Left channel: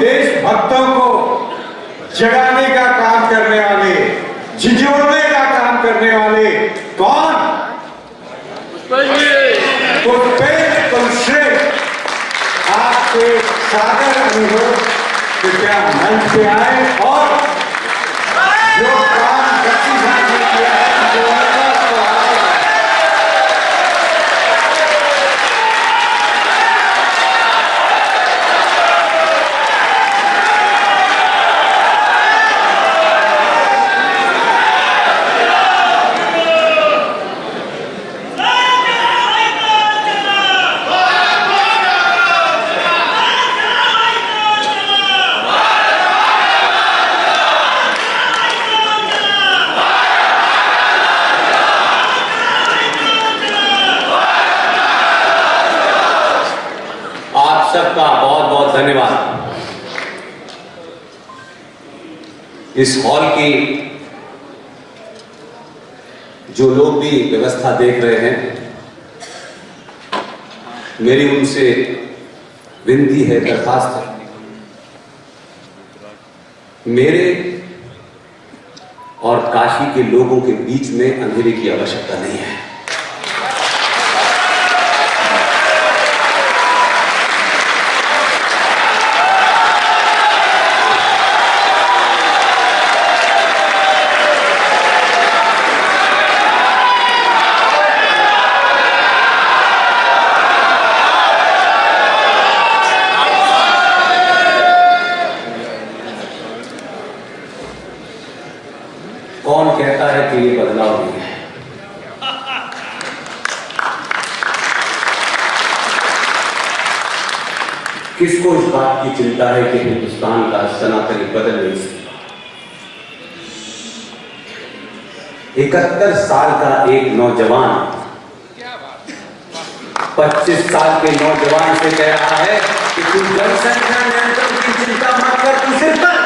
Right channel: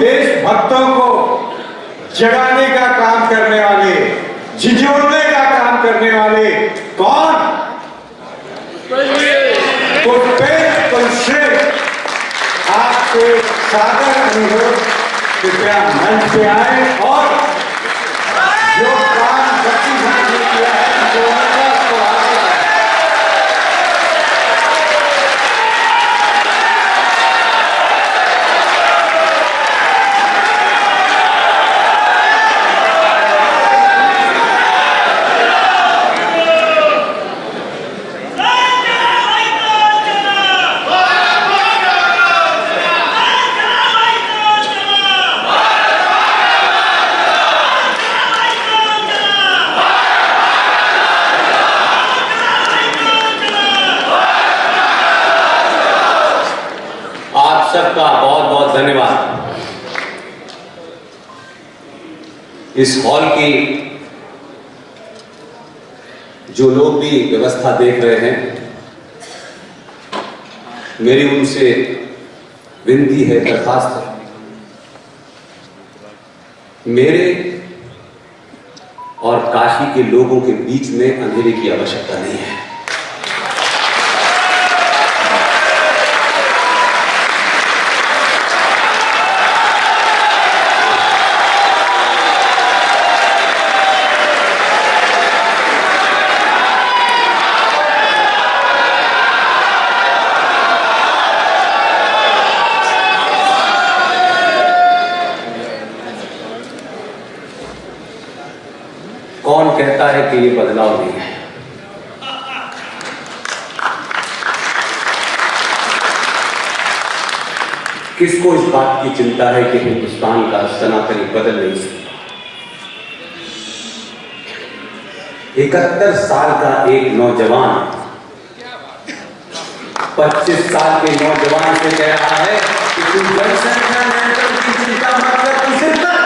देशभक्तों को जगाने का काम करने वाले, झिझोड़ने का काम करने वाले कौन? आपसे सादर अनुरोध, कृपया मंच पे आए और जो काम बच्ची साहब ने किया है जो सबका बहुत बहुत धन्यवाद। इस हॉल की जो लोग भी व्यवस्था देख रहे हैं, मेरी उनसे विनती है, दरखास्त है, मेरे और काशी के लोगों के बीच में अंधेरे की आवश्यकता नहीं है। कौन कहता है कि ये बदलाव नहीं है? किसको इस बात की चिंता है कि हिंदुस्तान का सनातनी बदल नहीं सकता? 71 साल का एक नौजवान 25 साल के नौजवान से कह रहा है कि तू जनसंख्या नियंत्रण की चिंता मत कर, तू सिर्फ कर।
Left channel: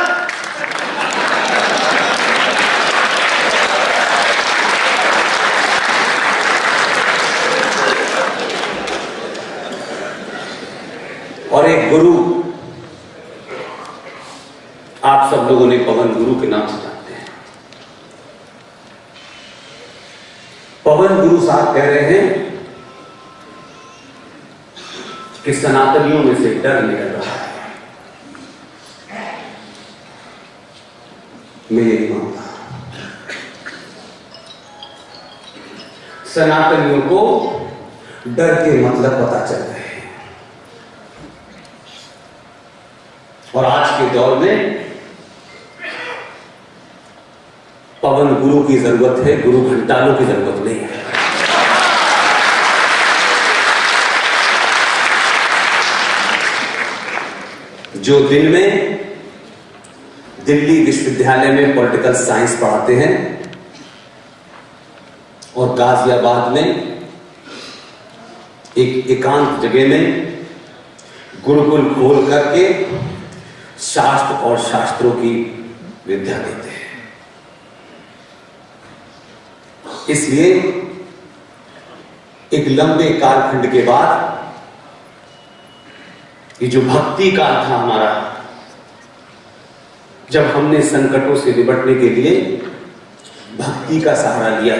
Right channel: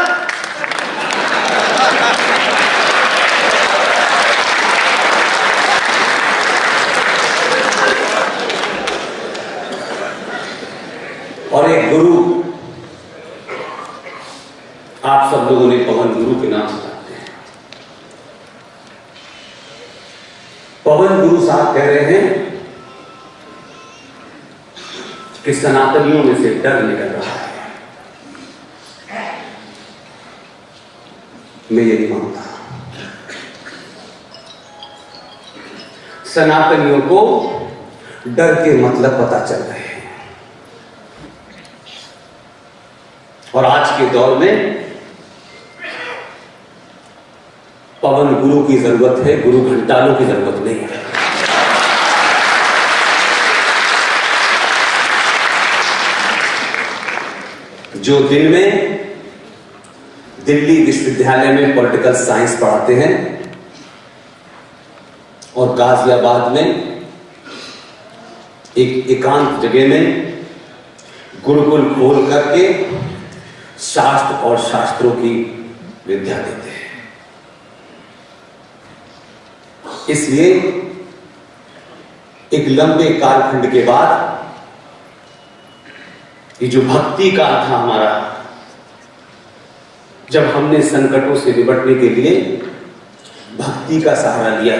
और एक गुरु, आप सब लोगों ने पवन गुरु के नाम से जानते हैं। पवन गुरु साहब कह रहे हैं कि सनातनियों में से डर निकल रहा है। मैं ये नहीं मानता। सनातनियों को डर के मतलब पता चल रहे हैं। और आज के दौर में पवन गुरु की जरूरत है, गुरु घंटालों की जरूरत नहीं है। जो दिन में दिल्ली विश्वविद्यालय में पॉलिटिकल साइंस पढ़ाते हैं और गाजियाबाद में एक एकांत जगह में गुरुकुल खोल करके शास्त्र और शास्त्रों की विद्या देते हैं। इसलिए एक लंबे कालखंड के बाद ये जो भक्ति काल था हमारा, जब हमने संकटों से निपटने के लिए भक्ति का सहारा लिया,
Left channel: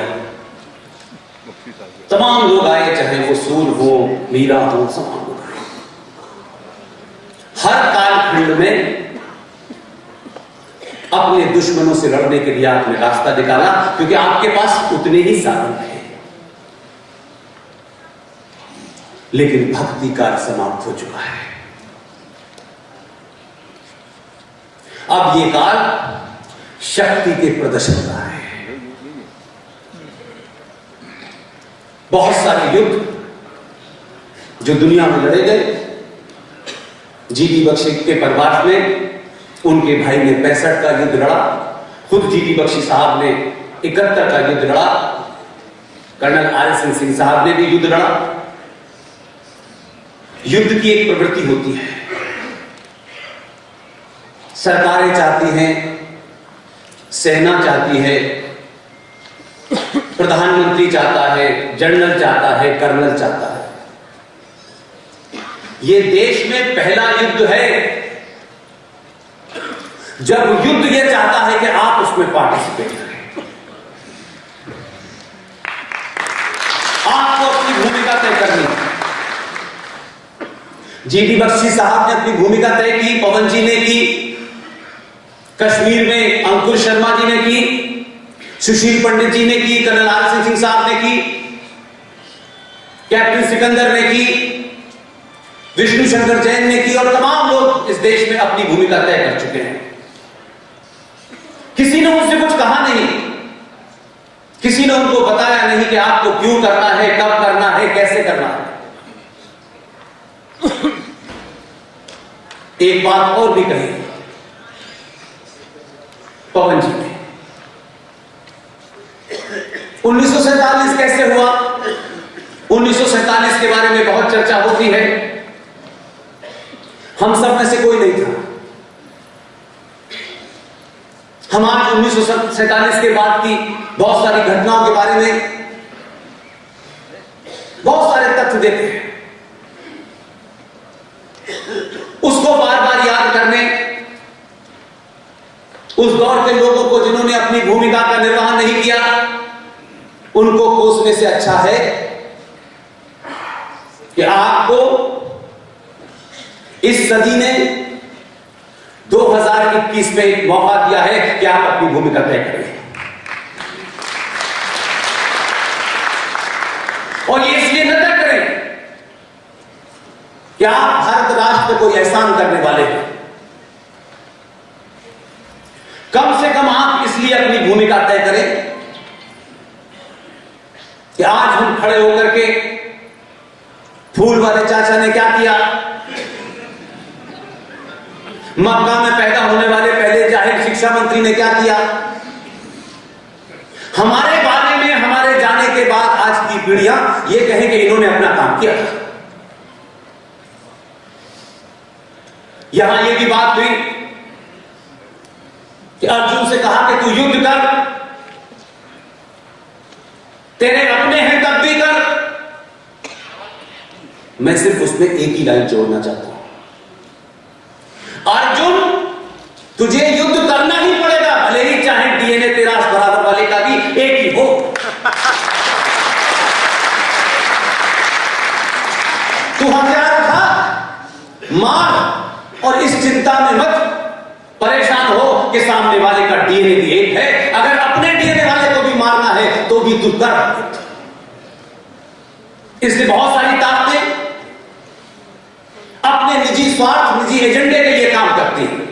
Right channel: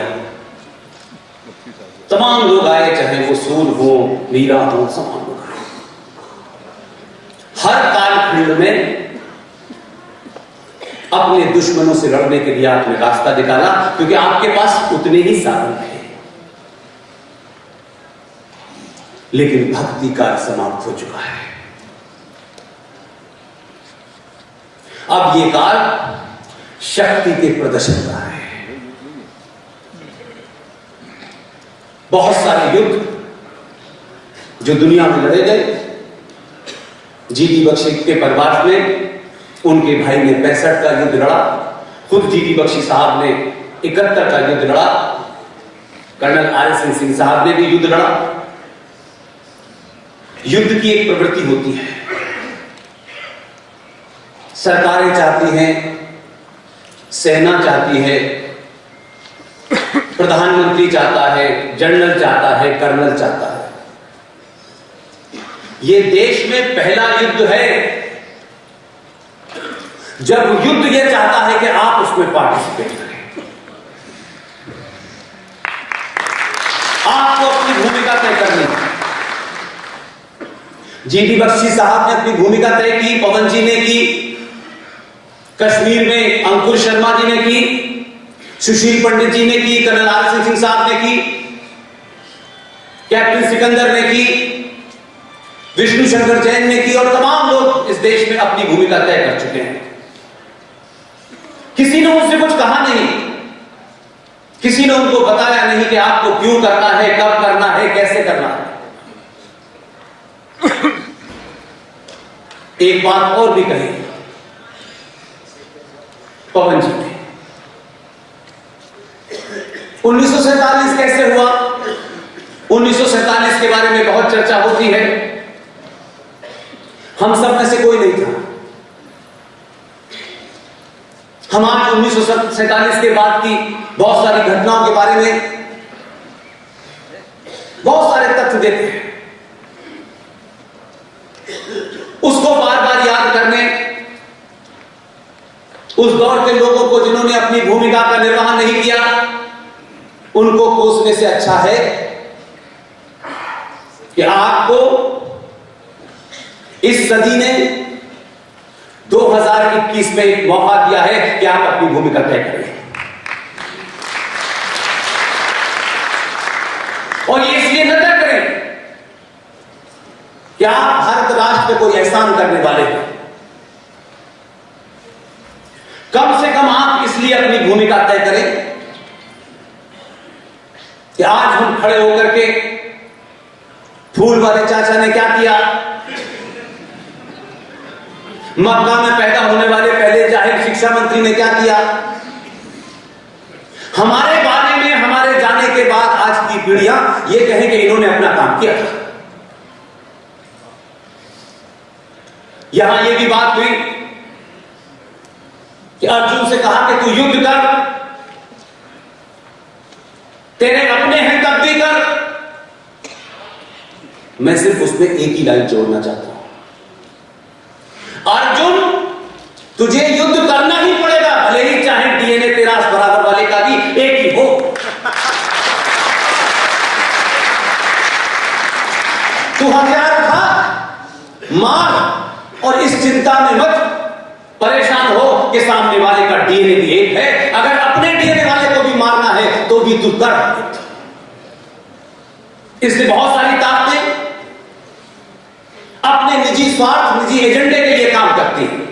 तमाम लोग आए, चाहे वो सूर हो, मीरा हो, तमाम लोग आए। हर कालखंड में अपने दुश्मनों से लड़ने के लिए आपने रास्ता निकाला, क्योंकि आपके पास उतने ही साधन थे। लेकिन भक्ति काल समाप्त हो चुका है। अब ये काल शक्ति के प्रदर्शन का है। बहुत सारे युद्ध जो दुनिया में लड़े गए, जीडी बख्शी के परिवार में उनके भाई ने 65 का युद्ध लड़ा, खुद जीडी बख्शी साहब ने 71 का युद्ध लड़ा, कर्नल आर एस सिंह साहब ने भी युद्ध लड़ा। युद्ध की एक प्रवृत्ति होती है, सरकारें चाहती हैं, सेना चाहती है, प्रधानमंत्री चाहता है, जनरल चाहता है, कर्नल चाहता है। ये देश में पहला युद्ध है जब युद्ध यह चाहता है कि आप उसमें पार्टिसिपेट करें, आपको अपनी भूमिका तय करनी है। जीडी बख्शी साहब ने अपनी भूमिका तय की, पवन जी ने की, कश्मीर में अंकुर शर्मा जी ने की, सुशील पंडित जी ने की, कर्नल आर सिंह साहब ने की, कैप्टन सिकंदर ने की, विष्णु शंकर जैन ने की, और तमाम लोग इस देश में अपनी भूमिका तय कर चुके हैं। किसी ने उनसे कुछ कहा नहीं, किसी ने उनको बताया नहीं कि आपको क्यों करना है, कब करना है, कैसे करना है। एक बात और भी कही पवन जी ने, 1947 कैसे हुआ, 1947 के बारे में बहुत चर्चा होती है। हम सब में से कोई नहीं था। हम आज 1947 के बाद की बहुत सारी घटनाओं के बारे में बहुत सारे तथ्य देते हैं, उसको बार बार याद करने, उस दौर के लोगों को जिन्होंने अपनी भूमिका का निर्वहन नहीं किया, उनको कोसने से अच्छा है कि आपको इस सदी ने 2021 में एक मौका दिया है कि आप अपनी भूमिका तय करें। और ये इसलिए न तय करें कि आप भारत राष्ट्र पे कोई एहसान करने वाले हैं, कम से कम आप इसलिए अपनी भूमिका तय करें कि आज हम खड़े होकर के फूल वाले चाचा ने क्या किया, मक्का में पैदा होने वाले पहले जाहिर शिक्षा मंत्री ने क्या किया, हमारे बारे में हमारे जाने के बाद आज की पीढ़ियां ये कहें कि इन्होंने अपना काम किया था। यहां ये भी बात हुई कि अर्जुन से कहा कि तू युद्ध कर, तेरे अपने हैं तब भी कर। मैं सिर्फ उसमें एक ही लाइन जोड़ना चाहता हूं, अर्जुन तुझे युद्ध करना ही पड़ेगा, भले ही चाहे डीएनए तेरा बराबर वाले का भी एक ही हो। तू हथियार उठा, मार, और इस चिंता में मत परेशान हो कि सामने वाले का डीएनए भी एक है। अगर अपने डीएनए वाले को भी मारना है तो भी तू कर। इसलिए बहुत सारी ताकतें अपने निजी स्वार्थ, निजी एजेंडे के लिए काम करती हैं।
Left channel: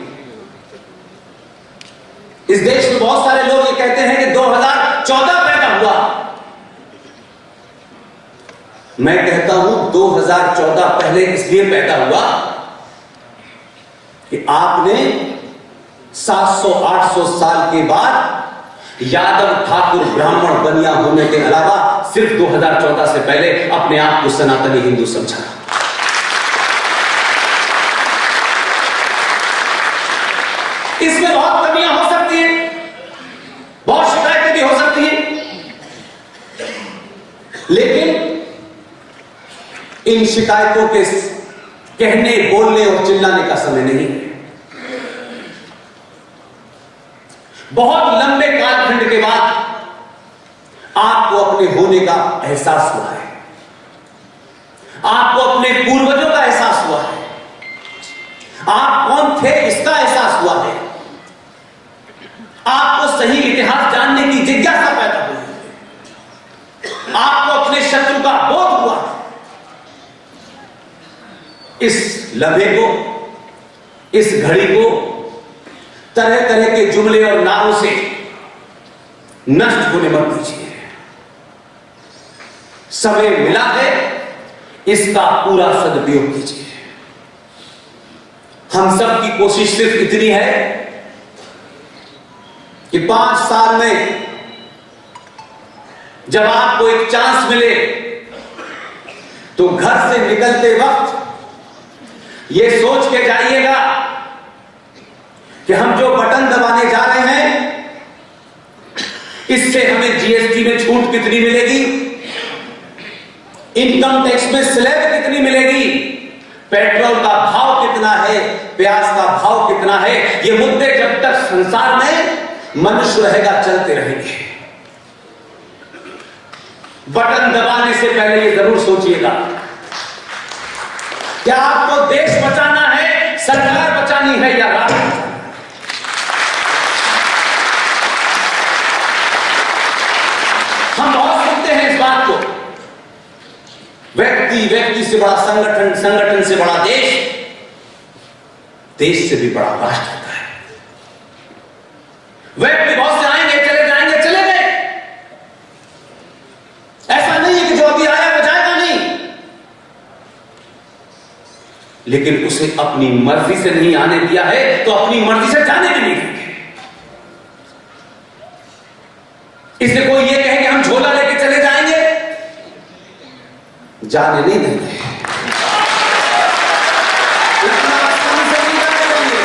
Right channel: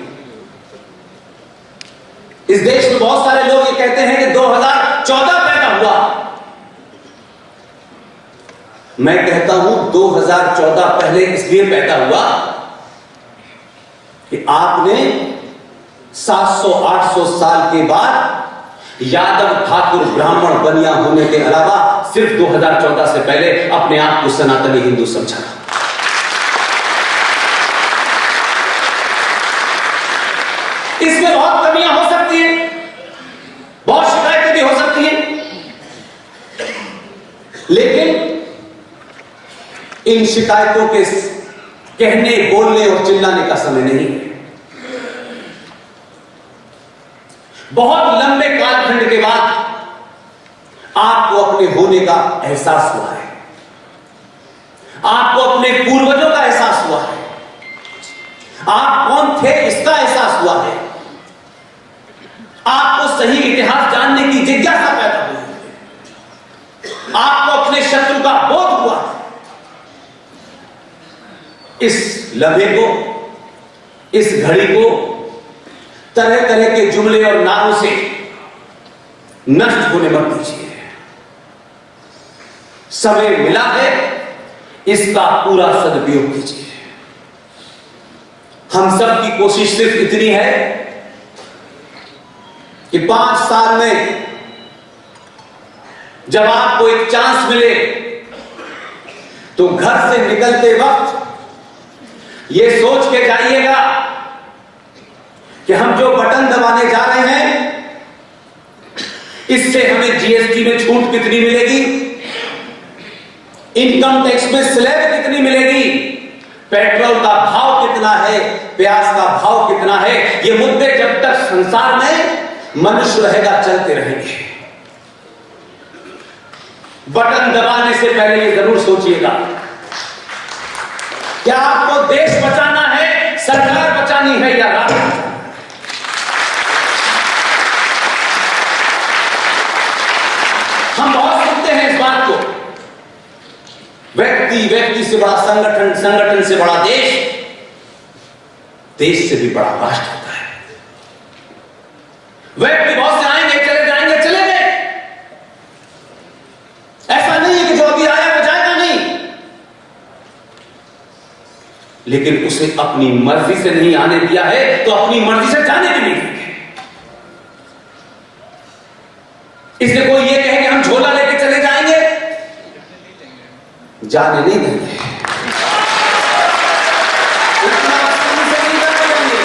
इस देश में बहुत सारे लोग ये कहते हैं कि 2014 पैदा हुआ। मैं कहता हूं 2014 पहले इसलिए पैदा हुआ कि आपने 700-800 साल के बाद यादव, ठाकुर, ब्राह्मण, बनिया होने के अलावा सिर्फ 2014 से पहले अपने आप को सनातनी हिंदू समझा। इसमें बहुत कमियां हो सकती हैं, बहुत शिकायतें भी हो सकती हैं, लेकिन इन शिकायतों के कहने, बोलने और चिल्लाने का समय नहीं है। बहुत लंबे कालखंड के बाद आपको अपने होने का एहसास हुआ है, आपको अपने पूर्वजों का एहसास हुआ है, आप कौन थे इसका एहसास हुआ है, आपको सही इतिहास जानने की जिज्ञासा पैदा हुई है, आपको अपने शत्रु का बोध हुआ है। इस लम्हे को, इस घड़ी को तरह तरह के जुमले और नारों से नष्ट होने मत दीजिए। समय मिला है, इसका पूरा सदुपयोग कीजिए। हम सब की कोशिश सिर्फ इतनी है कि 5 साल में जब आपको एक चांस मिले तो घर से निकलते वक्त यह सोच के जाइएगा कि हम जो बटन दबाने जा रहे हैं इससे हमें जीएसटी में छूट कितनी मिलेगी, इनकम टैक्स में स्लैब कितनी मिलेगी, पेट्रोल का भाव कितना है, प्यास का भाव कितना है, ये मुद्दे जब तक संसार में मनुष्य रहेगा चलते रहेंगे। बटन दबाने से पहले ये जरूर सोचिएगा, क्या आपको देश बचाना है, सरकार बचानी है या राष्ट्र? हम बहुत सुनते हैं इस बात को, व्यक्ति से बड़ा संगठन, संगठन से बड़ा देश, देश से भी बड़ा राष्ट्र होता है। व्यक्ति बहुत से आएंगे, चले जाएंगे, चले गए। ऐसा नहीं है कि जो अभी आया वो जाएगा नहीं, लेकिन उसे अपनी मर्जी से नहीं आने दिया है तो अपनी मर्जी से जाने भी नहीं देंगे। इसलिए कोई ये कहे कि हम झोला लेके चले जाएंगे, जाने नहीं देंगे। इतना आसानी से नहीं जाने देंगे।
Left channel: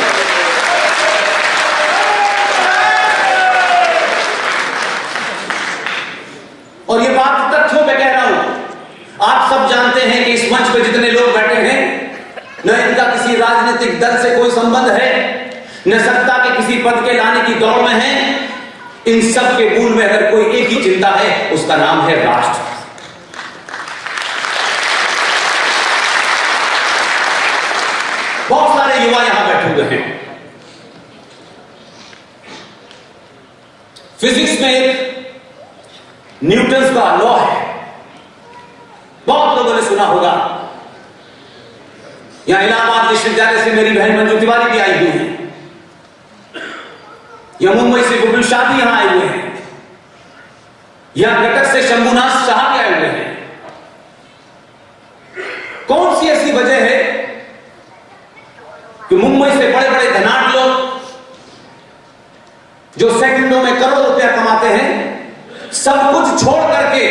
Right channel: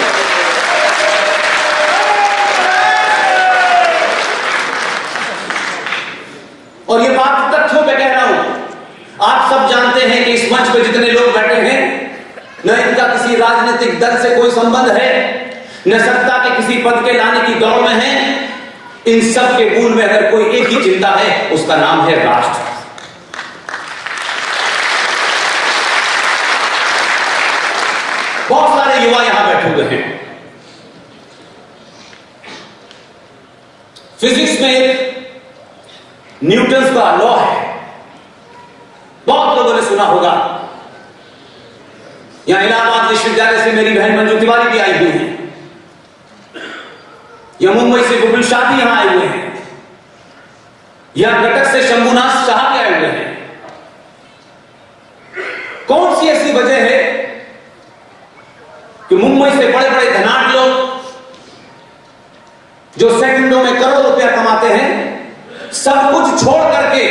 और ये बात तथ्यों पे कह रहा हूं। आप सब जानते हैं कि इस मंच पे जितने लोग बैठे हैं, न इनका किसी राजनीतिक दल से कोई संबंध है, न सत्ता के किसी पद के लाने की दौड़ में है। इन सब के मूल में अगर कोई एक ही चिंता है, उसका नाम है राष्ट्र। बहुत सारे युवा यहां बैठे हुए हैं। फिजिक्स में एक न्यूटन का लॉ है, बहुत लोगों ने सुना होगा। यहां इलाहाबाद विश्वविद्यालय से मेरी बहन मंजू तिवारी भी आई हुई है, या मुंबई से गुबिल शाह भी यहां आए हुए हैं, या कटक से शंभुनाथ शाह भी आए हुए हैं। कौन सी ऐसी वजह है कि मुंबई से बड़े बड़े धनाढ्य लोग जो सेकंडों में करोड़ों रुपया कमाते हैं, सब कुछ छोड़ करके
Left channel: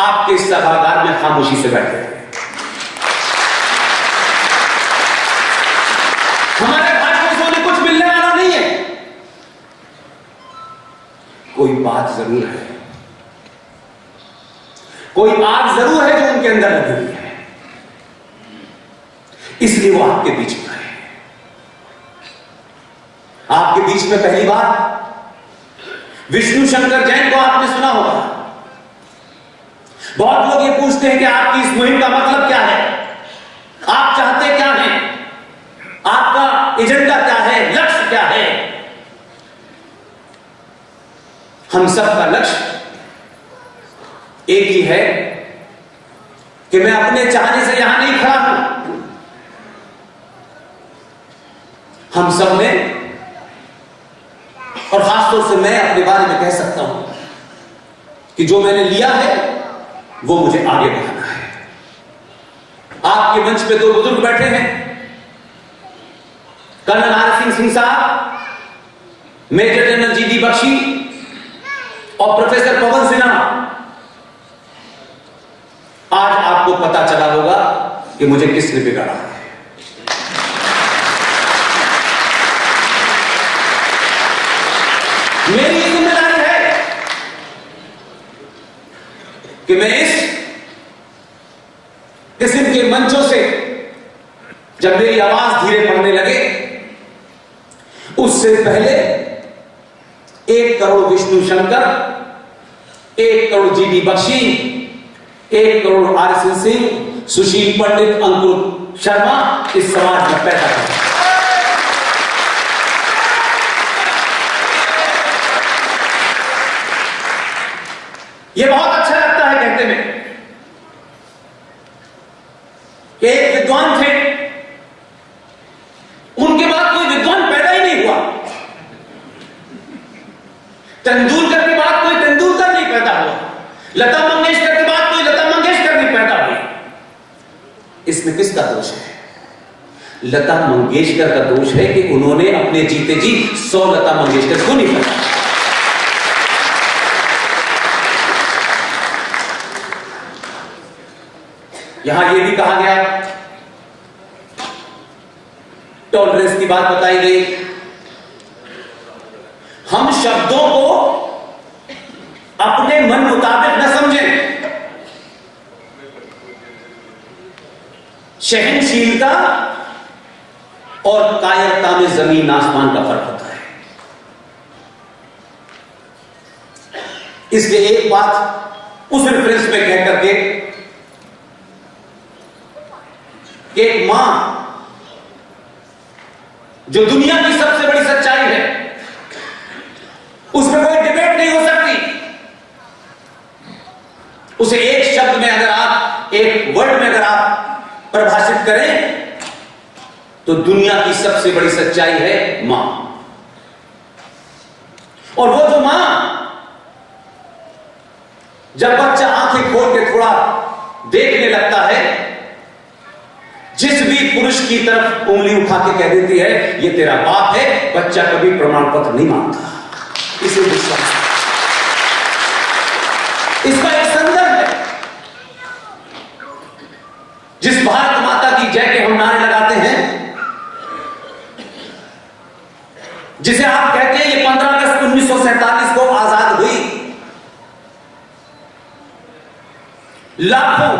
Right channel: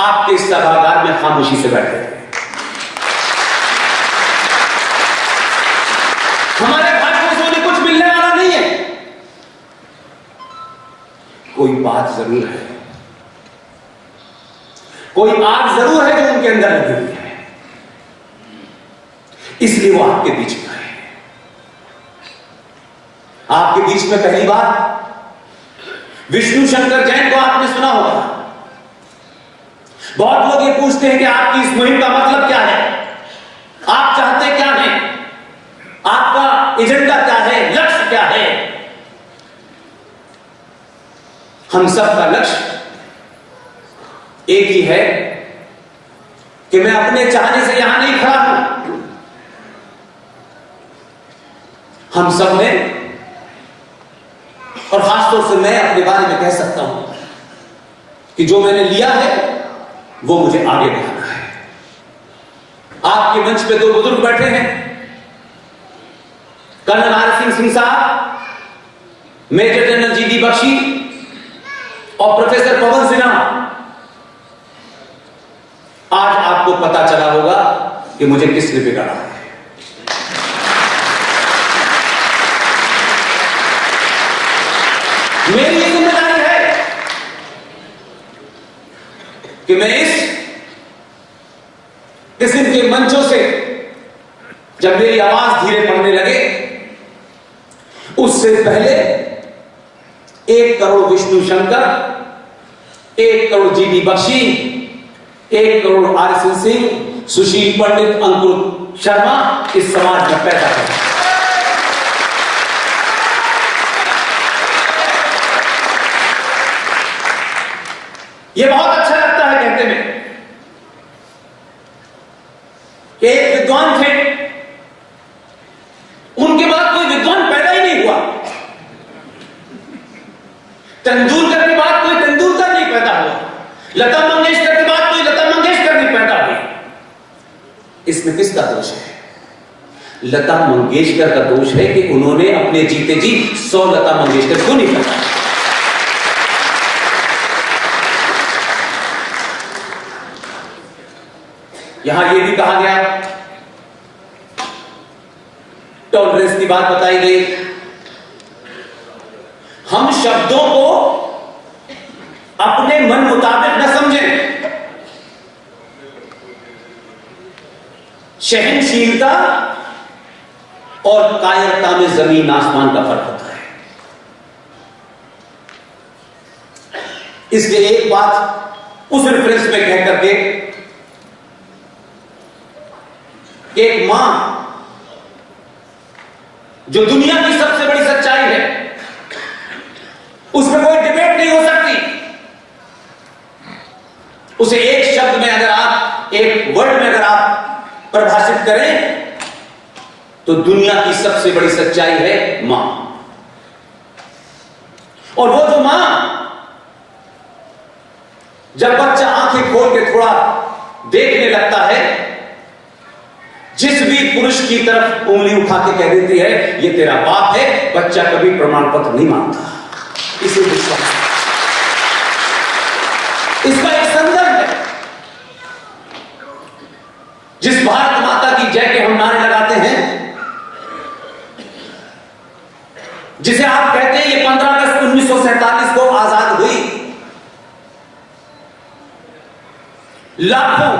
आपके सभागार में खामोशी से बैठे हैं? हमारे भाषण से उन्हें कुछ मिलने वाला नहीं है। कोई बात जरूर है, कोई आग जरूर है जो उनके अंदर लगी हुई है, इसलिए वो आपके बीच में आए। आपके बीच में पहली बार विष्णु शंकर जैन को आपने सुना होगा। बहुत लोग ये पूछते हैं कि आपकी इस मुहिम का मतलब क्या है, आप चाहते क्या हैं, आपका एजेंडा क्या है, लक्ष्य क्या है। हम सबका लक्ष्य एक ही है कि मैं अपने चाहने से यहां नहीं खड़ा हूं। हम सब ने, और खासतौर से मैं अपने बारे में कह सकता हूं कि जो मैंने लिया है वो मुझे आगे बढ़ाना है। आपके मंच पे दो बुजुर्ग बैठे हैं, कर्नल आर सिंह साहब, major general G D Bakshi और प्रोफेसर पवन सिन्हा। आज आपको पता चला होगा कि मुझे किसने बिगाड़ा है। मेरी ये जिम्मेदारी है कि मैं इस किस्म के मंचों से जब मेरी आवाज धीरे पड़ने लगे, उससे पहले 1 crore Vishnu Shankar, 1 crore G D Bakshi, 1 crore R Singh, Sushil Pandit, Ankur Sharma इस समाज में पैदा करें। यह बहुत अच्छा लगता है कहते में कि एक विद्वान थे, उनके बाद कोई विद्वान पैदा ही नहीं हुआ। तेंदुलकर के बाद कोई तेंदुलकर नहीं पैदा हुआ। लता मंगेशकर के बाद कोई लता मंगेशकर नहीं पैदा हुई। इसमें किसका दोष है? लता मंगेशकर का दोष है कि उन्होंने अपने जीते जी 100 लता मंगेशकर को नहीं पैदा। यहां यह भी कहा गया, टॉलरेंस की बात बताई गई। हम शब्दों को अपने मन मुताबिक न समझें। सहनशीलता और कायरता में जमीन आसमान का फर्क होता है। इसलिए एक बात उस रेफरेंस में कह करके, एक मां जो दुनिया की सबसे बड़ी सच्चाई है, उसमें कोई डिबेट नहीं हो सकती। उसे एक शब्द में अगर आप, एक वर्ड में अगर आप परिभाषित करें तो दुनिया की सबसे बड़ी सच्चाई है मां। और वो जो मां जब बच्चा आंखें खोल के थोड़ा देखने लगता है, जिस भी पुरुष की तरफ उंगली उठा के कह देती है ये तेरा बाप है, बच्चा कभी प्रमाण पत्र नहीं मांगता, इसे विश्वास। इसका एक संदर्भ है। जिस भारत माता की जय के हम नारे लगाते हैं, जिसे आप कहते हैं ये 15 अगस्त 1947 को आजाद हुई, लाखों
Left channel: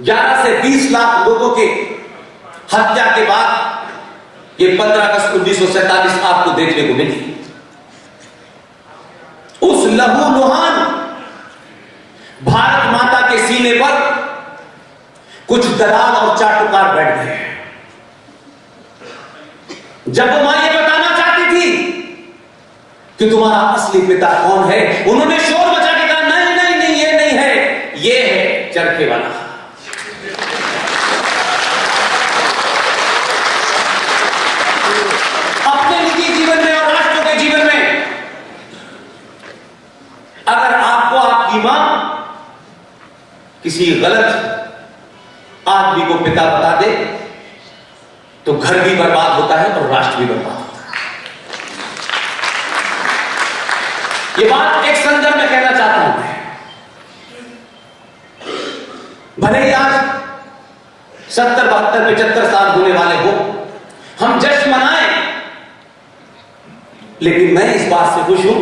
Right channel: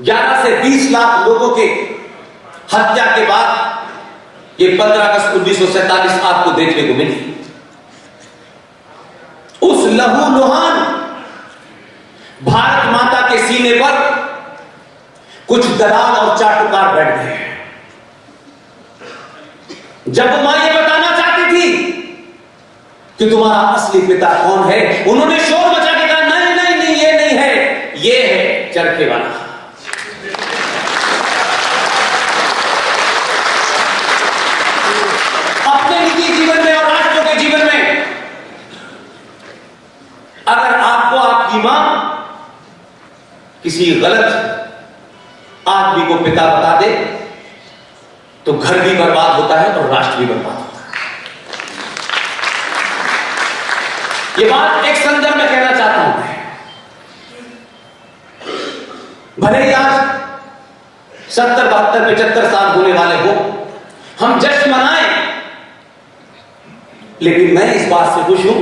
11 से 20 लाख लोगों के हत्या के बाद ये 15 अगस्त 1947 आपको देखने को मिली। उस लहूलुहान भारत माता के सीने पर कुछ दलाल और चाटुकार बैठ गए। जब वो मां ये बताना चाहती थी कि तुम्हारा असली पिता कौन है, उन्होंने शोर मचा के कहा नहीं नहीं नहीं, ये नहीं है, ये है चरखे वाला। अपने निजी जीवन में और राष्ट्र के जीवन में अगर आपको आपकी मां किसी गलत आदमी को पिता बता दे तो घर भी बर्बाद होता है और राष्ट्र भी बर्बाद होता है। यह बात एक संदर्भ में कहना चाहता हूं मैं। भले ही आज 70, 72, 75 साल होने वाले हो, हम जश्न मनाएं, लेकिन मैं इस बात से खुश हूं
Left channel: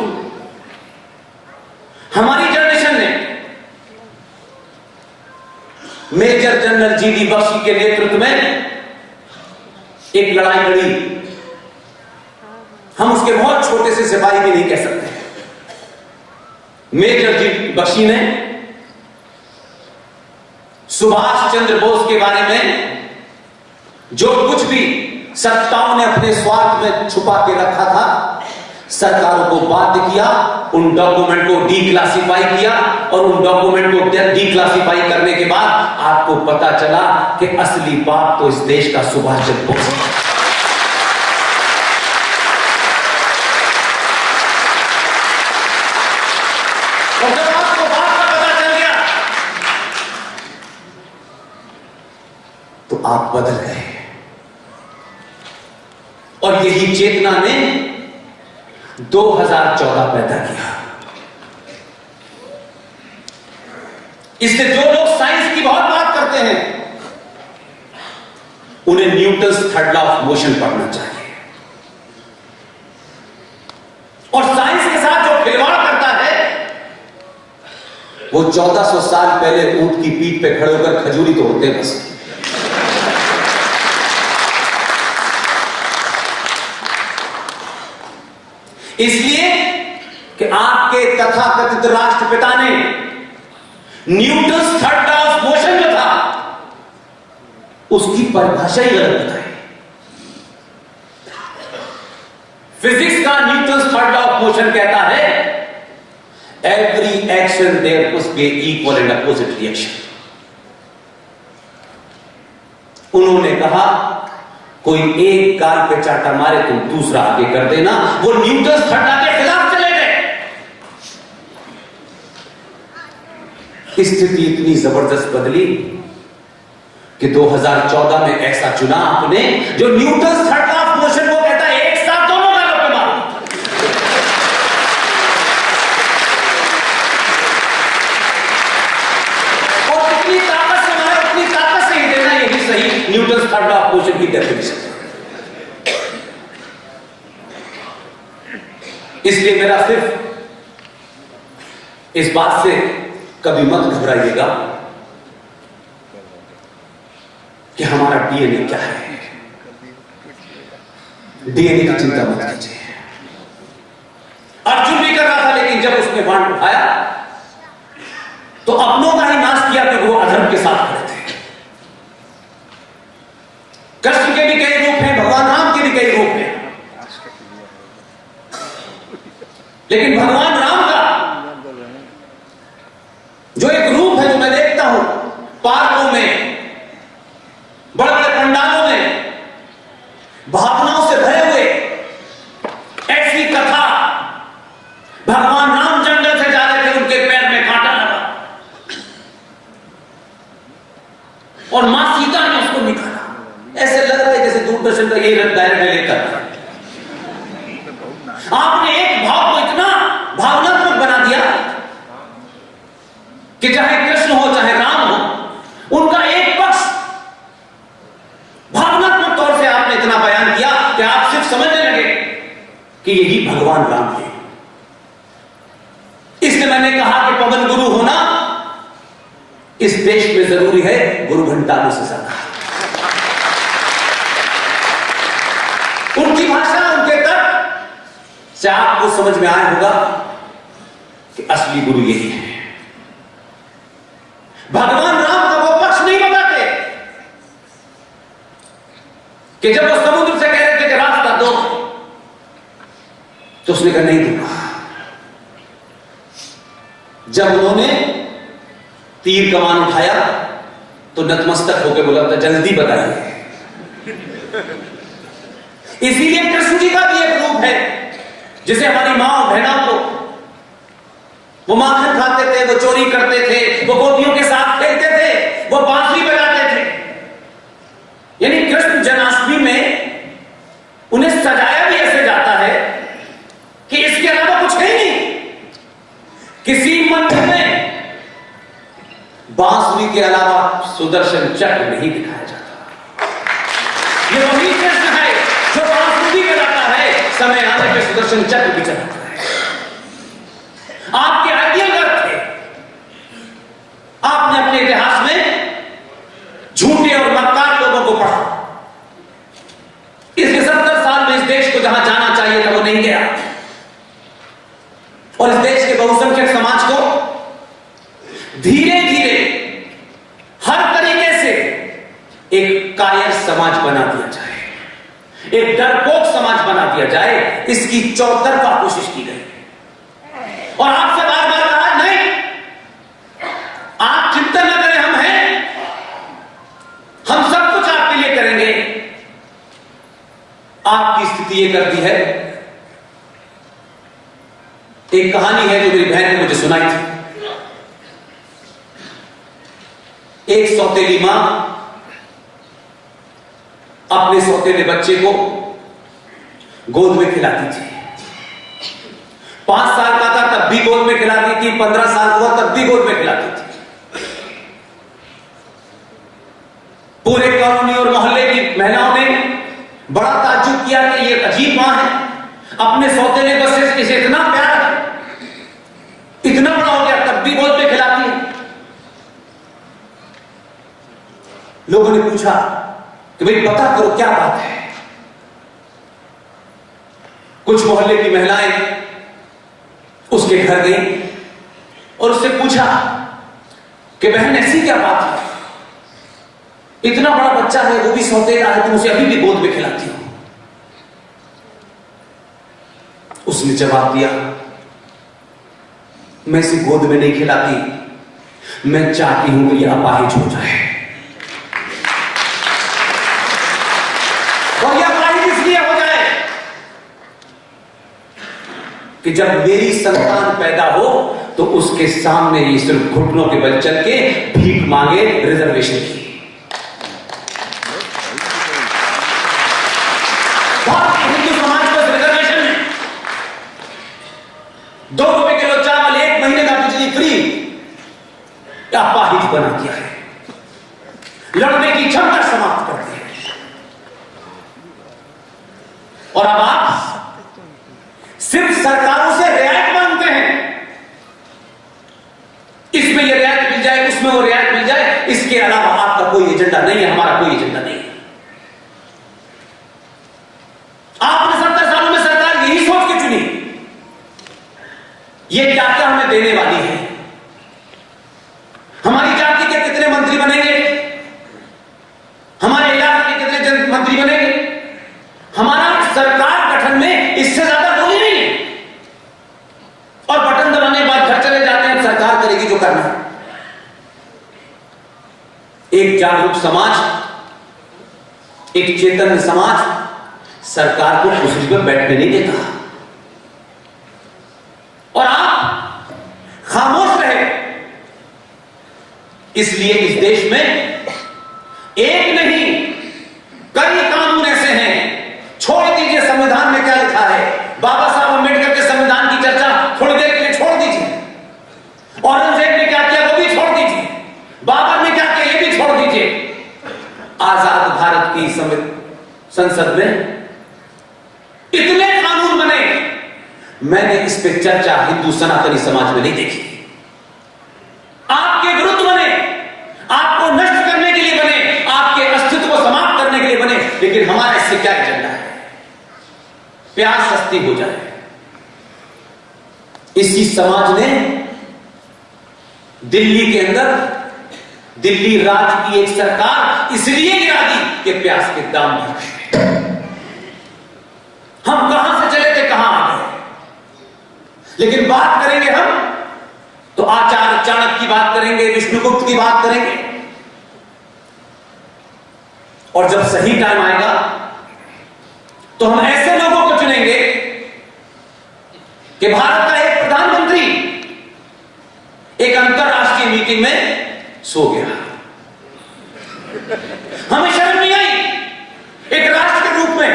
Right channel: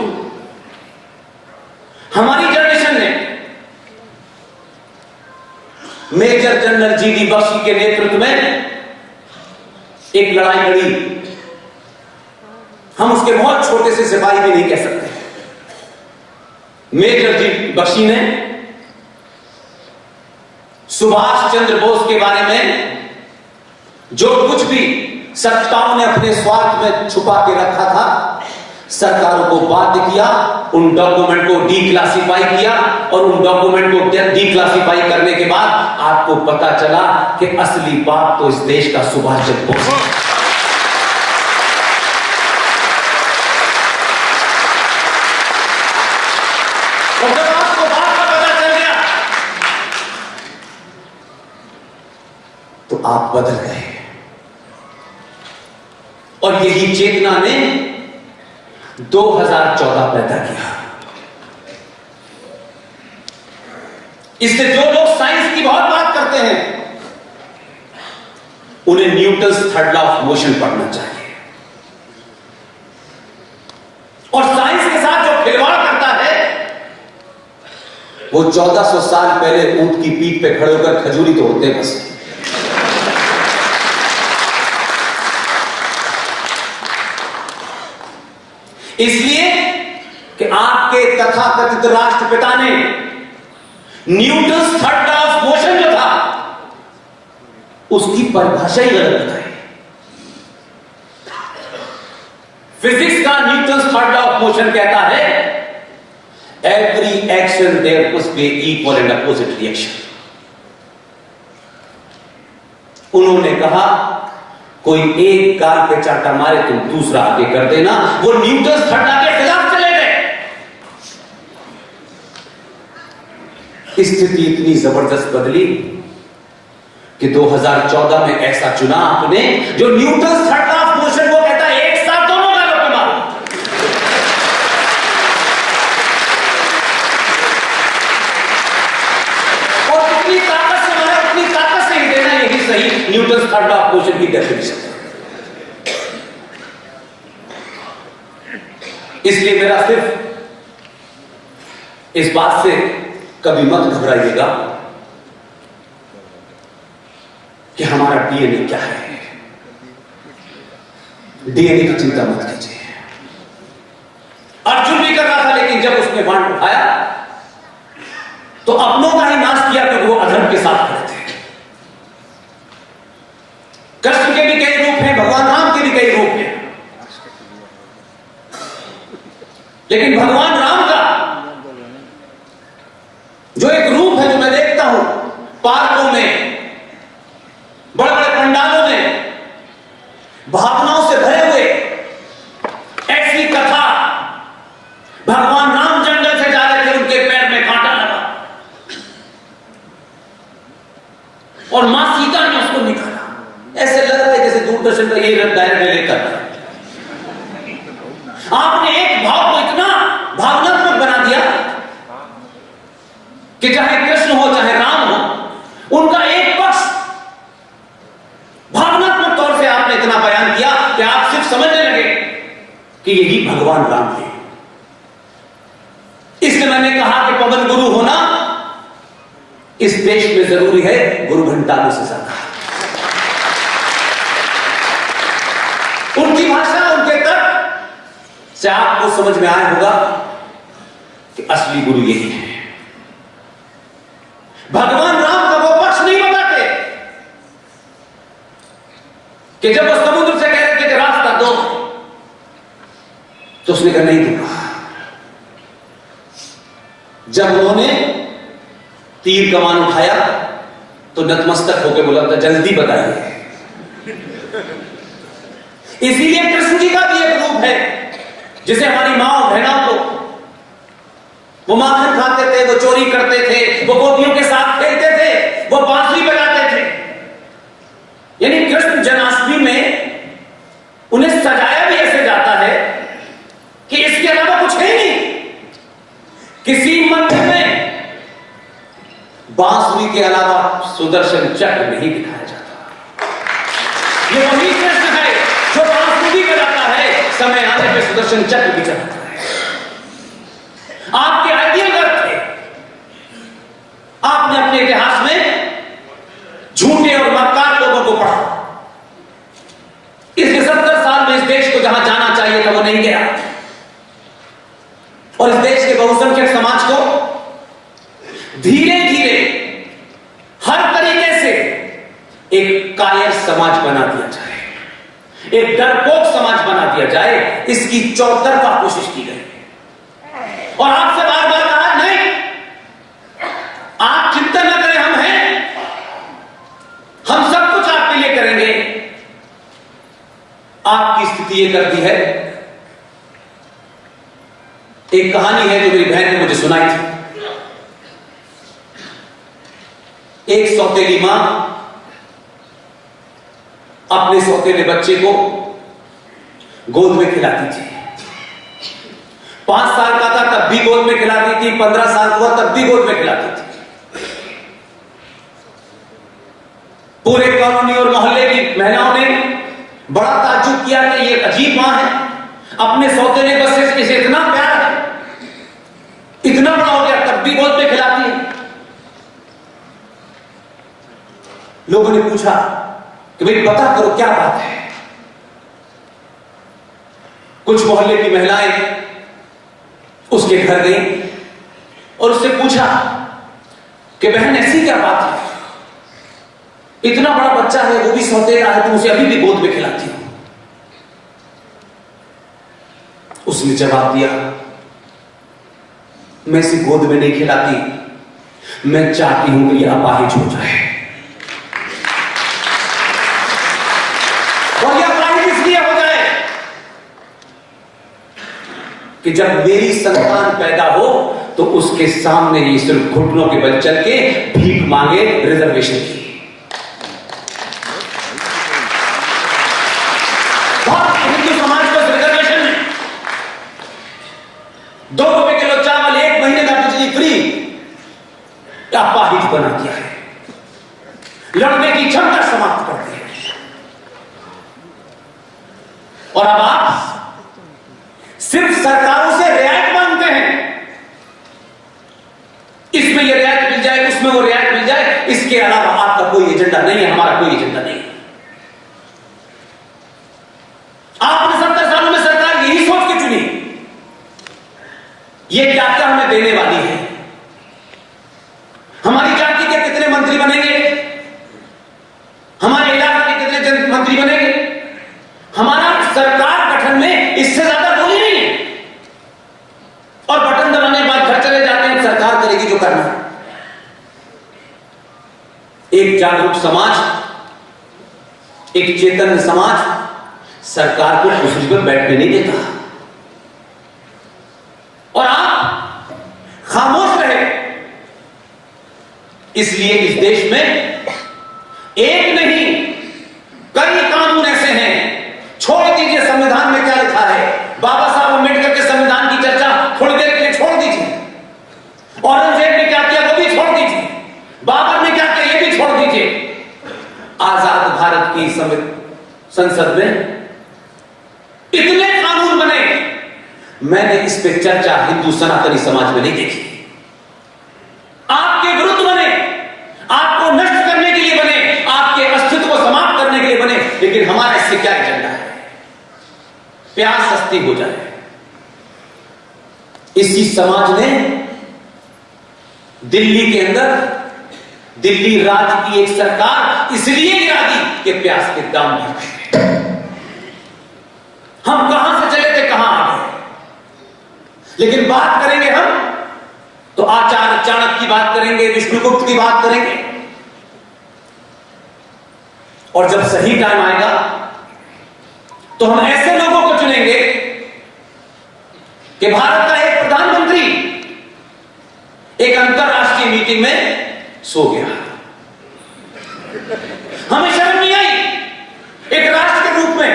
हमारी जनरेशन ने मेजर जनरल जीडी बख्शी के नेतृत्व में एक लड़ाई लड़ी। हम उसके बहुत छोटे से सिपाही भी नहीं कह सकते। मेजर जीडी बख्शी ने सुभाष चंद्र बोस के बारे में जो कुछ भी सत्ताओं ने अपने स्वार्थ में छुपा के रखा था, सरकारों को बाध्य किया, उन डॉक्यूमेंट को डीक्लासिफाई किया, और उन डॉक्यूमेंट को डीक्लासिफाई करने के बाद आपको पता चला कि असली बाप तो इस देश का सुभाष चंद्र बोस है। और जब आपको बात का पता चल गया तो आप बदल गए। और यही चेतना ने 2014 पैदा किया। इससे जो लोग साइंस की बहुत बात करते हैं, उन्हें Newton's third law of motion पढ़ना चाहिए। और साइंस के साथ जो खिलवाड़ करता है, वो 1400 साल पहले ऊंट की पीठ पे खड़े होकर खजूरी तो होते बस। इसलिए कि आपके तथाकथित राष्ट्रपिता ने Newton's third law of motion जो था उसकी परिभाषा ही गलत बताई। फिजिक्स का Newton's third law of motion कहता है every action there must be equal and opposite reaction. उन्होंने कहा कोई एक गाल पे चाटा मारे तुम दूसरा आगे कर देना, वो न्यूटन्स थर्ड लॉ के खिलाफ चले गए। स्थिति इतनी जबरदस्त बदली कि 2014 में ऐसा चुना आपने जो Newton's third law of motion को कहता है एक साथ दोनों गालों पे मारो। और कितनी ताकत से मारे, उतनी ताकत से ही देना, यही सही Newton's third law of motion की डेफिनेशन है। इसलिए मेरा सिर्फ इस बात से कभी मत घबराइएगा कि हमारा डीएनए क्या है। डीएनए की चिंता मत कीजिए। अर्जुन भी कर रहा था, लेकिन जब उसने बाण उठाया तो अपनों का ही नाश किया, क्योंकि वो अधर्म के साथ खड़े थे। कृष्ण के भी कई रूप हैं, भगवान राम के भी कई रूप हैं, लेकिन भगवान राम का जो एक रूप है, जो मैं देखता हूं पार्कों में, बड़े बड़े पंडालों में, भावनाओं से भरे हुए, ऐसी कथा, भगवान राम जंगल से जा रहे थे, उनके पैर में कांटा लगा और मां सीता ने उसको निकाला। ऐसे लग रहा है जैसे दूरदर्शन का ये डायरेक्ट लेकर आपने एक भाव को इतना भावनात्मक बना दिया कि चाहे कृष्ण हो चाहे राम हो, उनका एक पक्ष भावनात्मक तौर से आपने इतना बयान किया कि आप सिर्फ समझने लगे कि यही भगवान राम है। इसलिए मैंने कहा कि पवन गुरु होना इस देश में जरूरी है, गुरु घंटालों से ज्यादा। उनकी भाषा, उनके तर्क से आपको समझ में आया होगा कि असली गुरु यही है। भगवान राम का वो पक्ष नहीं बताते कि जब वो समुद्र से कह रहे थे कि रास्ता दो, तो उसने कहा नहीं दूंगा। जब उन्होंने तीर कमान उठाया तो नतमस्तक होकर बोला था जल्दी बताइए। इसीलिए कृष्ण जी का भी एक रूप है, जिसे हमारी मां और बहनों को, वो माखन खाते थे, वो चोरी करते थे, वो गोपियों के साथ खेलते थे, वो बांसुरी बजाते थे। यानी कृष्ण जन्माष्टमी में उन्हें सजाया भी ऐसे जाता है कि इसके अलावा कुछ है नहीं। किसी मंदिर में बांसुरी के अलावा सुदर्शन चक्र नहीं दिखाया जाता। ये वही कृष्ण है जो बांसुरी बजाता है, समय आने पे सुदर्शन चक्र भी चलाता है। आपके आइडियल अर्थ थे, आपने अपने इतिहास में झूठे और मक्कार लोगों को पढ़ा। इसके 70 साल में इस देश को जहां जाना चाहिए था वो नहीं गया, और इस देश के बहुसंख्यक समाज को धीरे धीरे हर तरीके से एक कायर समाज बना दिया जाए, एक डरपोक समाज बना दिया जाए, इसकी चौतरफा कोशिश की गई। और आपसे बार बार कहा नहीं, आप चिंता न करें, हम हैं, हम सब कुछ आपके लिए करेंगे। आपकी स्थिति ये कर दी है। एक कहानी है जो मेरी बहन ने मुझे सुनाई थी। एक सौतेली मां अपने सौतेले बच्चे को गोद में खिलाती थी। 5 साल का था तब भी गोद में खिलाती थी, 15 साल हुआ तब भी गोद में खिलाती थी। पूरे कॉलोनी और मोहल्ले की महिलाओं ने बड़ा ताज्जुब किया कि ये अजीब मां है, अपने सौतेले बच्चे से इतना प्यार है, इतना बड़ा हो गया तब भी गोद में खिलाती है। लोगों ने पूछा कि भाई पता करो क्या बात है। कुछ मोहल्ले की महिलाएं उसके घर गई और उससे पूछा कि बहन ऐसी क्या बात है, इतना बड़ा बच्चा है, वो भी सौतेला है, तुम उसे अभी भी गोद में खिलाती हो। उसने जवाब दिया, मैं इसे गोद में नहीं खिलाती, मैं चाहती हूं कि यह अपाहिज हो जाए। और यह अपाहिज इसलिए हो जाए कि जब मेरी संतान पैदा हो तो उसके सामने ये सिर्फ घुटनों के बल चल के भीख मांगे रिजर्वेशन की। हिंदू समाज को रिजर्वेशन में 2 रुपए किलो चावल, 1 महीने का बिजली फ्री, अपाहिज बना दिया है, लड़ने की क्षमता समाप्त कर दी है। और अब आप सिर्फ सरकारों से रियायत मांगते हैं, इसमें ये रियायत मिल जाए, उसमें वो रियायत मिल जाए, इसके अलावा आपका कोई एजेंडा नहीं है, हमारा कोई एजेंडा नहीं है। आप ये क्या हमें देने वाली है? हमारी जाति के कितने मंत्री बनेंगे? हमारे इलाके के कितने मंत्री बनेंगे? हमारा सरकार गठन में इससे ज्यादा बोली नहीं है। और बटन दबाने के बाद घर चले जाते हैं, सरकार करेगी जो करना है। एक जागरूक समाज, एक चेतन समाज सरकार को कुर्सी पर बैठने नहीं देता। और आप खामोश रहे, इसलिए इस देश में एक नहीं कई कानून ऐसे हैं। छोड़ दीजिए संविधान में क्या लिखा है, बाबा साहब अम्बेडकर के संविधान की चर्चा थोड़ी देर के लिए छोड़ दीजिए। औरंगजेब ने क्या किया वो भी छोड़ दीजिए, बाबर ने क्या किया ये भी छोड़ दीजिए। आजाद भारत की संसद में इतने कानून बने, मैंने इस पे चर्चा हिंदू सनातनी समाज में नहीं देखी। आपके विरुद्ध बने, आपको नष्ट करने के लिए बने, आपके अस्तित्व को समाप्त करने के लिए बने, लेकिन हमारा इससे क्या एजेंडा है? प्यास सस्ती हो जाए। इसी समाज ने दिल्ली के अंदर दिल्ली राज्य की एक सरकार इसलिए गिरा दी कि प्याज के दाम बढ़ गए। हम कहां से चले थे कहां आ गए। लेकिन बात करेंगे हम तो आचार्य चाणक्य की बात करेंगे, विष्णुगुप्त की बात करेंगे। और जब सही टाइम आएगा तो हम ऐसे लोगों को चुनेंगे कि भारत का एक प्रधानमंत्री एक अंतरराष्ट्रीय मीटिंग में सो गया, हमें शर्म नहीं आई। एक राष्ट्र के रूप में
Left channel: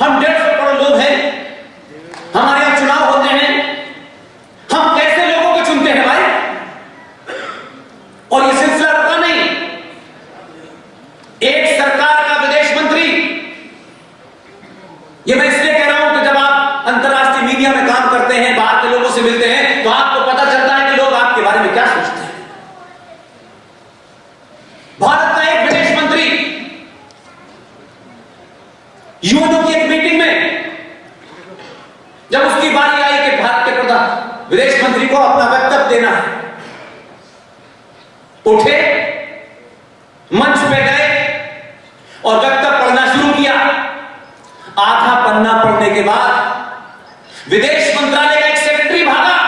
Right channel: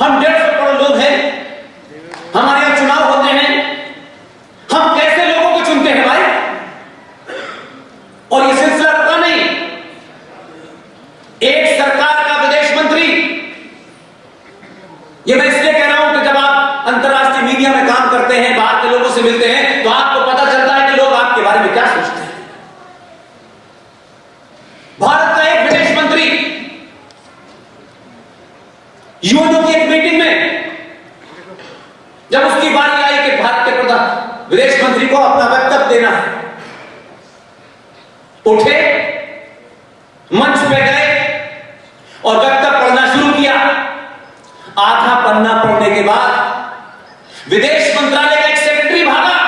हम 150 करोड़ लोग हैं, हमारे यहां चुनाव होते हैं, हम कैसे लोगों को चुनते हैं भाई? और यह सिलसिला रुका नहीं। एक सरकार का विदेश मंत्री, यह मैं इसलिए कह रहा हूं कि जब आप अंतरराष्ट्रीय मीडिया में काम करते हैं, बाहर के लोगों से मिलते हैं, तो आपको पता चलता है कि लोग आपके बारे में क्या सोचते हैं। भारत का एक विदेश मंत्री यूएनओ की एक मीटिंग में जब उसकी बारी आई कि भारत के प्रधान विदेश मंत्री को अपना वक्तव्य देना है, उठे, मंच पे गए और वक्तव्य पढ़ना शुरू किया। आधा पन्ना पढ़ने के बाद विदेश मंत्रालय का एक सेक्रेटरी भागा,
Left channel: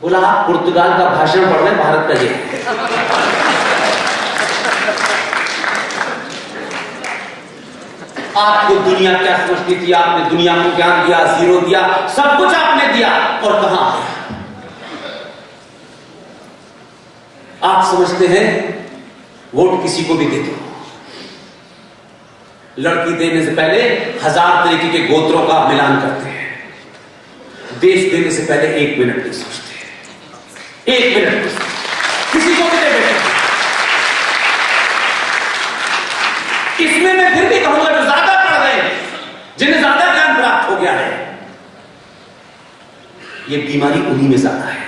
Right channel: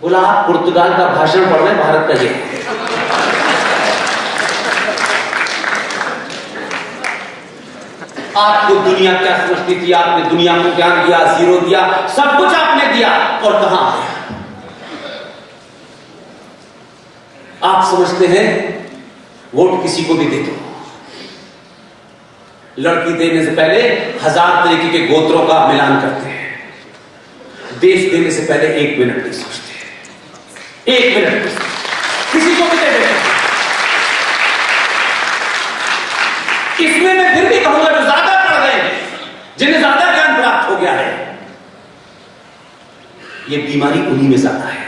बोला आप पुर्तगाल का भाषण पढ़ रहे, भारत का ये। आपको दुनिया क्या समझती थी? आपने दुनिया को ज्ञान दिया, जीरो दिया, सब कुछ आपने दिया, और कहां गया? आप समझते हैं वोट किसी को भी दे दो, लड़की देने से पहले 1000 तरीके के गोत्रों का मिलान करते हैं। देश देने से पहले 1 मिनट नहीं सोचते, 1 मिनट नहीं सोचते, किसी को भी दे देते। इसमें मैं फिर भी कहूंगा जो ज्यादा पढ़ रहे हैं, जिन्हें ज्यादा ज्ञान प्राप्त हो गया है, ये बीमारी उन्हीं में ज्यादा है।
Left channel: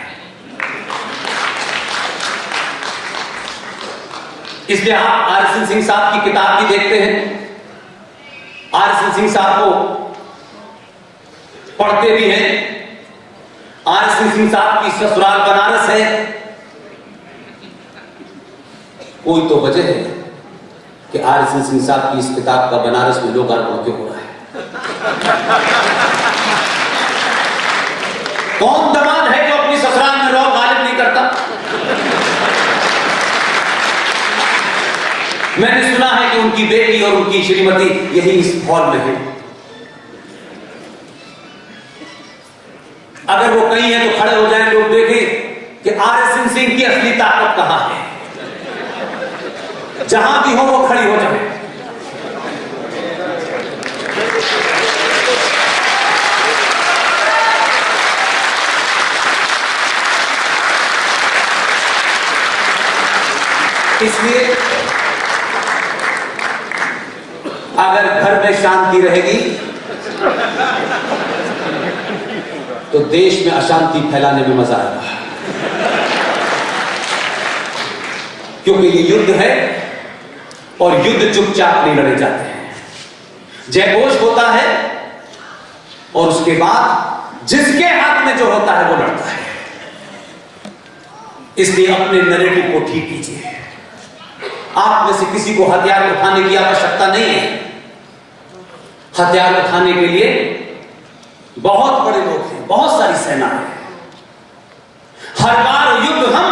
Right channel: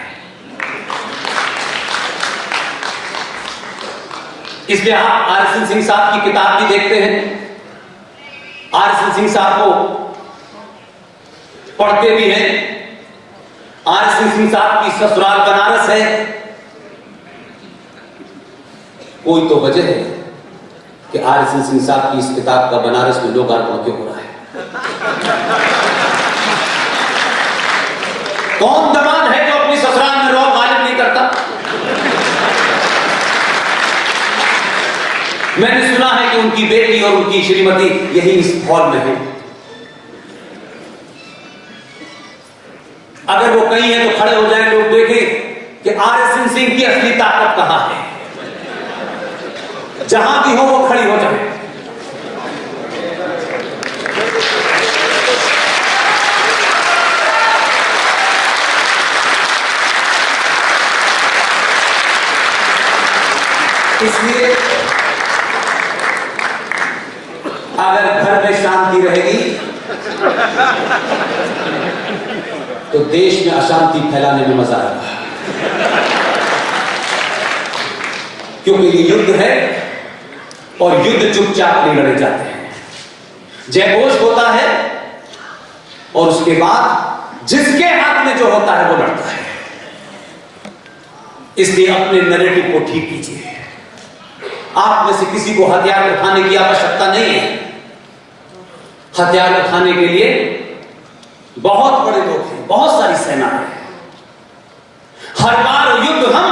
इसलिए आप आर.एस.एन. सिंह साहब की किताब भी देखते हैं, आर.एस.एन. सिंह साहब को पढ़ते भी हैं। आर.एस.एन. सिंह साहब की ससुराल बनारस है। कोई तो वजह है कि आर.एस.एन. सिंह साहब की इस किताब का बनारस में लोकार्पण क्यों हो रहा है? कौन दमाद है जो अपनी ससुराल में रौब गालिब नहीं करता? मैंने सुना है कि उनकी बेटी और उनकी श्रीमती यही इस हॉल में है। अगर वो कहीं है तो खड़े हो जाएं, लोग देखें कि आर.एस.एन. सिंह की असली ताकत कहां है। जहां भी हो वो खड़ी हो जाए। इसलिए अगर घर में शांति रहेगी तो देश में अशांति फैलाने में मजा आएगा, क्योंकि ये युद्ध है और युद्ध चुपचाप नहीं लड़े जाते हैं। जयघोष होता है और उसके बाद जिसके हाथ में जो होता है वो लड़ता है। इसलिए अपने नैरेटिव को ठीक कीजिए। आप में से किसी को हथियार उठाने की आवश्यकता नहीं है। हथियार उठाने के लिए बहुत बड़े लोग हैं, बहुत सारी सेना है। हर बार युद्ध हम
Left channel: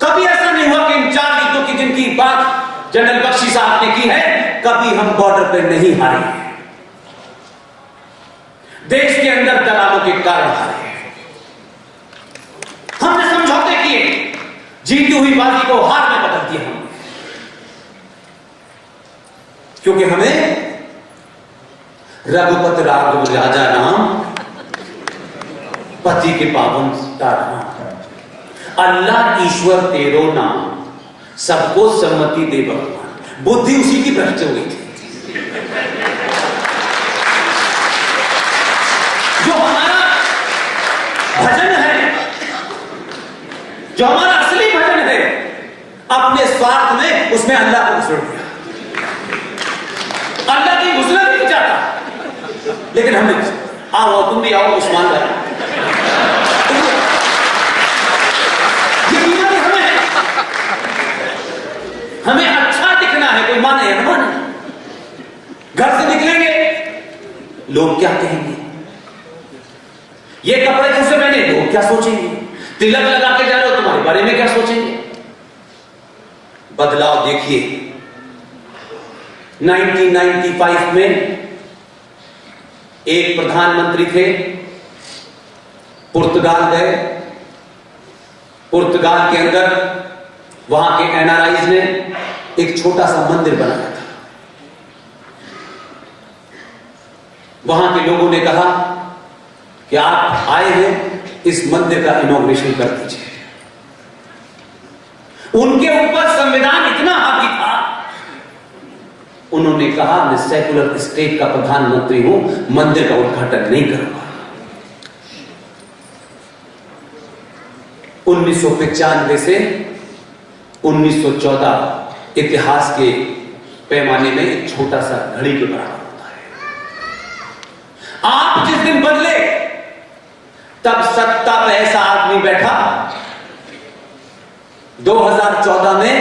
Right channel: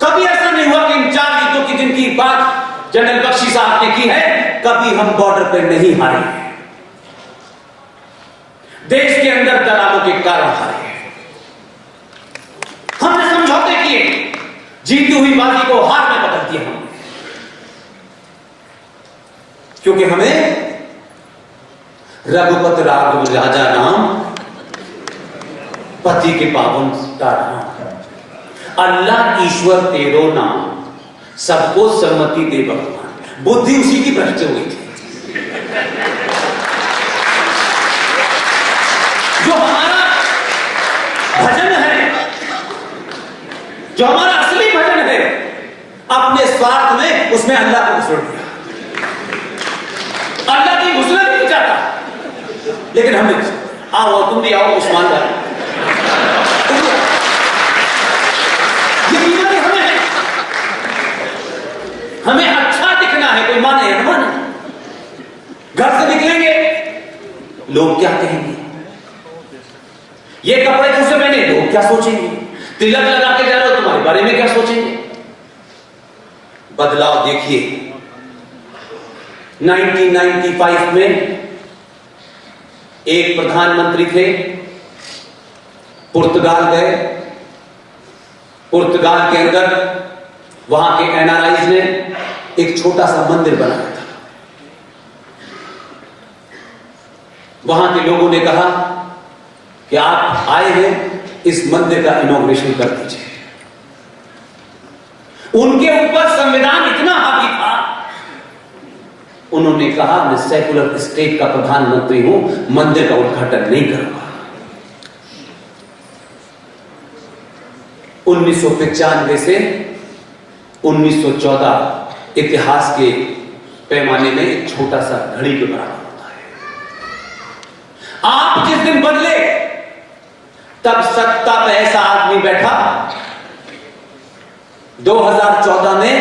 कभी ऐसा नहीं हुआ कि इन 4 युद्धों की जिनकी बात जनरल बख्शी साहब ने की है, कभी हम बॉर्डर पर नहीं हारे हैं। देश के अंदर दलालों के कारण हारे हैं। हमने समझौते किए, जीती हुई बाजी को हार में बदल दिया हमने, क्योंकि हमें रघुपत राघव राजा राम, पति के पावन सीताराम, अल्लाह ईश्वर तेरो नाम, सबको सम्मति दे भगवान। बुद्धि उसी की भ्रष्ट हुई थी। जो हमारा भजन है, जो हमारा असली भजन है, अपने स्वार्थ में उसमें अल्लाह को घुसड़ दिया। अल्लाह की घुसना नहीं चाहता, लेकिन हमने आओ तुम भी आओ उस्मान भाई, ये बीमारी हमें है। हमें अच्छा दिखना है, कोई माने या न माने। घर से निकलेंगे लोग क्या कहेंगे, ये कपड़े कैसे पहने लोग क्या सोचेंगे, तिलक लगा के जा रहे हो तुम्हारे बारे में क्या सोचेंगे। बदलाव देखिए। 1995 में एक प्रधानमंत्री थे, पुर्तगाल गए। पुर्तगाल के अंदर वहां के एनआरआईज ने एक छोटा सा मंदिर बनाया था। वहां के लोगों ने कहा कि आप आए हैं, इस मंदिर का इनॉग्रेशन कर दीजिए। उनके ऊपर संविधान इतना हावी था, उन्होंने कहा मैं सेकुलर स्टेट का प्रधानमंत्री हूं, मंदिर का उद्घाटन नहीं करूंगा। 1995 से 1914 इतिहास के पैमाने में एक छोटा सा घड़ी के बराबर होता है। आप जिस दिन बदले, तब सत्ता पे ऐसा आदमी बैठा। 2014 में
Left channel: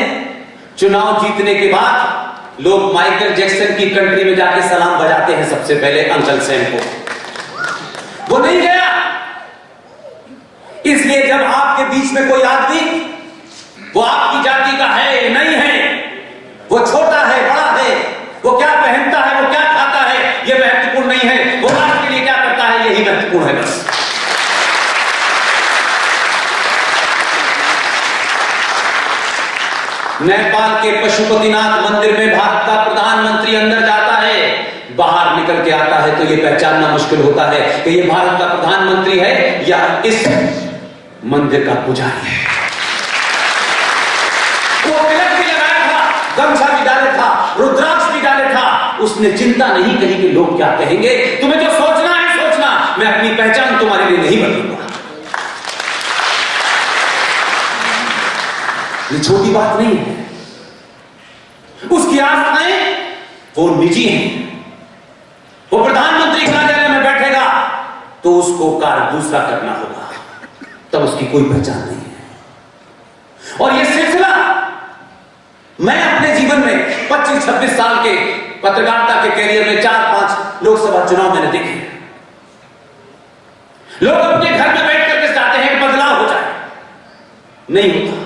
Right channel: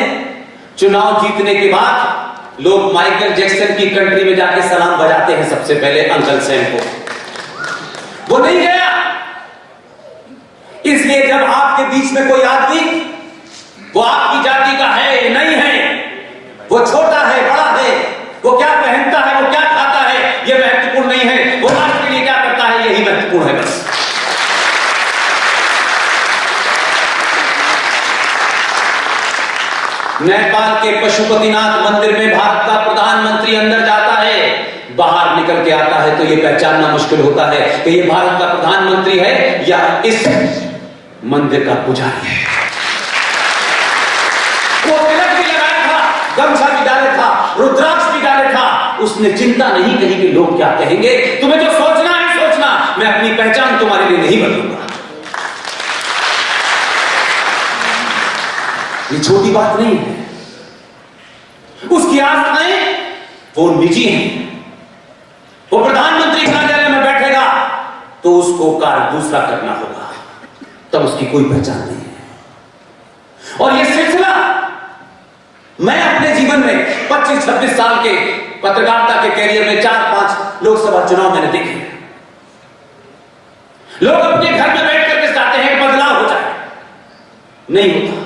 चुनाव जीतने के बाद लोग माइकल जैक्सन की कंट्री में जाके सलाम बजाते हैं सबसे पहले अंकल सैम को। वो नहीं गया। इसलिए जब आपके बीच में कोई आदमी, वो आपकी जाति का है नहीं है, वो छोटा है बड़ा है, वो क्या पहनता है, वो क्या खाता है, ये महत्वपूर्ण नहीं है, वो राष्ट्र के लिए क्या करता है, यही महत्वपूर्ण है बस। नेपाल के पशुपतिनाथ मंदिर में भारत का प्रधानमंत्री अंदर जाता है, बाहर निकल के आता है तो यह पहचानना मुश्किल होता है कि यह भारत का प्रधानमंत्री है या इस मंदिर का पुजारी है। वो तिलक भी लगाया था, गमछा भी डाले था, रुद्राक्ष भी डाले था। उसने चिंता नहीं कही कि लोग क्या कहेंगे। तुम्हें जो सोचना है सोचना, मैं अपनी पहचान तुम्हारे लिए नहीं बदलूंगा। ये छोटी बात नहीं है। उसकी आस्थाएं वो निजी हैं। वो प्रधानमंत्री कार्यालय में बैठेगा तो उसको कार्य दूसरा करना होगा, तब उसकी कोई पहचान नहीं है। और ये सिलसिला मैं अपने जीवन में 25-26 साल के पत्रकारिता के कैरियर में 4-5 लोकसभा चुनाव मैंने देखे। लोग अपने घर में बैठ करके चाहते हैं कि बदलाव हो जाए, नहीं होता।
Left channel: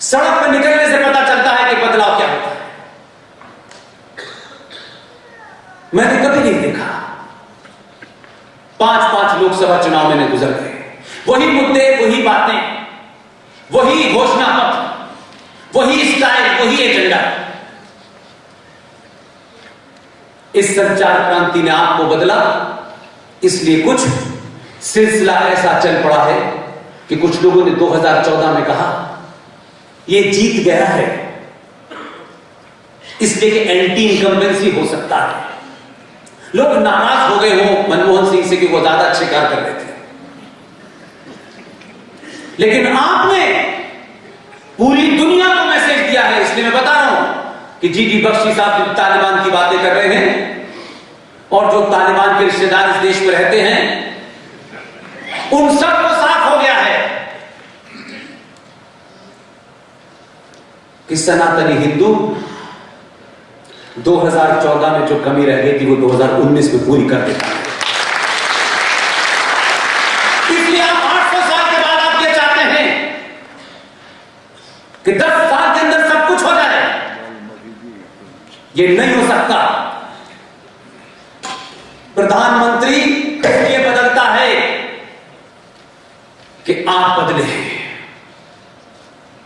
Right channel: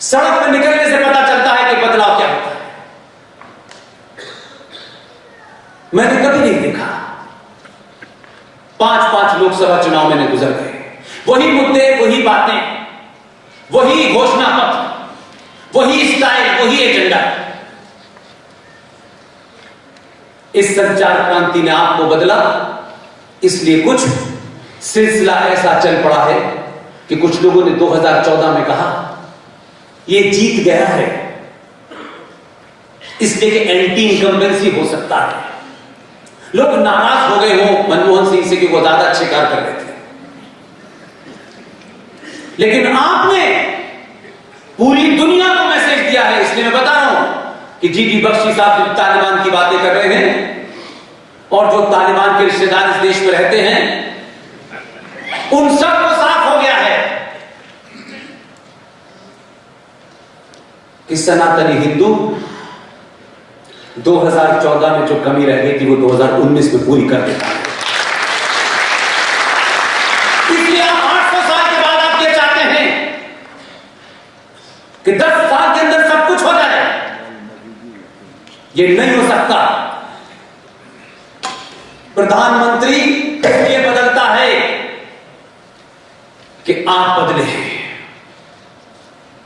सड़क पर निकलने से पता चलता है कि बदलाव क्या होता है। मैंने कभी नहीं देखा। 5-5 लोकसभा चुनाव मैंने गुजर गए, वही मुद्दे, वही बातें, वही घोषणा पत्र, वही स्टाइल, वही एजेंडा। इस संचार क्रांति ने आपको बदला, इसलिए कुछ सिलसिला ऐसा चल पड़ा है कि कुछ लोगों ने 2014 में कहा ये जीत गया है, इसलिए कि एंटी इनकम्बेंसी हो सकता है। लोग नाराज हो गए हो मनमोहन सिंह से कि वो ज्यादा अच्छे कार्य कर रहे थे, लेकिन आपने पूरी दुनिया को मैसेज दिया है। इसलिए मैं बता रहा हूं कि जीडी बख्शी साहब तालिबान की बातें कर रहे हैं, और जो तालिबान के रिश्तेदार इस देश में रहते हैं, उन सबको साफ हो गया है कि सनातनी हिंदू 2014 में जो कमी रह गई थी वो 2019 में पूरी कर देता है। इसलिए आप 800 साल के बाद आप ये चाहते हैं कि 10 साल के अंदर सब कुछ हो जाए। ये नहीं हो सकता। प्रधानमंत्री इसलिए बदलता है कि आप बदले हैं,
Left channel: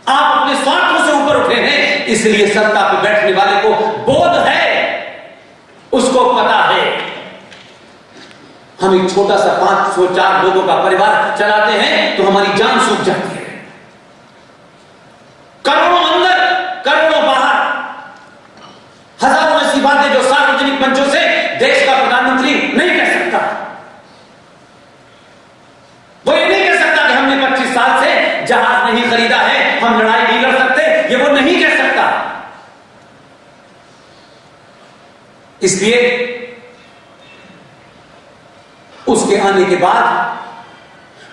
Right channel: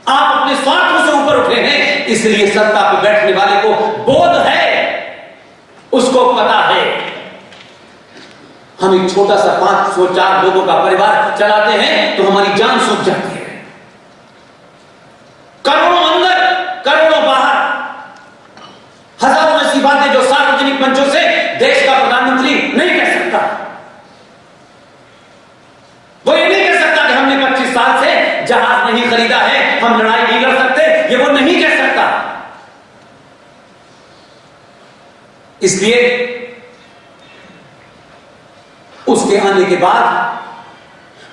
आप अपने स्वार्थों से ऊपर उठे हैं, इसलिए सत्ता पर बैठने वाले को बोध है, उसको पता है हम एक छोटा सा 504 लोगों का परिवार चलाते हैं तो हमारी जान सूख जाती है। करोड़ों अंदर करोड़ों बाहर, हजारों ऐसी बातें जो सार्वजनिक मंचों से देश का प्रधानमंत्री नहीं कह सकता। वो ये नहीं कह सकता कि हमने 25 साल से जहाज नहीं खरीदा है, हम लड़ाई नहीं लड़ सकते, ये वो नहीं कह सकता। इसलिए उसके आने के बाद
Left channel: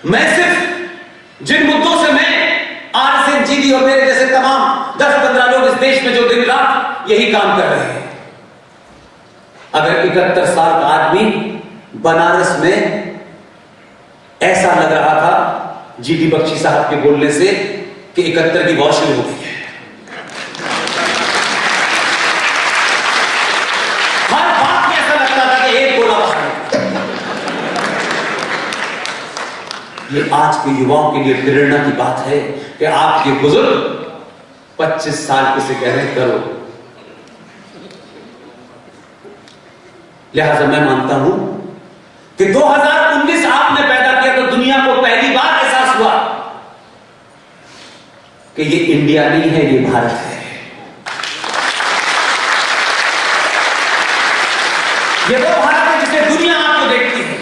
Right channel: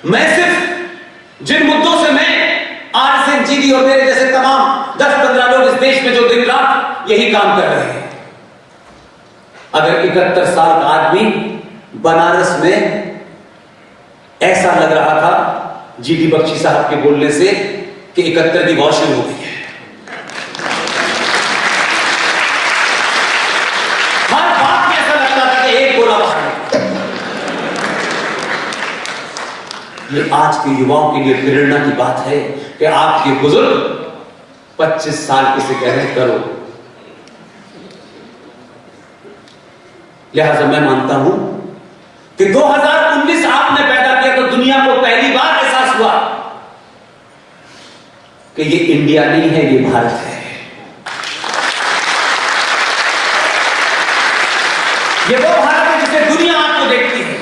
मैं सिर्फ जिन मुद्दों से मैं आरएसएन जीडी और मेरे जैसे तमाम 10-15 लोग इस देश में जो दिन रात यही काम कर रहे हैं, अगर 71 साल का आदमी बनारस में ऐसा लग रहा था जीडी बख्शी साहब के बोलने से कि 71 की वॉर शुरू हो गई है, हर बात में ऐसा लगता था कि एक गोला बाहर निकला। ये आज के युवाओं के लिए प्रेरणा की बात है कि आपके बुजुर्ग 25 साल किसे कह रहे हैं करो। लिहाजा मैं मानता हूं कि 2019 आपने पैदा किया तो दुनिया को पहली बार एहसास हुआ कि ये इंडिया नहीं है, ये भारत है। ये वो भारत है जिससे दुनिया आपको देखती है,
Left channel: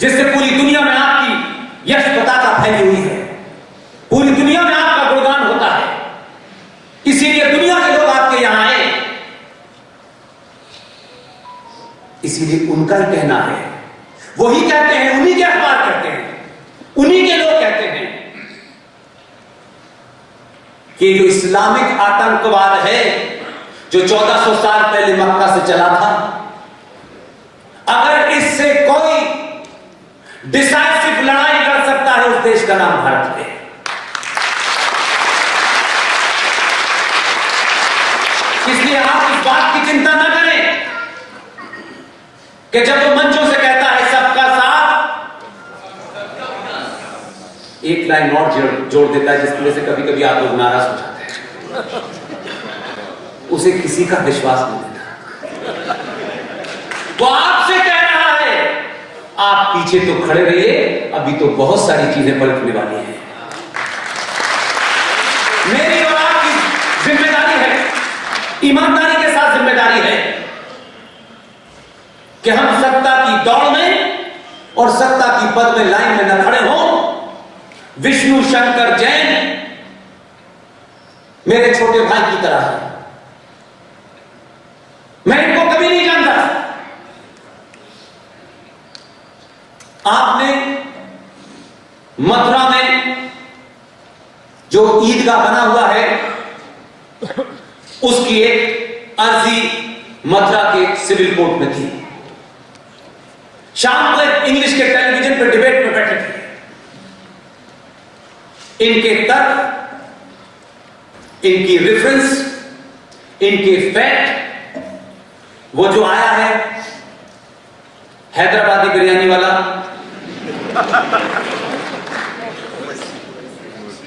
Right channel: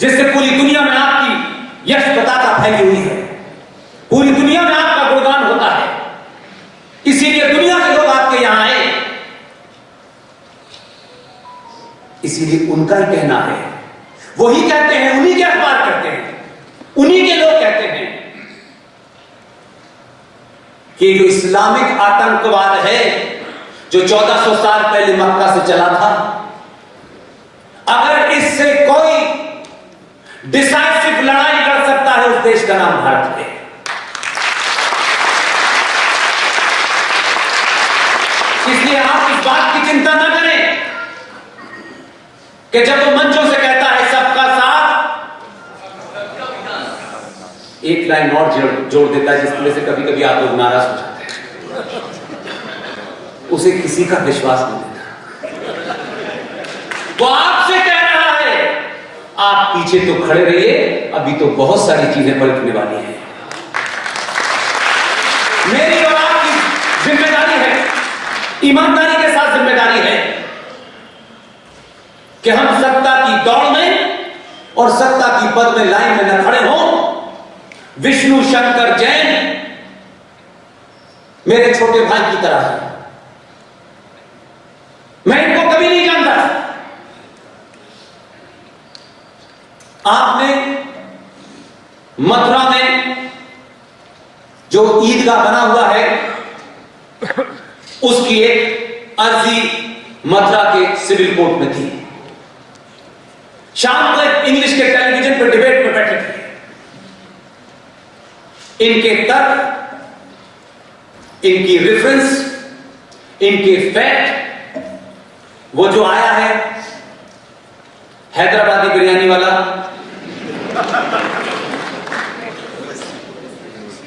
जिससे पूरी दुनिया में आपकी यश पताका फैली हुई है, पूरी दुनिया में आपका गुणगान होता है। इसीलिए दुनिया के लोग आपके यहां आए। इसीलिए उनका ही कहना है, वही कहते हैं, उन्हीं के अखबार कहते हैं, उन्हीं के लोग कहते हैं कि जो इस्लामिक आतंकवाद है जो 1400 साल पहले मक्का से चला था, अगर इससे कोई डिसाइसिव लड़ाई लड़ सकता है उस देश का नाम भारत है। इसलिए आप इस बात की चिंता न करें कि जब वो मंचों से कहता है सबका साथ, एक लाइन और जोड़ देता है जिसकी वजह से कभी कभी आप लोग नाराज हो जाते हैं, उसे किसी का विश्वास नहीं देता। वो आपसे कह रहा है आप पीछे तो खड़े रहिए, अभी तो बहुत सारी चीजें पलटने वाली हैं। मेरी और आपकी जिम्मेदारी है, ईमानदारी के साथ जिम्मेदारी है कि हम सत्ता की दौड़ में और सत्ता की पद में लाइन में न खड़े हों। विष्णु शंकर जैन मेरे छोटे भाई की तरह है, मैं इनको कभी नहीं जानता था। आपने मथुरा में जो ईदगाह बना हुआ है उसकी एक अर्जी मथुरा के सिविल कोर्ट में थी। शाम को इंग्लिश के टेलीविजन पर डिबेट में बैठे थे। इनके तर्क, इनकी रेफरेंस, इनके फैक्ट, वो जो आया है हैदराबादी बिरयानी वाला,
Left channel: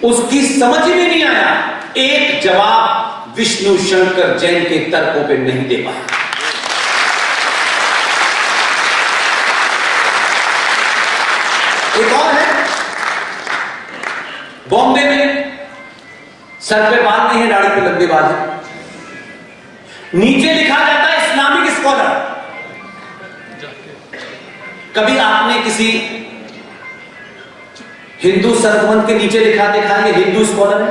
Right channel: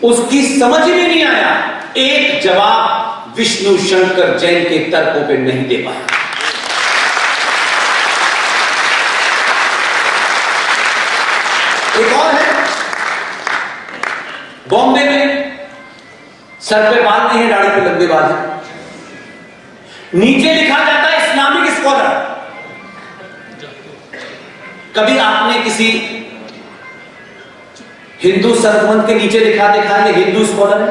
उसकी समझ में नहीं आया। एक जवाब विष्णु शंकर जैन के तर्कों पे नहीं दे पाया। एक और है, बॉम्बे में सर पे बाल नहीं है, दाढ़ी पे लंबे बाल है, नीचे लिखा जाता है इस्लामिक स्कॉलर। कभी आपने किसी हिंदू सरगमन के नीचे लिखा देखा है ये हिंदू स्कॉलर है?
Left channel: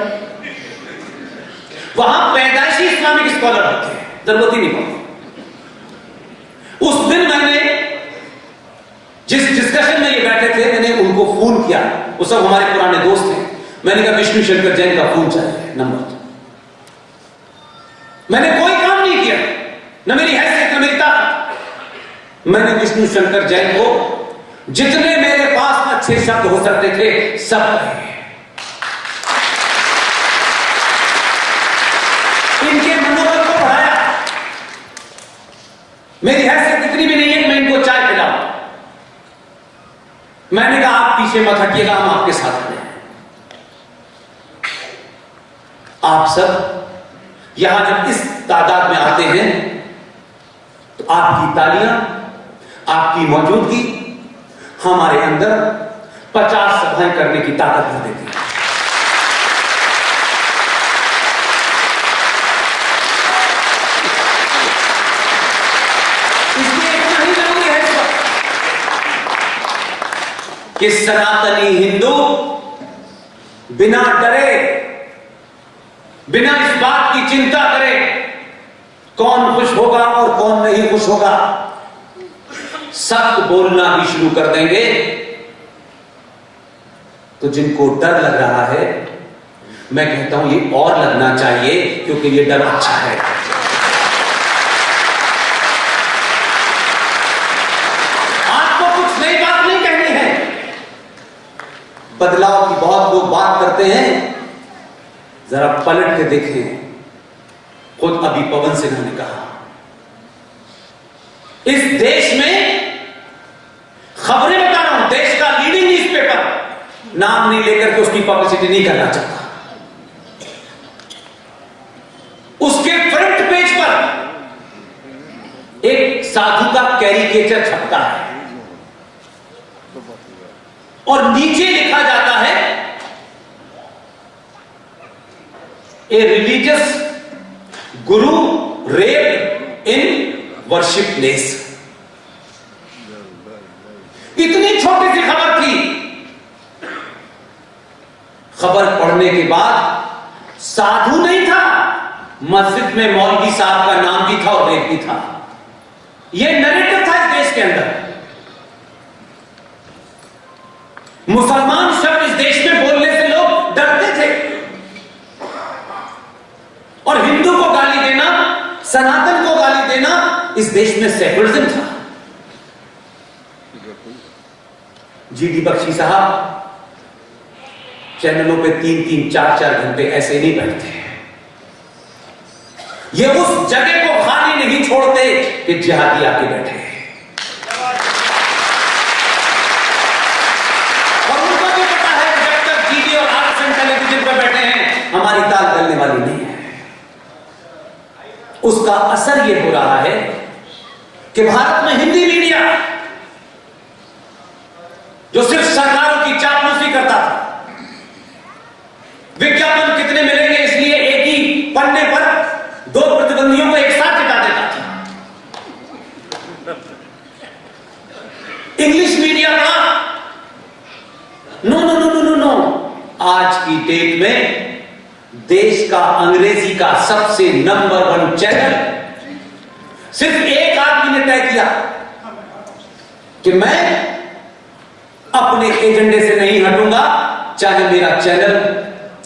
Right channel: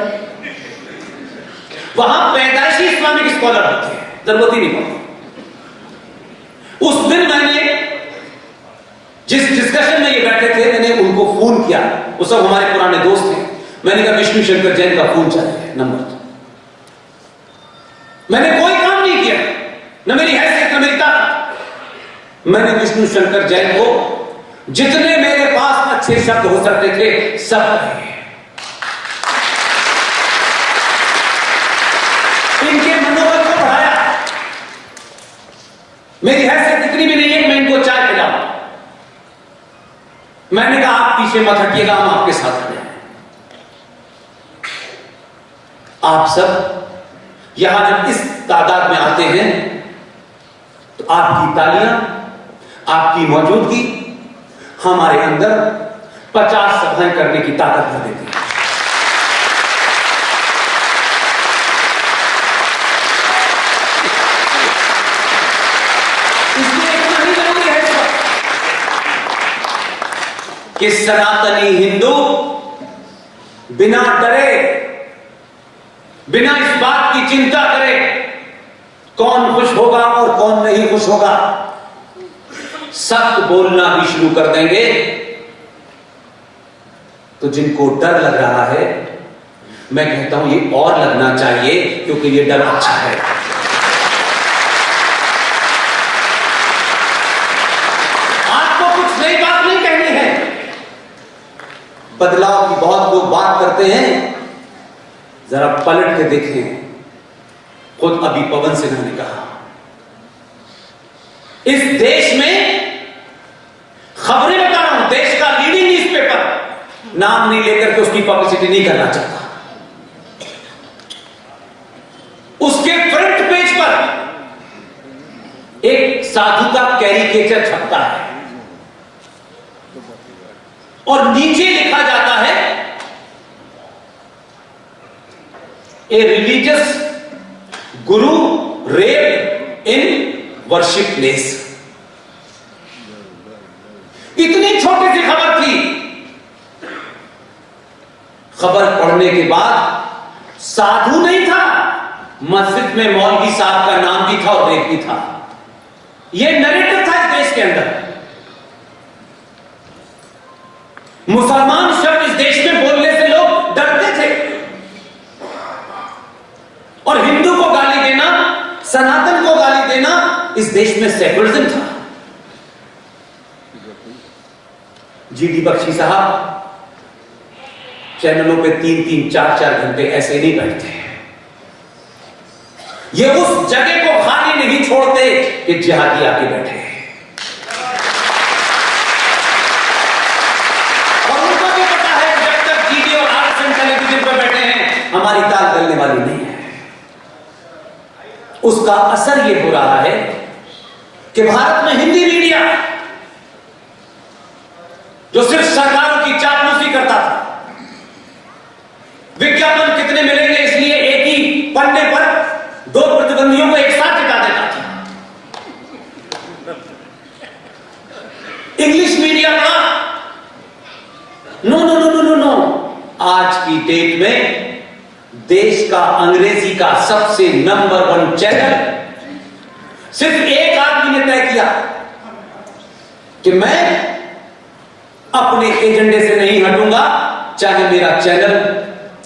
वहां पैदाइशी इस्लामिक स्कॉलर होते हैं, जरूरत ही नहीं पड़ती। उस दिन मैंने डिस्कशन में ये बैठे थे, मैंने उनको फोन किया, वो सब हमारे पुराने दोस्त हैं। मैंने कहा विष्णु शंकर जैन का फोन चाहिए, नंबर दो। मैंने कोई काम नहीं किया, न मेरी हैसियत न मेरी ताकत। मैंने विष्णु शंकर जैन को जितने मेरे पास अच्छे शब्द हो सकते थे सब कहे। इनके मनोबल को बढ़ाया। मेरी हैसियत इतनी भी नहीं है कि मैं इनको चाय पिलाऊं। मैंने कहा आप पीछे मत हटिएगा, हम आपके साथ खड़े हैं। आप सब यहां जब इस तादाद में आते हैं तो आपकी तालियां, आपकी मौजूदगी हमारे अंदर 50 सभाएं करने की ताकत भर देती है। इसलिए इतना ही जरूरी है इस वक्त कि सनातनी हिंदू बिना डरे, बिना इस बात की चिंता करे कौन खुश होगा और कौन नहीं खुश होगा, सख्त बोलना भी शुरू कर देंगे। तो जिनको डर लग रहा है, मैं कहता हूं ये और लगना चाहिए, क्योंकि ये डर अच्छा है। आपको कुछ नई बात नहीं कहनी है। बदलाव की बहुत लोग बात करते हैं, जरा पलट के देखें। खुद अभी पवन सिंह ने कहा इस देश में, खबरें बता रहा हूं, देश का लीडिंग न्यूज़पेपर, नाम नहीं लेकर के उसकी पब्लिसिटी नहीं करना चाहता, उसके फ्रंट पेज पर एक साधु का कैरिकेचर छपता है और नीचे लिखा जाता है a religious Guru rape in worship place. इतनी छोटी सी खबर थी। खबर पढ़ने के बाद साधु नहीं था, मस्जिद में मौलवी साहब का नाम भी था और रेप भी था। यह नैरेटिव था इस देश के अंदर। मुसलमान शब्द इस देश में बोलने से लोग डरते थे और हिंदू को गाली देना, सनातन को गाली देना इस देश में सेकुलरिज्म था। जीडी बख्शी साहब चैनलों पे 3-3, 4-4 घंटे ऐसे नहीं बैठते। ये उस जगह को खाली नहीं छोड़ते कि जिहादी आके बैठे। और उनको भी पता है जब तक जीडी और आरएसएन टेलीविजन पर बैठे हैं हमारी ताल गलने वाली नहीं है। उसका असर यह हो रहा है कि भारत में हिंदी मीडिया जो सिर्फ सरकारों की चापलूसी करता था, विज्ञापन कितने मिलेंगे इसलिए एक ही पन्ने पर 2 प्रतिद्वंदियों को एक साथ जिता देता था, इंग्लिश मीडिया का no no no no no no. आज की डेट में देश का अंग्रेजी का सबसे नंबर 1 चैनल सिर्फ एक आदमी ने तय किया कि मैं अपने एजेंडे से नहीं हटूंगा, चाहे मेरा चैनल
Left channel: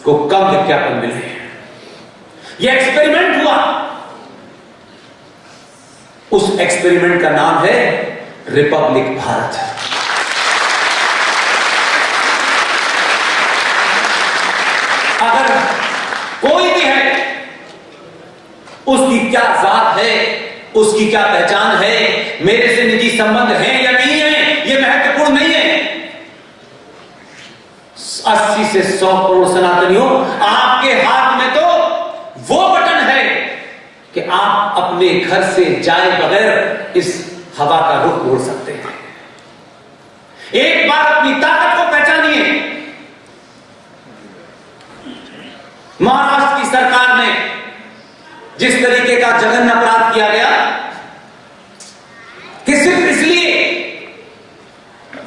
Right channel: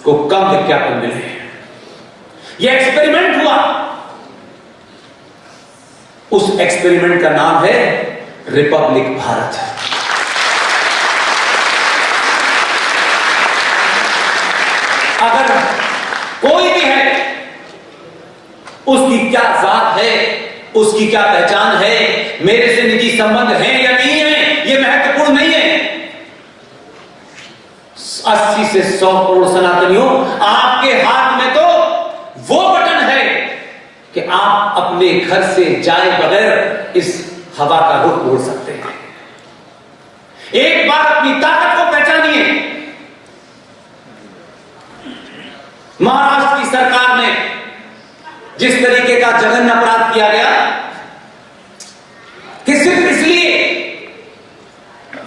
को कम विज्ञापन मिले। यह एक्सपेरिमेंट हुआ। उस एक्सपेरिमेंट का नाम है रिपब्लिक भारत। अगर कोई भी है, उसकी क्या जात है, उसकी क्या पहचान है, मेरे से निजी संबंध है या नहीं है, यह महत्वपूर्ण नहीं है। 80 से 100 करोड़ सनातनियों, आपके हाथ में तो वो बटन है कि आप अपने घर से जाए बगैर इस हवा का रुख मोड़ सकते हैं। एक बार अपनी ताकत को पहचानिए। महाराष्ट्र की सरकार ने जिस तरीके का जघन्य अपराध किया गया कि सिर्फ इसलिए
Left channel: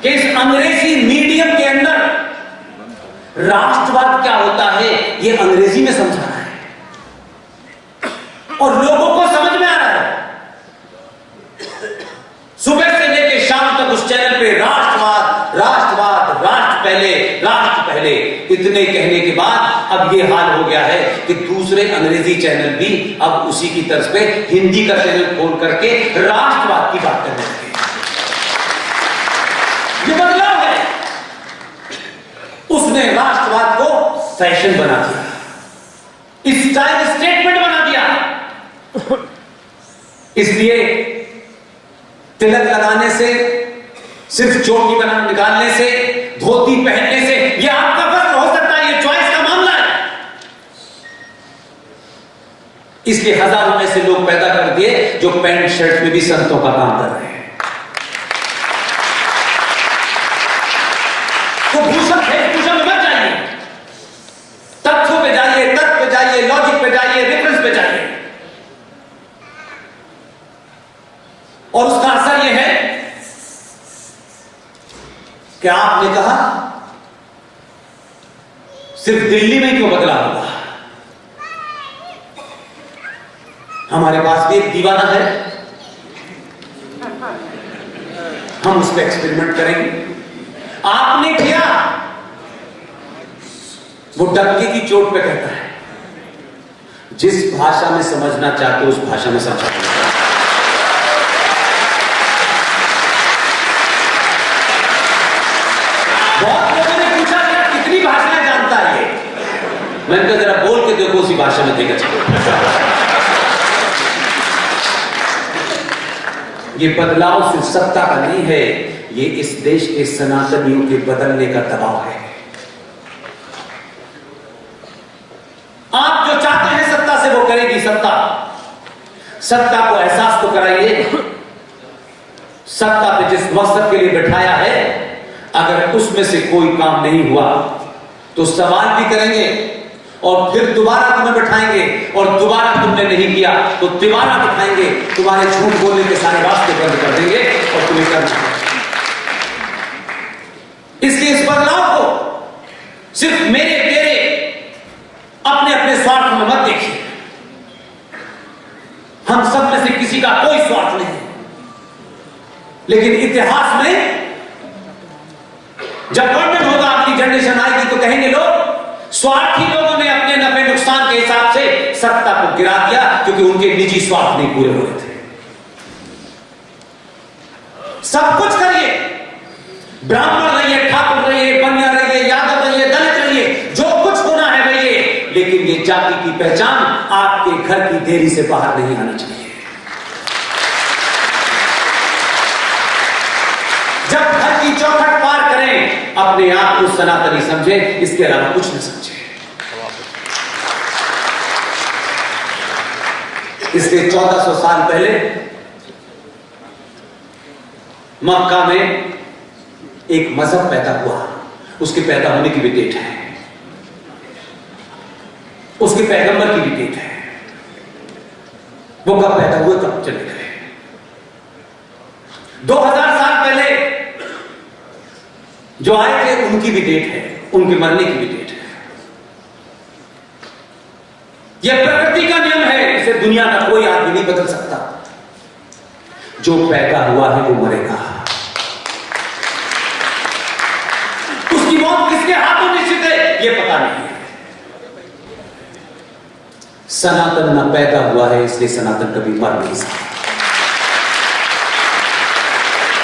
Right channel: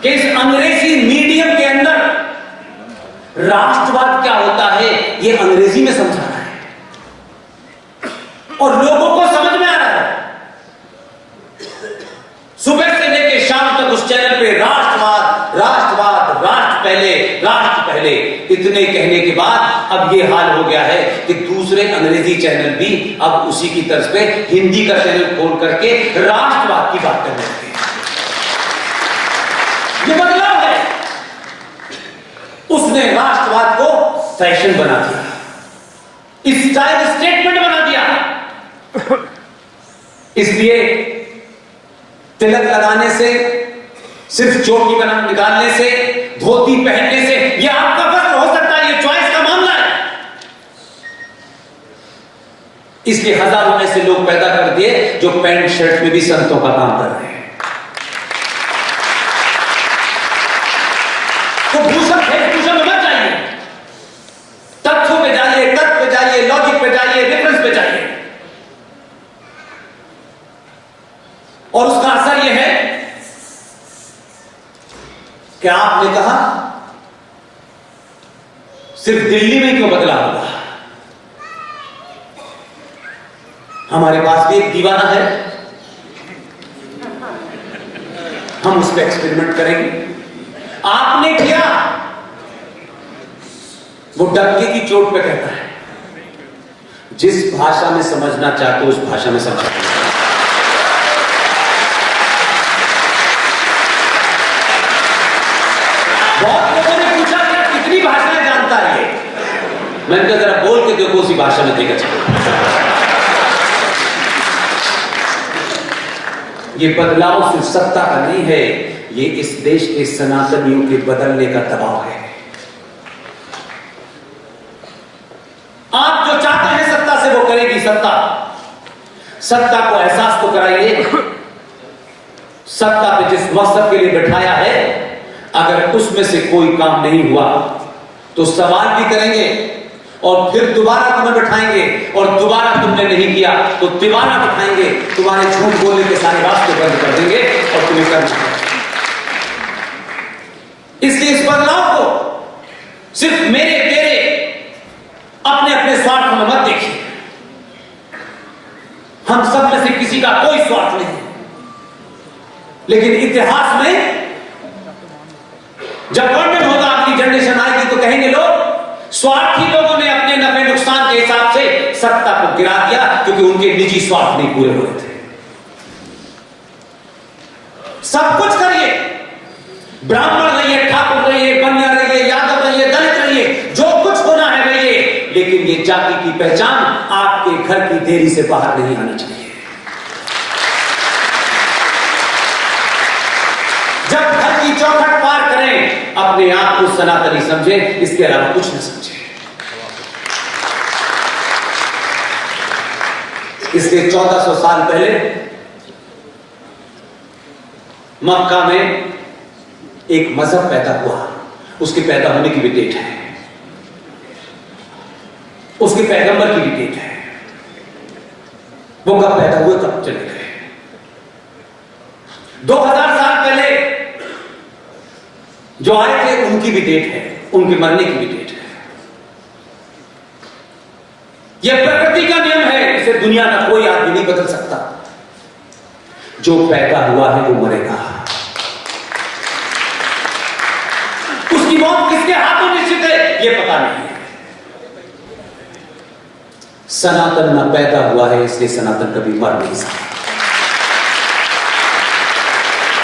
कि इस अंग्रेजी मीडियम के अंदर राष्ट्रवाद क्या होता है यह अंग्रेजी में समझा रहा है और लोगों को समझ में आ रहा है। सुबह से लेकर शाम तक उस चैनल पे राष्ट्र इतने कहने के बाद अब ये हाल हो गया है कि दूसरे अंग्रेजी चैनल भी अब उसी की तर्ज पे हिंदी का चैनल खोल करके राष्ट्रवाद की बात करने लगे। ये बदलाव है। उसने राष्ट्रवाद को फैशन बना दिया, स्टाइल स्टेटमेंट बना दिया। इसलिए तिलक लगाने से, सिर्फ चोटी बना निकालने से, धोती पहनने से ये आपका वस्त्र हो सकता है, ये चॉइस का मामला है। इसलिए हजारों ऐसे लोग पैदा कर दिए जो पैंट शर्ट में भी संतों का काम कर रहे हैं। तो भूषण वेशभूषण में मत जाइए, तथ्यों पे जाइए, तर्क पे जाइए, लॉजिक पे जाइए, रेफरेंस पे जाइए। और उसका असर यह है कि आपने कहा सिर्फ दिल्ली में क्यों बदलाव हुआ। हमारे पास भी एक दीवाना है, हम उस पर एक्सपेरिमेंट करेंगे। आपने किया, वो डंके की चोट पे कहता है, जिस भाषा में समझना चाहते हो उस भाषा में समझा। बहुत लोगों ने पूछा कि कितनी भाषाएं जानता है ये। मैंने कहा जरा बोल के देखो, उसी भाषा में देखा चलो। ये बदलाव सिर्फ सत्ता का नहीं है, ये इस देश के सनातनियों के बदलने का दबाव है। आप जो चाहते हैं सत्ता से वो करेगी सत्ता। सत्ता को एहसास तो कराइए। सत्ता पे जिस मकसद के लिए बैठाया है, अगर उसमें से कोई काम नहीं हुआ तो सवाल भी करेंगे और फिर दोबारा तुम्हें बैठाएंगे, और दोबारा तुमने नहीं किया तो दोबारा बैठाएंगे, तुम्हारे झूठ बोलने के सारे रास्ते बंद कर देंगे और तुम्हें करना है। इसलिए इस बदलाव को सिर्फ मेरे तेरे अपने अपने स्वार्थ में मत देखिए। हम सब में से किसी का कोई स्वार्थ नहीं है, लेकिन इतिहास में जब वर्णन होगा, आपकी जनरेशन आएगी तो कहेंगे लोग स्वार्थी लोगों ने अपने नफे नुकसान के हिसाब से सत्ता को गिरा दिया क्योंकि उनके निजी स्वार्थ नहीं पूरे हो रहे थे। सब कुछ करिए, ब्राह्मण रहिए, ठाकुर रहिए, बनिया रहिए, यादव रहिए, दलित रहिए, जो कुछ होना है रहिए, लेकिन ये जाति की पहचान आपके घर की देरी से बाहर नहीं आनी चाहिए। जब घर की चौखट पार करें, अपने आप को सनातनी समझे, इसके अलावा कुछ न समझे। इसलिए 1400 साल पहले मक्का में एक मजहब पैदा हुआ। उसके पैदा होने की भी डेट है, उसके पैगंबर की भी डेट है। वो कब पैदा हुए, कब चले गए। 2000 साल पहले जो आए थे उनकी भी डेट है, उनके मरने की भी डेट है। यह प्रकृति का नियम है, इसे दुनिया का कोई आदमी नहीं बदल सकता। जो पैदा हुआ है वो मरेगा। उसकी मौत किसके हाथों निश्चित है ये पता नहीं है। सनातन न पैदा हुआ है, इसलिए सनातन कभी मर नहीं सकता।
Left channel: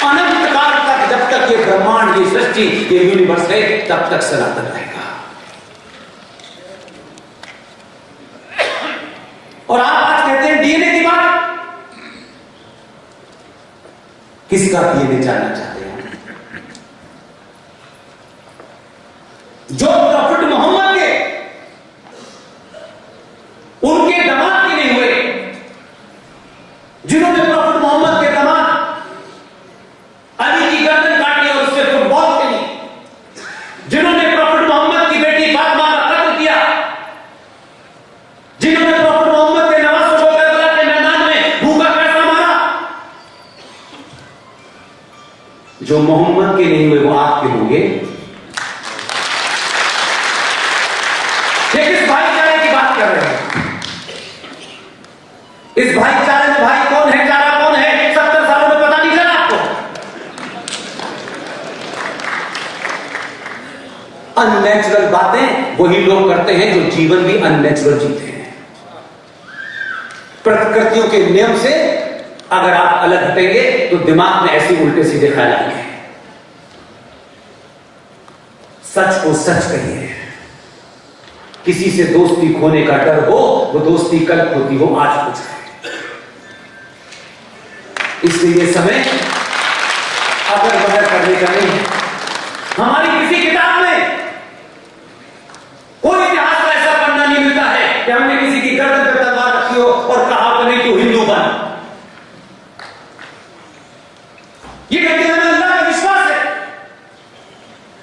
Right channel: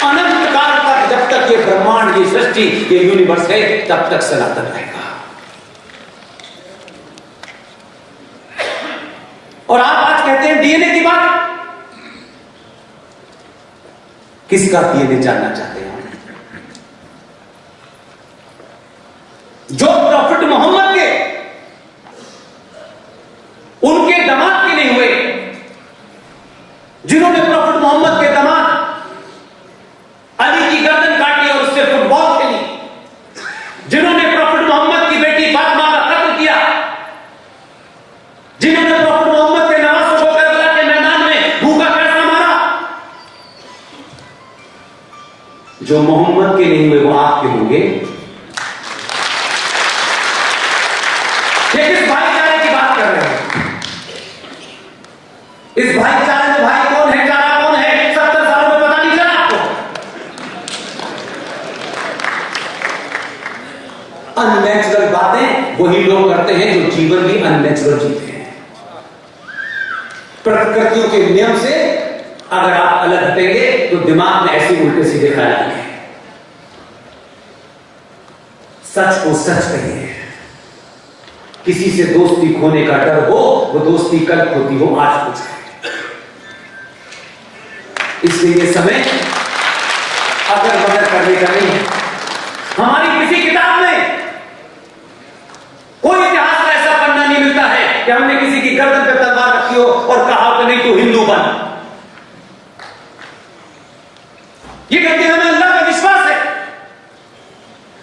अनंत काल तक, जब तक ये ब्रह्मांड, ये सृष्टि, ये यूनिवर्स है, तब तक सनातन रहेगा। और आप आज कहते हैं डीएनए की बात, किसका डीएनए जानना चाहते हैं? जो प्रॉफिट मोहम्मद के, उनके दामाद के नहीं हुए, जिन्होंने प्रॉफिट मोहम्मद के दामाद अली की गर्दन काटी और उससे फुटबॉल खेली, जिन्होंने प्रॉफिट मोहम्मद की बेटी फातिमा का कत्ल किया, जिन्होंने प्रॉफिट मोहम्मद के नवासों को करबला के मैदान में भूखा पैसा मारा, जो मोहम्मद के नहीं हुए वो आपके होंगे। ये किस भाईचारे की बात कर रहे हैं? इस भाईचारे में भाई कौन है, चारा कौन है, 70 सालों में पता नहीं चला आपको? अननेचुरल बातें वही लोग करते हैं जो जीवन भी अननेचुरल जीते हैं। प्रकृतियों के नियम से अगर आप अलग हटेंगे तो दिमाग में ऐसे उल्टे सीधे ख्याल आएंगे। सच को सच कहिए। किसी से दोस्ती खोने का डर हो, वो दोस्ती कल खोती हो, आज कुछ है। इसलिए ये समय अगर बदल करने का नहीं है। हमारी किसी किताब में कोई इतिहास का ऐसा पन्ना नहीं मिलता है कि हमने किसी की गर्दन पर तलवार रखी हो और कहा कि नहीं तू हिंदू बन। ये कहते हैं हमें अल्लाह का विश्वास है,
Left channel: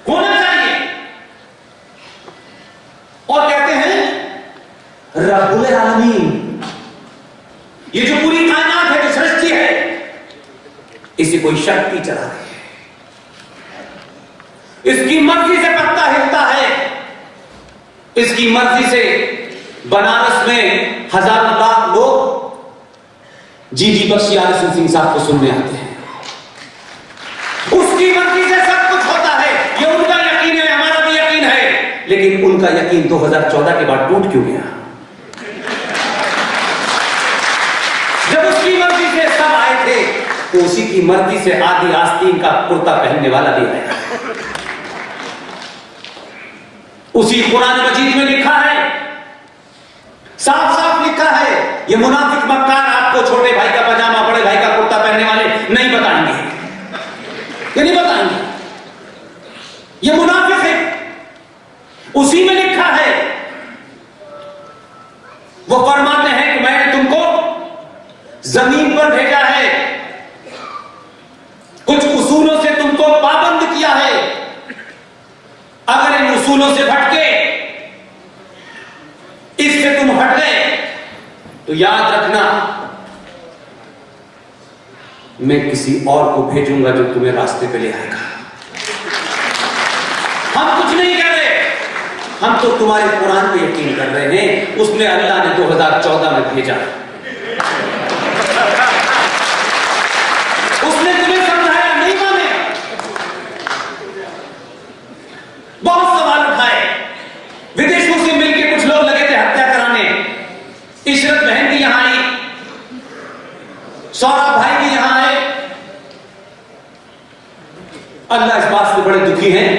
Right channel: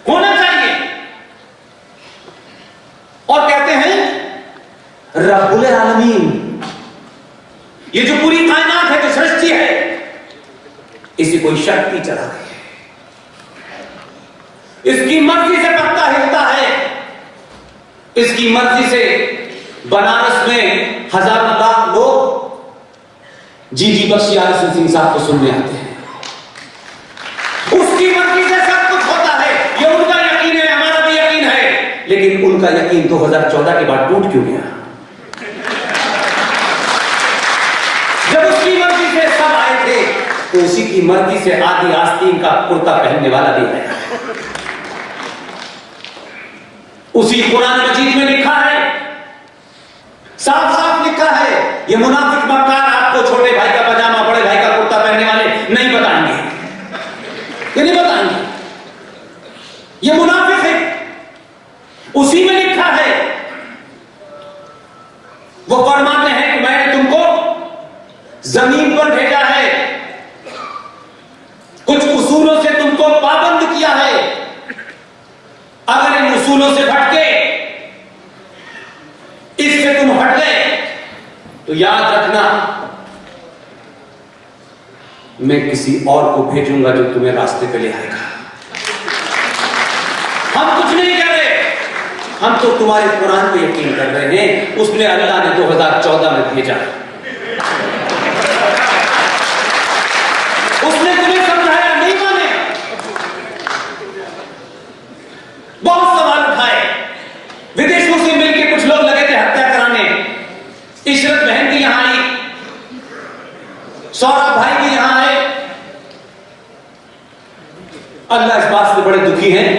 होना चाहिए। और कहते हैं रब्बुल आलमीन, ये जो पूरी कायनात है, जो सृष्टि है, इसे कोई शक्ति चला रही है। इसकी मर्जी से पत्ता हिलता है, इसकी मर्जी से बनारस में हजारों लाख लोग जीजी बख्शी आरएसएन सिंह साहब को सुनने आते हैं। उसकी मर्जी से सब कुछ होता है, ये उनका यकीन है, हमारा भी यकीन है। लेकिन उनका यकीन 2014 के बाद टूट क्यों गया? जब उसकी मर्जी से सब आए थे तो उसी की मर्जी से आदि आस्तीन का कुर्ता पहनने वाला भी आया। उसी कुरान मजीद में लिखा है, साफ साफ लिखा है, ये मुनाफिक मक्कार आपको छोटे भाई का पजामा बड़े भाई का कुर्ता पहनने वाले नहीं बताएंगे, ये नहीं बताएंगे, ये मुनाफिक है। उसी में लिखा है, वो फरमाते हैं कि मैंने तुमको जमीन पर भेजा है, कुछ उसूलों से तुमको पाबंद किया है। अगर इन उसूलों से भटके, इससे तुम हट गए, तो याद रखना मैं किसी और को भेजूंगा जो तुम्हें रास्ते पे ले आएगा। हम कुछ नहीं कह रहे, हम तो तुम्हारे कुरान पे यकीन कर रहे हैं। उसने अल्लाह ने 2014 में भेजा, उसने तुम्हें समझाया, नहीं माने, बहुत सवाल उठाए। विदेशों से मिलकर कुछ लोग लगे थे हत्या कराने। इशरत बहन भी यहां आई, सौरभ भाई भी यहां आए। अल्लाह इस बात से बड़े दुखी हैं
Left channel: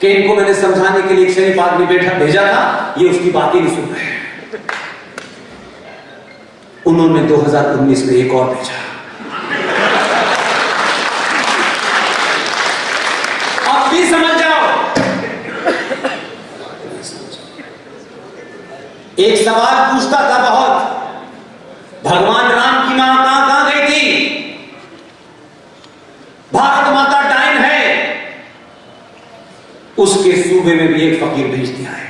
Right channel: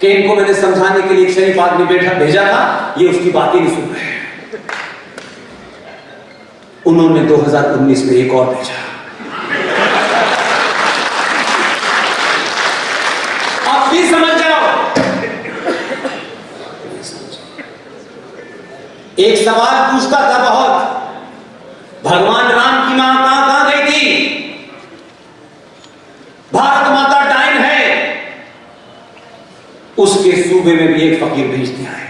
कि इनको मैंने समझाने के लिए एक शरीफ आदमी भेजा था, ये उसकी बात ही नहीं सुन रहे। उन्होंने 2019 में एक और भेजा। आप भी समझ जाओ। एक सवाल पूछता था बहुत, भगवान राम की मां कहां गई थी? भारत माता डायन है, उसके सूबे में भी एक फकीर भेज दिया है।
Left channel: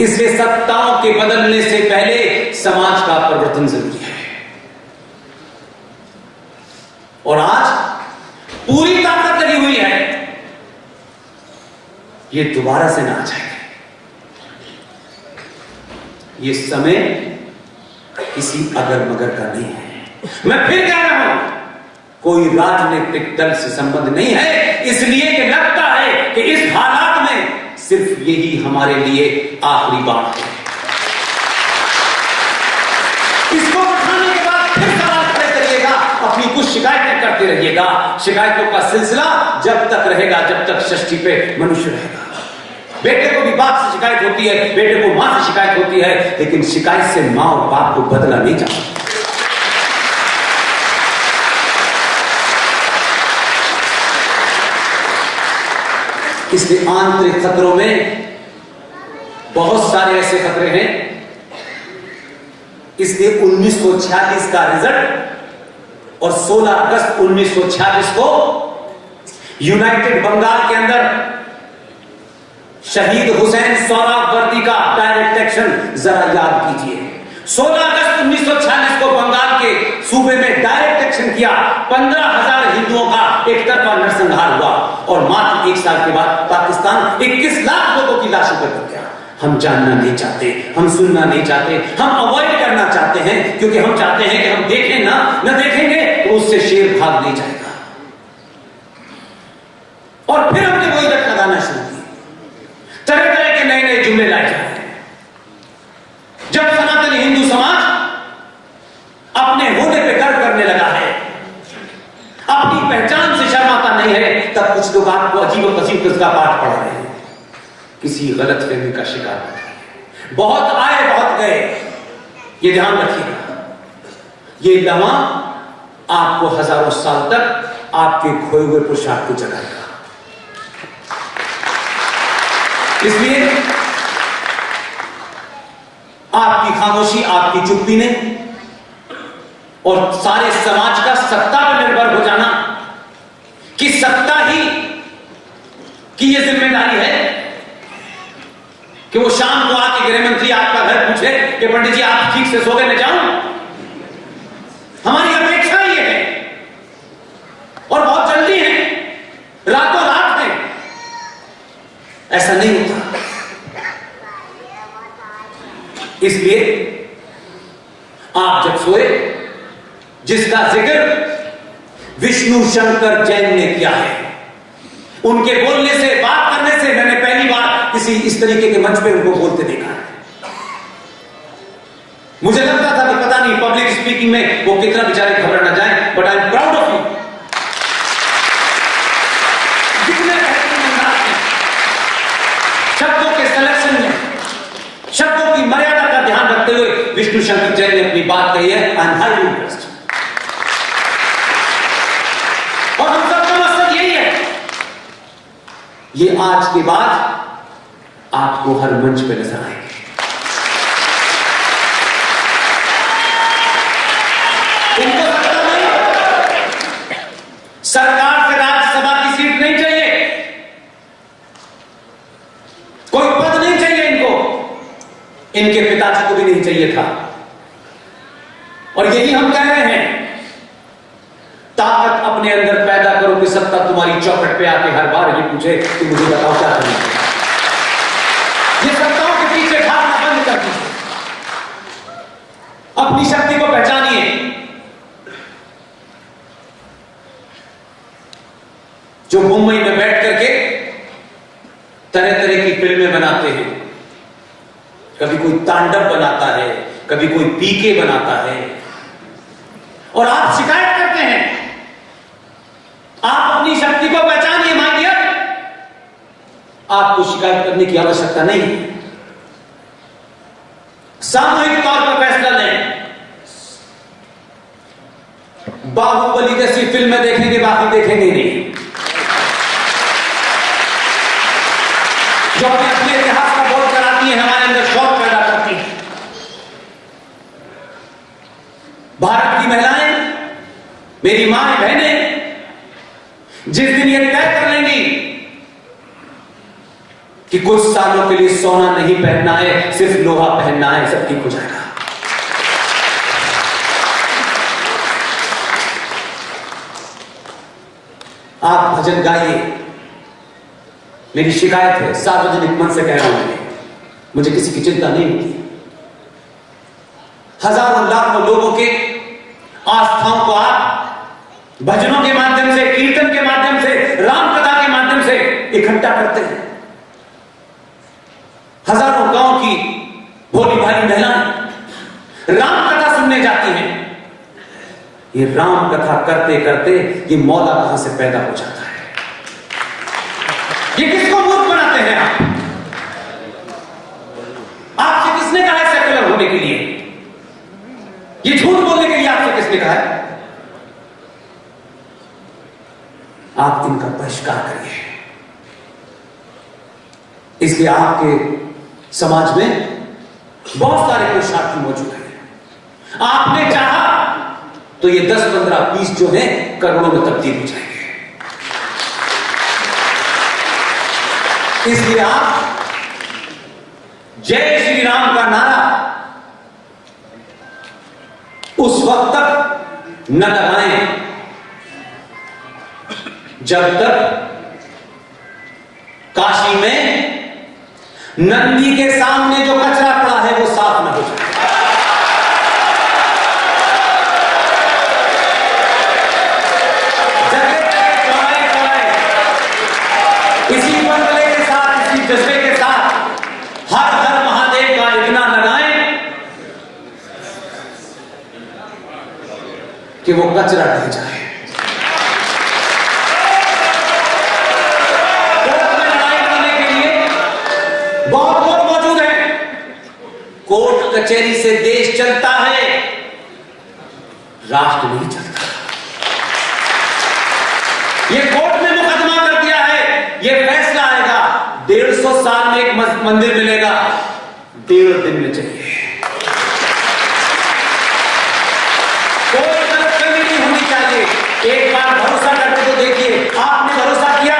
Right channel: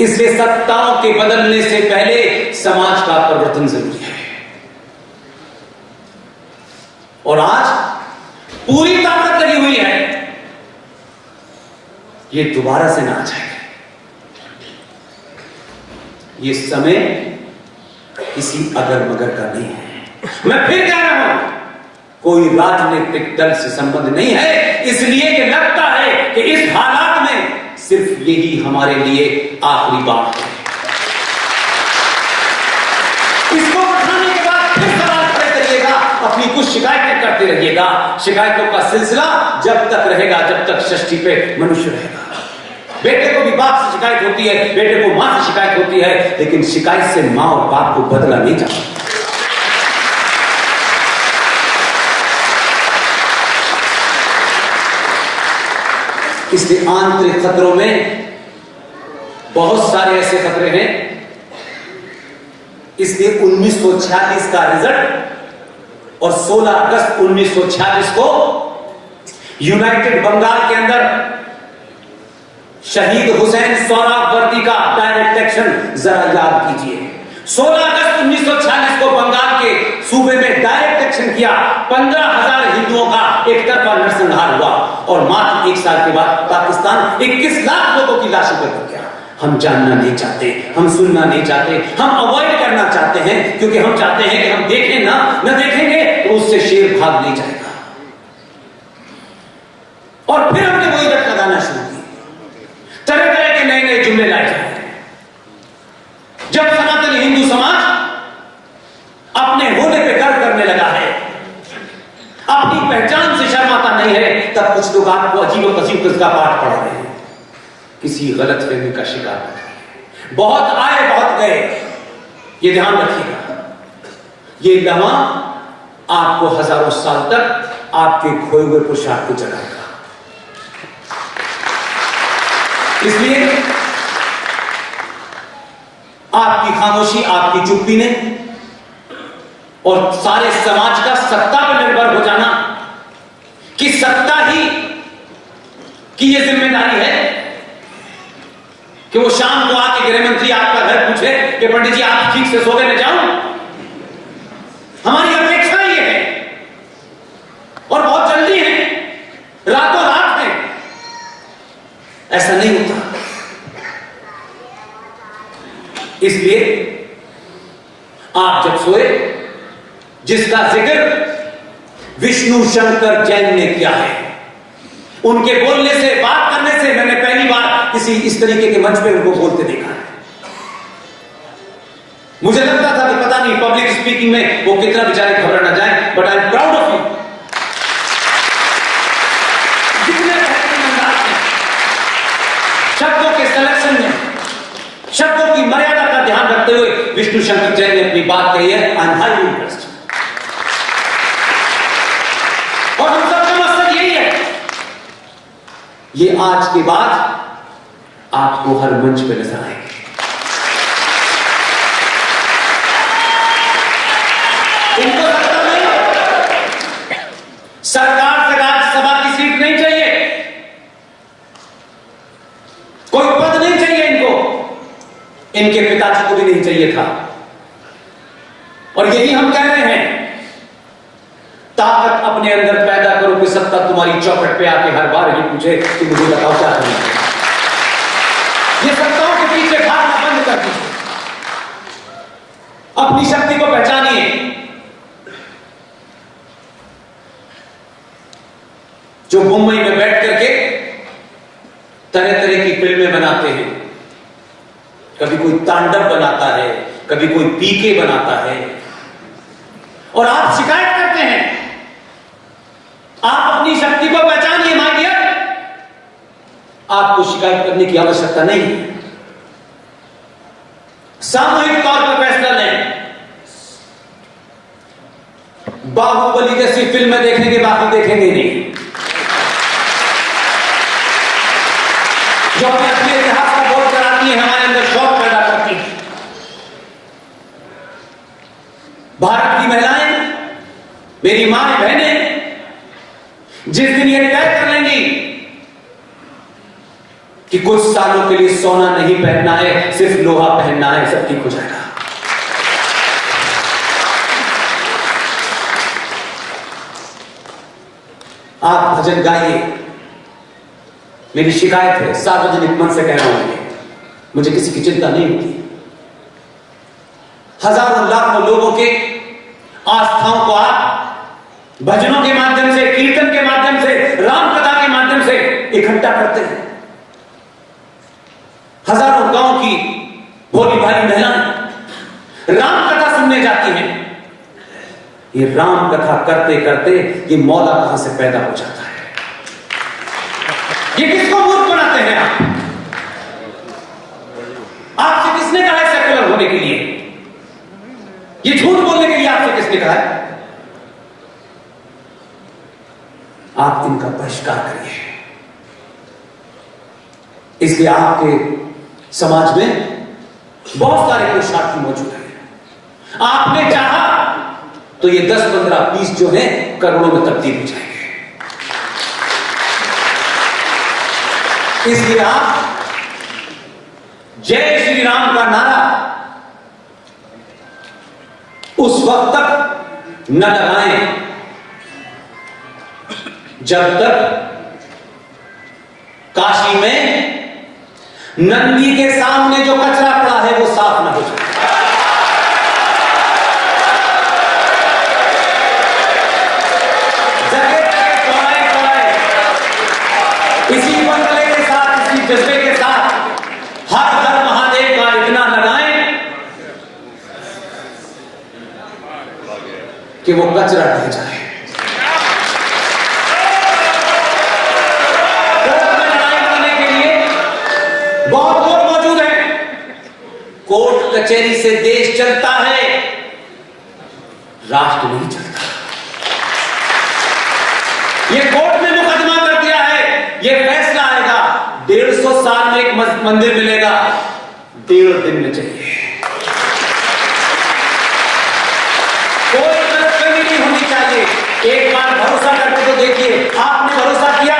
इसलिए सत्ताओं के बदलने से पहले समाज का परिवर्तन जरूरी है। और आज पूरी ताकत लगी हुई है, ये दोबारा से ना आ जाए। ये समय किसी अगर मगर का नहीं है। मैं फिर कह रहा हूं, कोई राजनीतिक दल से संबंध नहीं है, इसलिए कि लगता है कि इस हालात में सिर्फ यही हमारे लिए आखिरी बात है। इसको उठाने के बाद फिर सवाल खड़े करिएगा, अपनी कुछ शिकायतें करते रहिएगा। शिकायतों का सिलसिला जब तक रहेगा, जब तक सृष्टि पे मनुष्य रहेगा। बेटे को भी बाप से शिकायत होती है, बेटे को मां से शिकायत होती है, लेकिन शिकायत से मां और बाप को बदला नहीं जा सकता। इसलिए आंतरिक खतरों में बहुत सारे ऐसे खतरे हैं। इसलिए 1946 का रिजल्ट और 16 अगस्त 1946 को यूनाइटेड बंगाल के अंदर शहीद हुसैन सोहरावर्दी का डायरेक्ट एक्शन जरा याद कीजिए। 16 अगस्त 1946 को बंगाल के सूबे में डायरेक्ट एक्शन किया। 15,000 हिंदुओं का एक तरफा नरसंहार हुआ और मात्र 1 साल के बाद पाकिस्तान 21 लाख लोगों की लाशों पर बच गया। हम जानना नहीं चाहते, हम सुनना नहीं चाहते, हम अवॉइड करना चाहते हैं, क्योंकि हम चाहते हैं कि हम देखें ना, न देखेंगे तो उससे शेर भाग नहीं जाएगा। और फिर हमने वही रट लगाना शुरू किया। तरह तरह के नए नए जुमले लाए जा रहे हैं। जब सनातन हिंदू समाज अपने होने पे गर्व करने लगा है, अपनी पहचान से शर्माता नहीं है, तब कुछ लोग आपको अजीब कसीब किसका पाठ पढ़ा रहे हैं, किसी गलत फहमी का शिकार। बहुत आए बहुत गए, ये ध्यान रखिएगा। ये लम्हा आपको हजारों साल तक आपके खोए हुए पुरुषार्थ को जगाएगा। इसलिए आपकी खामोशी, आपकी चुप्पी ने और सारे समाज का सत्ता पर निर्भर हो जाना कि सत्ता ही की यह जिम्मेदारी है कि वो शाम को आके गृह मंत्री आपका घर पूछे कि पंडित जी आप ठीक से सो गए, मैं जाऊं। हमारी अपेक्षा ये है और बहुत जल्दी है, रातों रात है। ऐसा नहीं होता। इसलिए आप जब सोए, जिसका जिक्र विष्णु शंकर जैन ने किया है, उनके बोलने से, बात करने से मैंने पहली बार किसी इस तरीके के मंच पे उनको बोलते देखा है। मुझे लगता था कि पता नहीं पब्लिक स्पीकिंग में वो कितना बेचारे घबरा ना जाए, but I am proud of you. जितने बेहतरीन अंदाज में, शब्दों के सिलेक्शन में, शब्दों की मर्यादा का ध्यान रखते हुए विष्णु शंकर जैन ने अपनी बात कही है। I am highly interested. और हम सबका मकसद यही है, ये आज के बाद आपको हर मंच पे नजर आएंगे। इनको सत्ता नहीं, सरकार से राज्यसभा की सीट नहीं चाहिए, कोई पद नहीं चाहिए इनको, इनके पिताजी को भी नहीं चाहिए था। और यही हम कह रहे हैं, ताकत अपने अंदर पैदा करो कि सत्ता तुम्हारी चौखट पे आके हर बार ये पूछे कि मुझे बताओ क्या करना है। ये सत्ताओं के पीछे भागना बंद कर दीजिए, अपनी शक्ति को पहचानिए। जो मुंबई में बैठ करके तरह तरह की फिल्में बनाते हैं, कभी कोई तांडव बनाता है, कभी कोई पीके बनाता है, और आप शिकायत करते हैं। आप अपनी शक्ति को पहचानिए माय डियर, आपको शिकायत करने की आवश्यकता नहीं है। सामूहिक तौर पर फैसला लें। बाहुबली जैसी फिल्में देखेंगे, बाकी देखेंगे नहीं। जो हमें अपने इतिहास का बोध कराती है, हमारे अंदर शौक पैदा करती है। भारत की महिलाएं, मेरी मां बहनें, जिस दिन ये तय कर लेंगी कि कुछ सालों के लिए सोना नहीं पहनना है, सिर्फ लोहा पहनना है, सब ठीक हो जाएगा। आप भजन गाइए, मेरी शिकायत है, सार्वजनिक मन से कह रहा हूं, मुझे किसी की चिंता नहीं होती। हजारों लाखों लोगों के आस्थाओं को आप भजनों के माध्यम से, कीर्तन के माध्यम से, राम कथा के माध्यम से इकट्ठा करते हैं। हजारों गांव की भोली भाली महिलाएं राम कथा सुनने जाती हैं। ये राम कथा करते करते ये मौला कहां से पैदा हो जाता है। ये किसको मूर्ख बनाते हैं आप? आपसे किसने कहा है सेकुलर होने के लिए? ये झूठ बोलने के लिए आपसे किसने कहा है? आप इनका बहिष्कार करिए। इसलिए आपके समाज में बहुत सारे पुरुषार्थी मौजूद हैं। आपने चाहा तो ये 10, 15, 20 जो है करोड़ों में तब्दील हो जाएंगे। इसलिए आप जय श्री राम का नारा उस वक्त तक न लगाएं जब तक काशी में नंदी के सामने जो कचरा पड़ा है वो साफ न हो जाए। जगह जगह चौराहे चौराहे कि वो कचरा ढह जाए। कोर्ट में लड़ाई करने के लिए बहुत लोग मौजूद हैं। कोर्ट कचहरी से देश चलता है, राष्ट्र नहीं चलता। ये कोर्ट ने मुकदमा कर दिया है, ये फैसला आएगा, 150 साल में एक मंदिर मिलेगा, 1.5 दिन में चाहिए। कोई गलतफहमी नहीं होनी चाहिए। एक बार भरोसा करके तो देखिए, आपने भरोसा किया,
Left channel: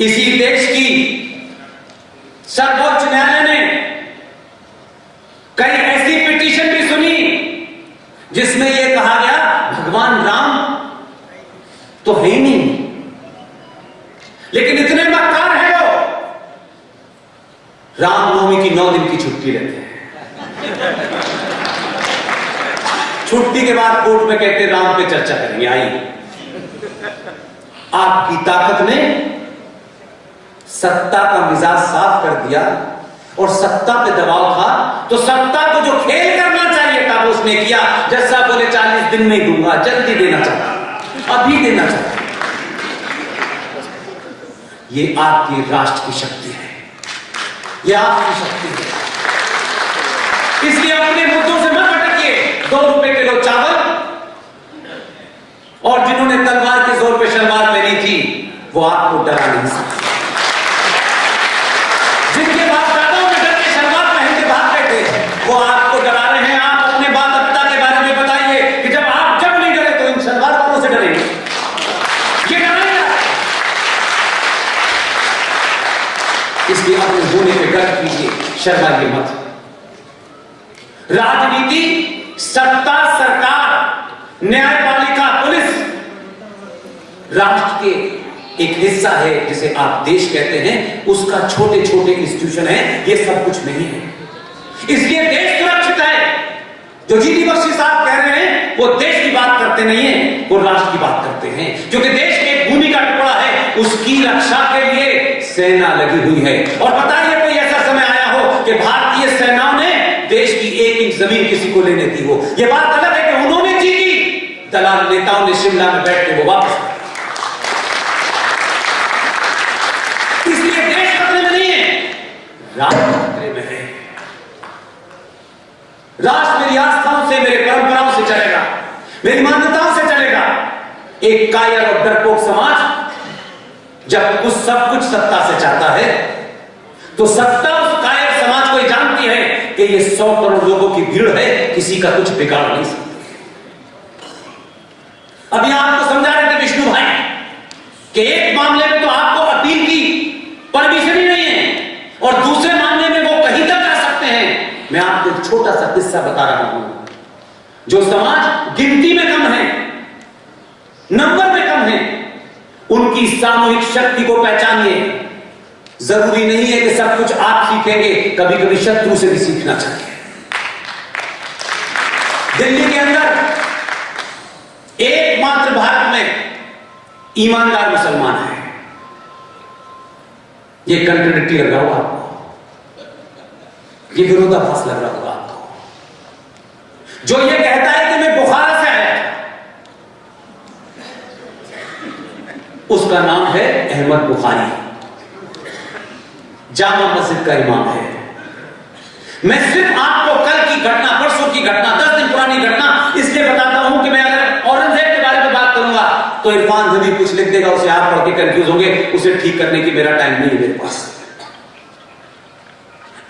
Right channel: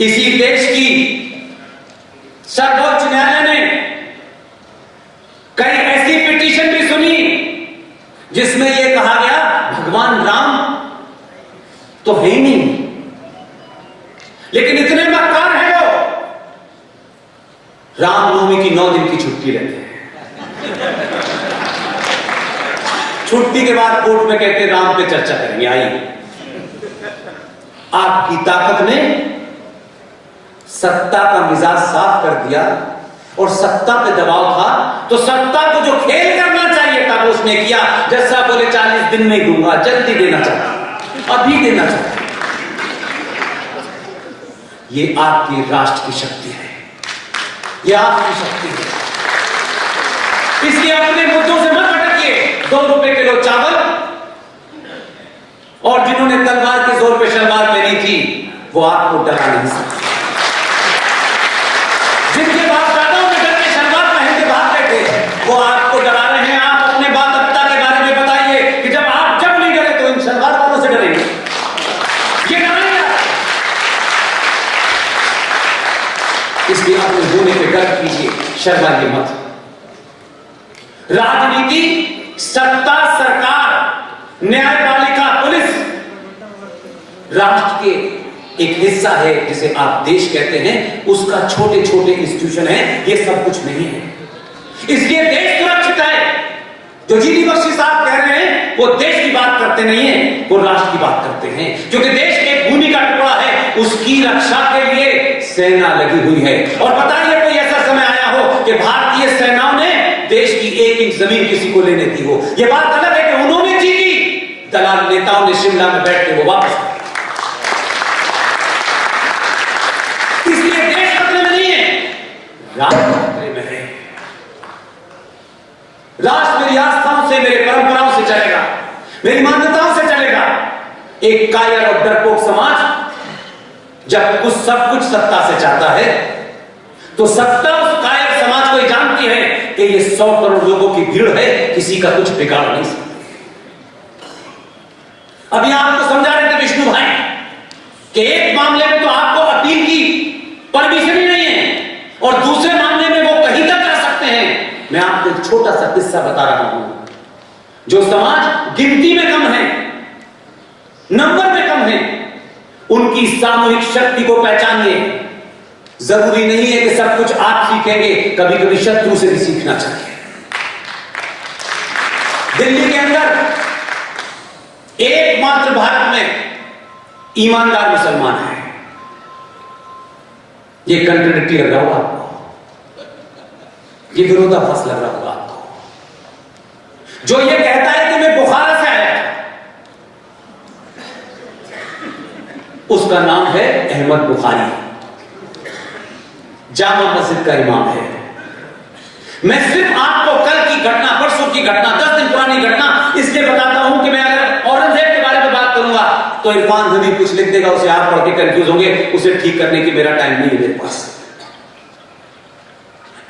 इसी देश की सर्वोच्च न्यायालय ने कई ऐसी पिटीशन भी सुनी जिसमें यह कहा गया भगवान राम तो है ही नहीं, लेकिन इतने मक्कार हैं वो, रामनवमी की 9 दिन की छुट्टी लेते हैं। छुट्टी के बाद कोर्ट में कहते हैं राम पे चर्चा करेंगे। आइए, आपकी ताकत ने सत्ता का मिजाज साफ कर दिया, और सत्ता पे दबाव था तो सत्ता को जो खेल करना चाहिए था वो उसने किया। जैसा बोले 40 दिन में दूंगा, जल्दी देना चाहता, अभी देना चाहता। ये आपकी राष्ट्र की शक्ति है, ये आपकी शक्ति है। इसलिए अपने मुद्दों से मत भटकिए। 2 रुपए किलो चावल, और जिन्होंने तलवार के जोर पे शलवार पहनी थी वो आपको डरा नहीं सकते। जिनके बाप दादाओं ने डर के शलवार पहन के भाग गए थे वो आपको डरा रहे हैं। आप अपने बात दादा के बारे में बताइए कि जब नहीं डरे तो इन शलवार वालों से डरेंगे। ये डराएगा, इसलिए अपने होने पे गर्व कीजिए, शर्माइए मत। राजनीति, सत्ता, सरकार, न्यायपालिका, पुलिस राष्ट्र के एक हिस्सा है जिसे आप देश कहते हैं, उसका छोटे छोटे इंस्टीट्यूशन है, ये सब कुछ नहीं है। इसलिए देश सुरक्षित है। जो जीडी बख्शी साहब कह रहे हैं वो देश की बात करते नहीं है, वो राष्ट्र की बात करते हैं, क्योंकि देश के एक भूमि का टुकड़ा है, उसकी रक्षा के लिए सेना लगी हुई है। और बताइए कोई ऐसा समय आया हो कि भारतीय सेनाओं ने देश की 1 इंच जमीन किसी को लेने दी हो। यह बात अलग है कि उन्होंने जीती, दलाल नेताओं ने शिमला में बैठ के वो वापस आए। इसलिए देश खतरे में नहीं है, राष्ट्र खतरे में है। राष्ट्र मेरी आस्थाओं से, मेरे परंपराओं से चलेगा, मेरी मान्यताओं से चलेगा। एक कायर और डरपोक समाज जब कुछ सब कुछ सत्ता से चाहता है तो सत्ता उस कायर समाज को जानती है कि ये 100 करोड़ लोगों की भीड़ है, किसी का कुछ बिगाड़ नहीं सकती। अभी आपको समझा रहे थे विष्णु भाई कि एक मामले में तो आपको अपील की परमिशन ही नहीं है, और दूसरे मामले में वो कहीं तक जा सकते हैं। मैं आपको एक छोटा सा किस्सा बता रहा हूं। जो समाज गिनती में कम है, नंबर में कम है, उनकी सामूहिक शक्ति को पहचानिए। जरूरी नहीं है कि सब कुछ आप सीखेंगे, कभी कभी शत्रु से भी सीखना चाहिए। दिल्ली के अंदर एकमात्र भारत में ईमानदार मुसलमान है। ये कंट्राडिक्टी लग रहा होगा आपको, ये विरोधाभास लग रहा होगा आपको। जो ये कहता है कि मैं बुखारा से आया, उसका नाम है अहमद बुखारी, जामा मस्जिद का इमाम है। मैं सिर्फ आपको कल की घटना, परसों की घटना, 10 दिन पुरानी घटना इसलिए बताता हूं कि मैं अगर औरंगजेब के बारे में बात करूंगा तो इरफान हबीब कुछ लिख देगा, उसे आप पढ़ के कंफ्यूज होंगे, उसे ठीक करने की मेरा टाइम नहीं है मेरे पास।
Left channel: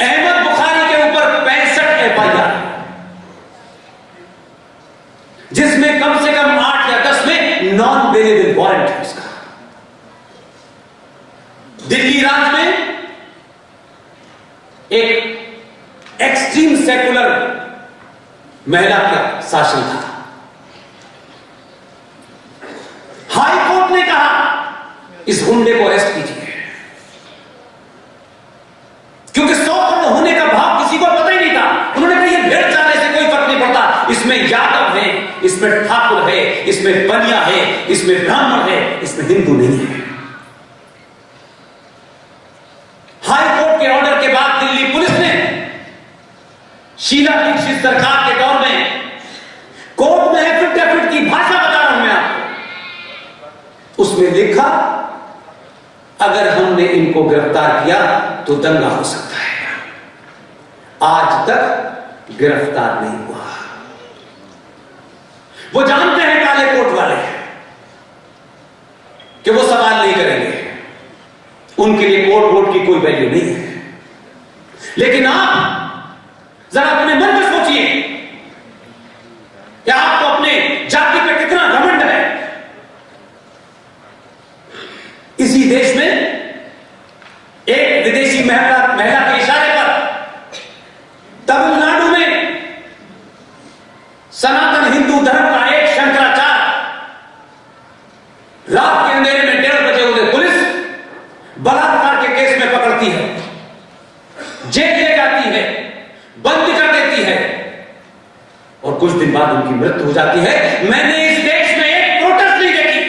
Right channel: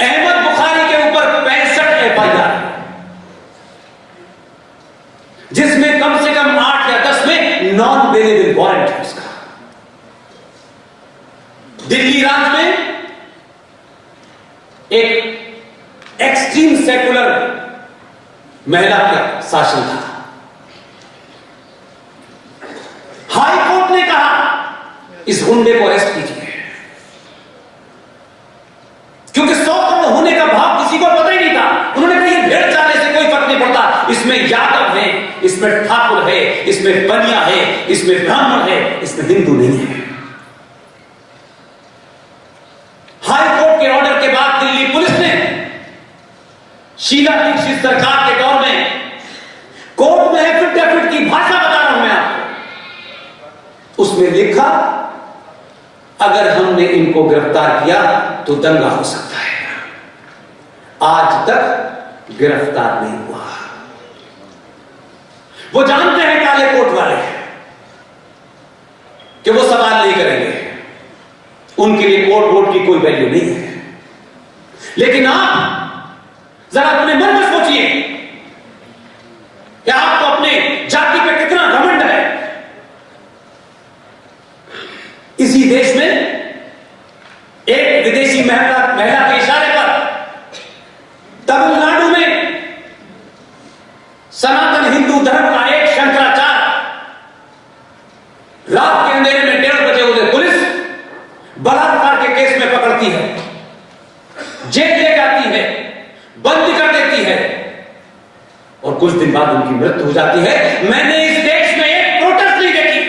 अहमद बुखारी के ऊपर 65 FIR, जिसमें कम से कम 8 या 10 में नॉन बेलेबल वारंट है उसका। दिल्ली राज्य में एक एक्सट्रीम सेकुलर महिला का शासन था। हाई कोर्ट ने कहा इस गुंडे को अरेस्ट कीजिए, क्योंकि 100 करोड़ होने का भाव किसी को पता ही नहीं था। उन्होंने कहा ये भेड़ चालने से कोई फर्क नहीं पड़ता, इसमें यादव है, इसमें ठाकुर है, इसमें बनिया है, इसमें ब्राह्मण है, इसमें हिंदू नहीं है। हाई कोर्ट के ऑर्डर के बाद दिल्ली पुलिस ने शीला दीक्षित सरकार के दौर में लिखा, अगर हमने इनको गिरफ्तार किया तो दंगा हो सकता है। आज तक गिरफ्तार नहीं हुआ। वो जानते हैं काले कोट वाले कि वो सवाल नहीं करेंगे, उनके लिए कोट वोट की कोई वैल्यू नहीं है। लेकिन आप जरा अपने मन में सोचिए कि आपको अपने जाति पे कितना घमंड है। इसी देश में एक विदेशी महिला के इशारे पर तमिलनाडु में सनातन हिंदू धर्म का एक शंकराचार्य रात के अंधेरे में 1:30 बजे उसे पुलिस बलात्कार के केस में पकड़ती है, जेल ले जाती है, बंद कर देती है और कुछ दिन बाद उनकी मृत्यु हो जाती है। मैंने इस देश में एक प्रोटेस्ट नहीं देखी।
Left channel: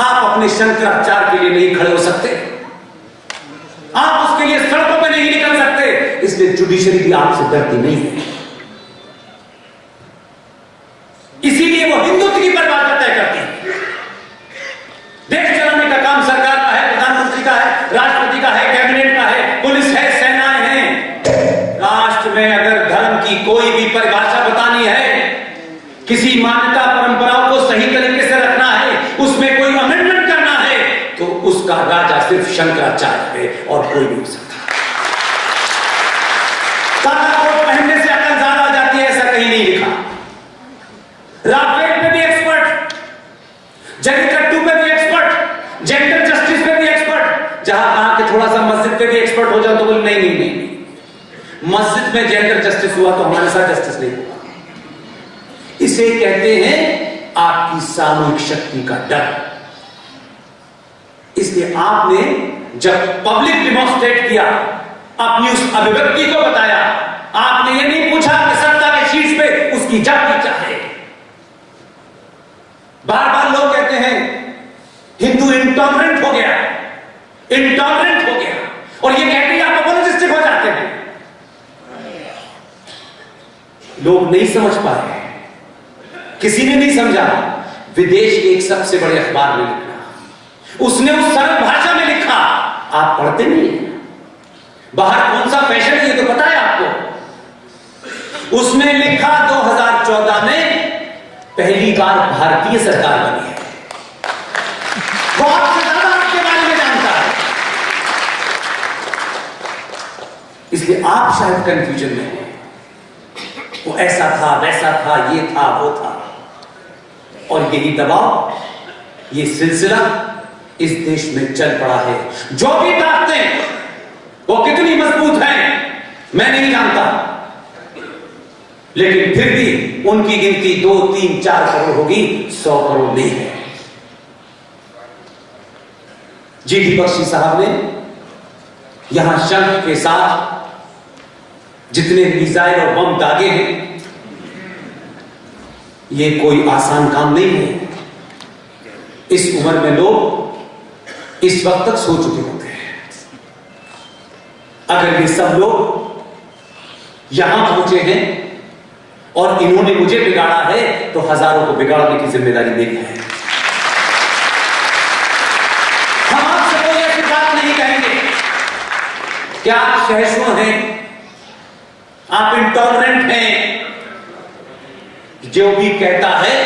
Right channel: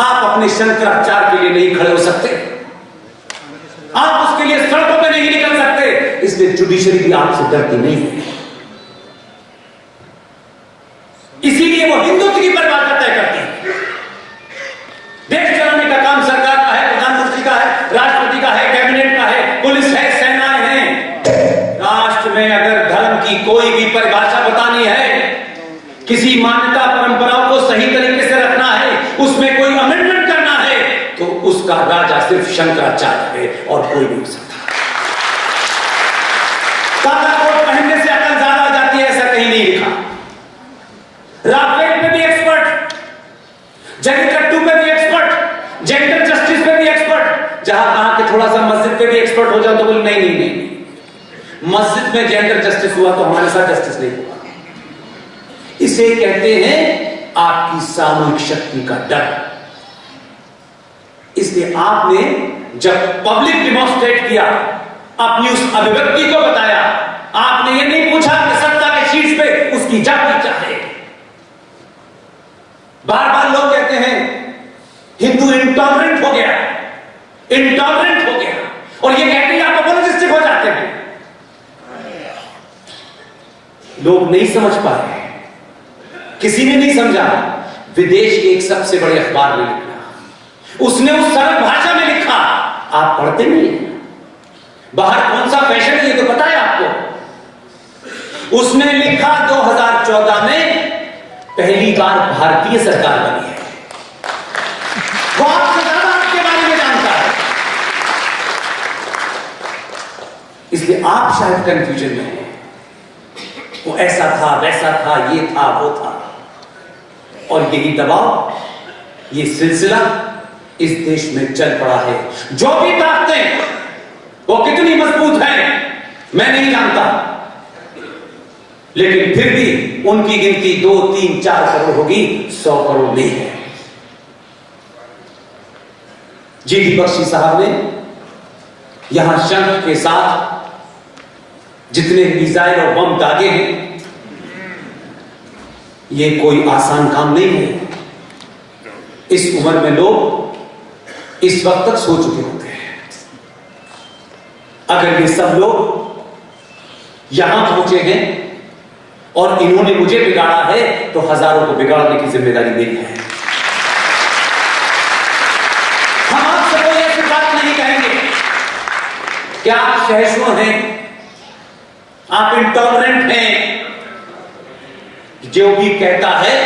आप अपने शंकराचार्य के लिए नहीं खड़े हो सकते, आप उसके लिए सड़कों पे नहीं निकल सकते, इसलिए जुडिशरी भी आपसे डरती नहीं है। इसीलिए वो हिंदुत्व की परिभाषा तय करती है। देश चलाने का काम सरकार का है, प्रधानमंत्री का है, राष्ट्रपति का है, कैबिनेट का है, पुलिस है, सेनाएं हैं। राष्ट्र में अगर धर्म की कोई भी परिभाषा बतानी है, किसी मान्यता परंपराओं को सही तरीके से रखना है, उसमें कोई अमेंडमेंट करना है, तो उसका राजा सिर्फ शंकराचार्य है और कोई नहीं हो सकता। काला कोट पहनने से अकल ज्यादा हो जाती है, ऐसा कहीं नहीं लिखा। राफेल पे भी एक्सपर्ट, जलीकट्टू पे भी एक्सपर्ट, जेंडर जस्टिस पे भी एक्सपर्ट। जहां कहा कि थोड़ा सा मस्जिद पे भी एक्सपर्ट हो जाओ तो बोले नहीं नहीं नहीं, मस्जिद में जेंडर जस्टिस हुआ तो हमारे साथ जस्टिस नहीं हुआ। इसे कहते हैं आपकी सामूहिक शक्ति का डर। इसलिए आपने जब पब्लिक डिमॉन्स्ट्रेट किया, अपनी उस अभिव्यक्ति को बताया, आपने ये नहीं पूछा कि सत्ता के शीर्ष पे उसकी जाति क्या है। बार बार लोग कहते हैं हिंदू इंटॉलरेंट हो गया, इंटॉलरेंट हो गया, और ये कहते हैं आप अपोलोजिस्टिक हो जाते हैं। लोग नहीं समझ पाए, किसी ने नहीं समझा। विदेश के एक सबसे बड़े अखबार में लिखा, उसने उस सरल भाषा में लिखा, आप पढ़ते नहीं हैं। बाहर कौन सा फैशन है ये तो पता है आपको। उसने लिखा 2014 में पहली बार भारतीय सरकार बनी है। वो आपसे ज्यादा आपके बारे में जानता है, इसलिए आप शायद कंफ्यूजन में हैं। वो ऐसा था, वैसा था, ये था, वो था, और यही दबाव, ये सिलसिला इस देश में चल पड़ा है। जो भी ताकतें वो कितनी मजबूत हैं मैं नहीं जानता, लेकिन फिर भी उनकी गिनती 2, 3, 4 करोड़ होगी, 100 करोड़ नहीं है। जीडी बख्शी साहब ने यहां शंख के साथ जितने मिसाइल और बम दागे हैं, ये कोई आसान काम नहीं है। इस उम्र में लोग इस वक्त तक सो चुके होते हैं। अगर ये सब लोग यहां पहुंचे हैं और इन्होंने मुझे बिगाड़ा है, तो हजारों को बिगाड़ने की जिम्मेदारी मेरी है। हम आपसे कोई ऐसी बात नहीं कहेंगे कि आप सहिष्णु हैं, आप इंटॉलरेंट हैं। जो भी कहता है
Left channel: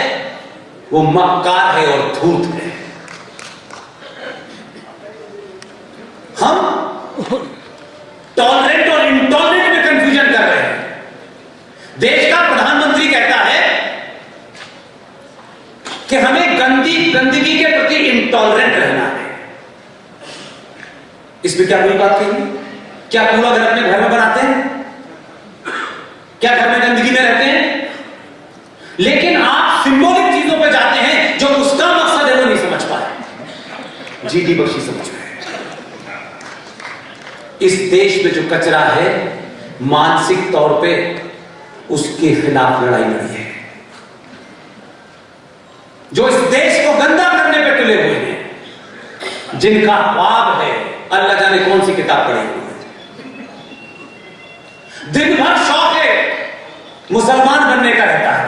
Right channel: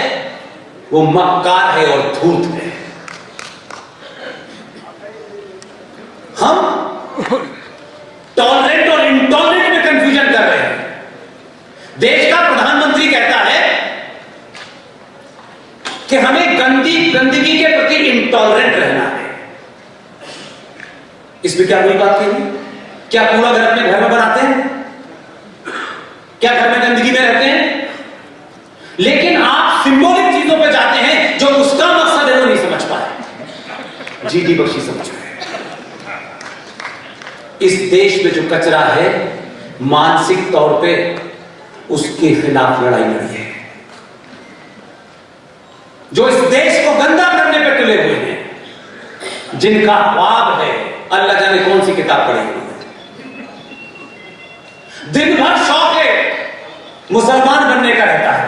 वो मक्कार है और धूर्त है। हम टॉलरेंट और इंटॉलरेंट में कंफ्यूजन कर रहे हैं। देश का प्रधानमंत्री कहता है कि हमें गंदगी के प्रति इंटॉलरेंट रहना है। इसमें क्या बुरी बात कही? क्या कूड़ा घर अपने घर में बनाते हैं? क्या घर में गंदगी में रहते हैं? लेकिन आप सिंबॉलिक चीजों पे जाते हैं, जो उसका मकसद है वो नहीं समझ पाए। जीडी बख्शी समझ पाए। इस देश में जो कचरा है, मानसिक तौर पे उसके खिलाफ लड़ाई लड़ी है। जो इस देश को गंदा करने पे तुले हुए हैं, जिनका ख्वाब है अल्लाह जाने कौन सी किताब पढ़ी हुई है, दिन भर शौक है मुसलमान बनने का रहता है,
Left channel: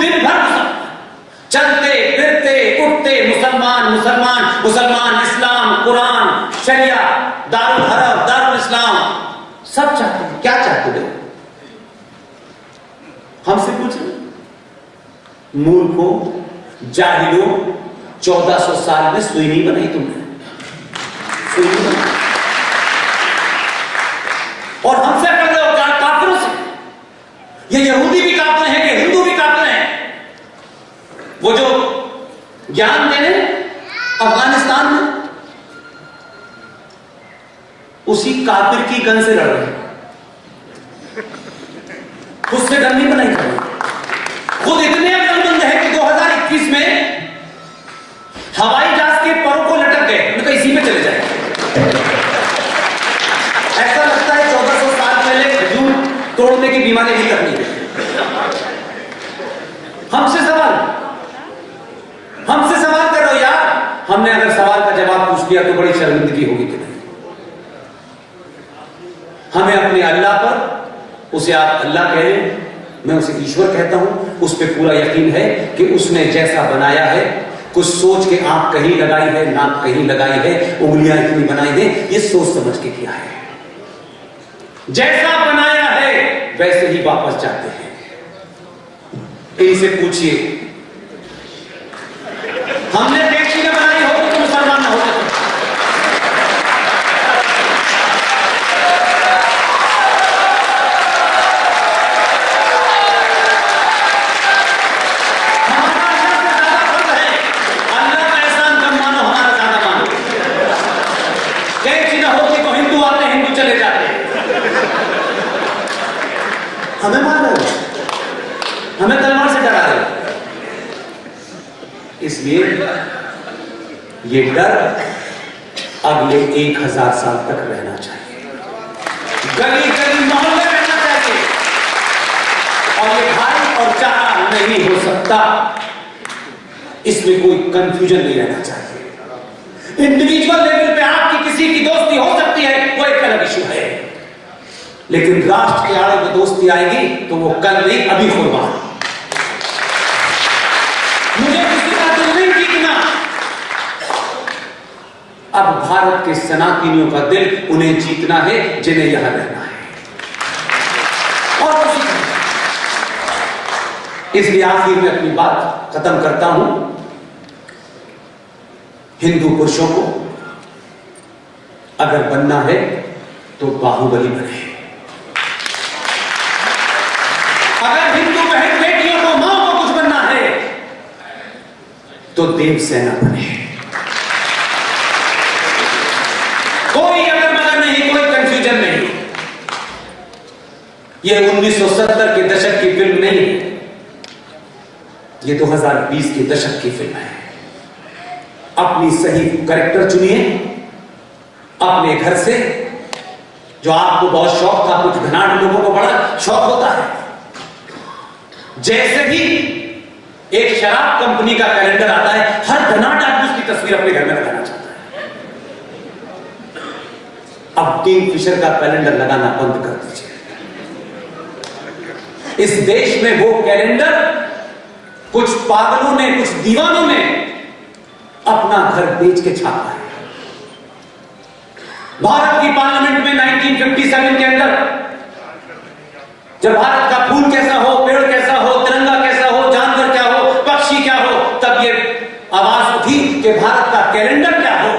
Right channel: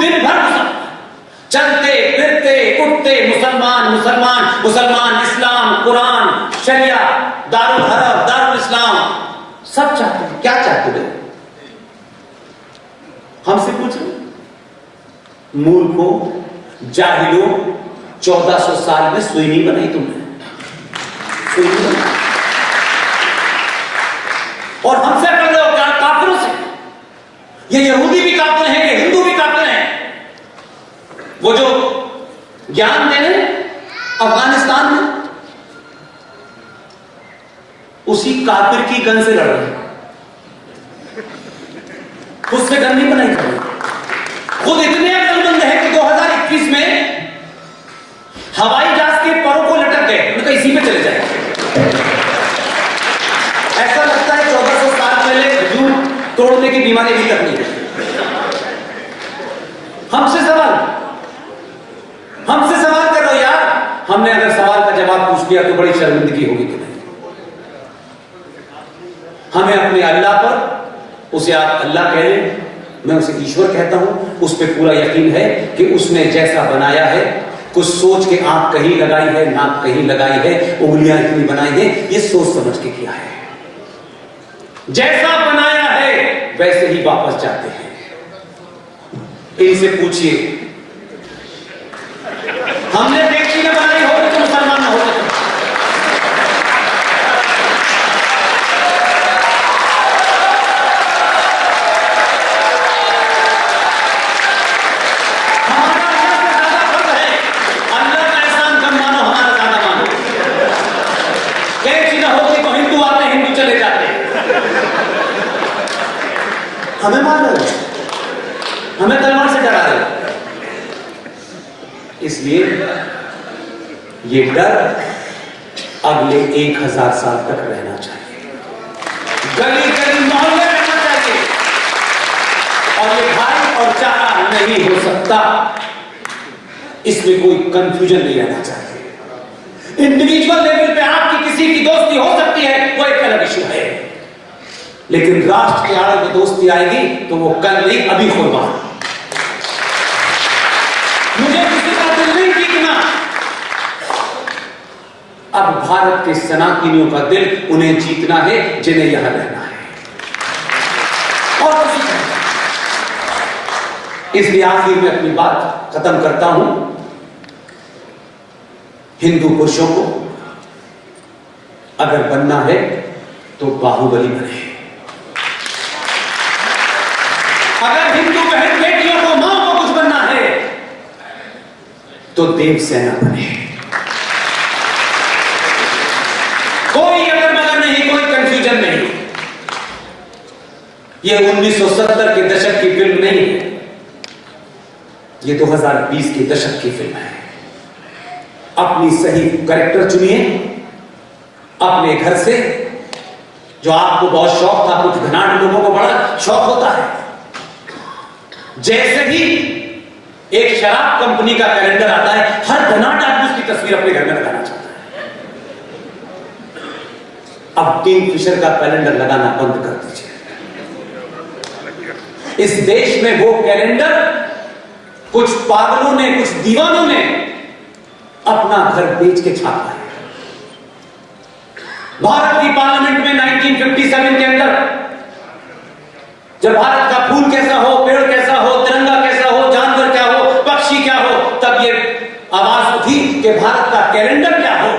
दिन भर चलते फिरते मुसलमान, मुसलमान इस्लाम, कुरान, शरिया, दारुल हरब, दारुल इस्लाम, सब चाहते हैं। क्या चाहते हो? हमसे पूछो, मूर्खों, जाहिलों, 1400 साल में सुई नहीं बनाई तुमने, सुई नहीं बनाई। और हमसे कर रहे हो क्या? काफिरों से। ये यहूदी भी काफिर हैं, ये हिंदू भी काफिर हैं। वो जो ज्ञान दे रहे अफगानिस्तान में, उसी काफिर की गन से लड़ रहे हैं, उससे गन नहीं बनाई थी। खुद इतने अकलमंद है कि 2021 में हवाई जहाज के परों को लटक गए, उनका इसी पे चले जाए। ऐसा लगता है 1400 साल पहले खजूर तोड़ने की बीमारी भी तक नहीं है। हमसे सवाल करो यार। हमने अगर सवाल का जवाब पूछ लिया तो बड़ी शर्मिंदगी होगी कि नहीं? हमें अपने अल्लाह पर, उसे आप अल्लाह कह लें, मैं उसे ईश्वर कहता हूं, उस पर पूरा यकीन है कि उसने जैसा बनाया है, कुछ सोच के आंख कहीं लगाई है, नाक कहीं लगाई है, उंगलियां इतनी बनाई है, ये सोच समझ के किया है। जैसा बनाया है वैसे ही वापस जाते हैं। इनसे पूछिए, हमने देखी न बनाई होगी तो मुसलमान न होते। हमारा अल्लाह से ज्यादा फर्ज है। अल्लाह का एहसान कम मानो, हमारा ज्यादा मानो। देखी न होती तो हिंदू आते, हिंदू चले जाते। हमें मार रहे हो, हमें तलवार से डरा रहे हो। इसलिए ये डर अगले 1000 साल तक रहना चाहिए, गली गली मोहल्ले रहना चाहिए। और ये भाई और चारा नहीं हो सकता, इसमें कोई कंफ्यूजन नहीं रहना चाहिए। इंडिविजुअल लेवल पे आपकी किसी की दोस्ती हो सकती है, वो एक अलग इशू है, लेकिन राष्ट्र के आड़े में दोस्ती आएगी तो वो कल नहीं अभी होगा। मुझे किसी का दिल नहीं जीतना। अब भारत के सनातनियों का दिल उन्हें जीतना है जिन्हें यहां रहना है, और कुछ नहीं। इसलिए आखिर में अपनी बात खत्म करता हूं। हिंदू पुरुषों को अगर बनना है तो बाहुबली बने। अगर हिंदू बहन बेटियों को, मां को कुछ बनना है तो देवसेना बने। कोई अगर मगर नहीं, कोई कंफ्यूजन नहीं। यह 1970 के दशक की फिल्म नहीं है, यह 2020 के दशक की फिल्म है। अपनी सही कैरेक्टर चुनिए अपने घर से। जो आपको बहुत शौक था, कुछ घनाट लोगों को बड़ा शौक होता है, जैसे ही एक शराब कंपनी का कैलेंडर आता है, हर घनाट आदमी उसकी तस्वीर अपने घर में लगाना चाहता है। अब किंगफिशर का कैलेंडर लगाना बंद कर दीजिए। इस देश में वो कैलेंडर कुछ पागलों ने, कुछ दीवानों ने अपना घर बेच के छापा है। भारत की पार्लियामेंट में 1957 के अंदर जब भारत का फूल कैसा हो, पेड़ कैसा हो, तिरंगा कैसा हो, जानवर क्या हो, पक्षी क्या हो, तब ये आवाज उठी कि भारत का कैलेंडर क्या हो।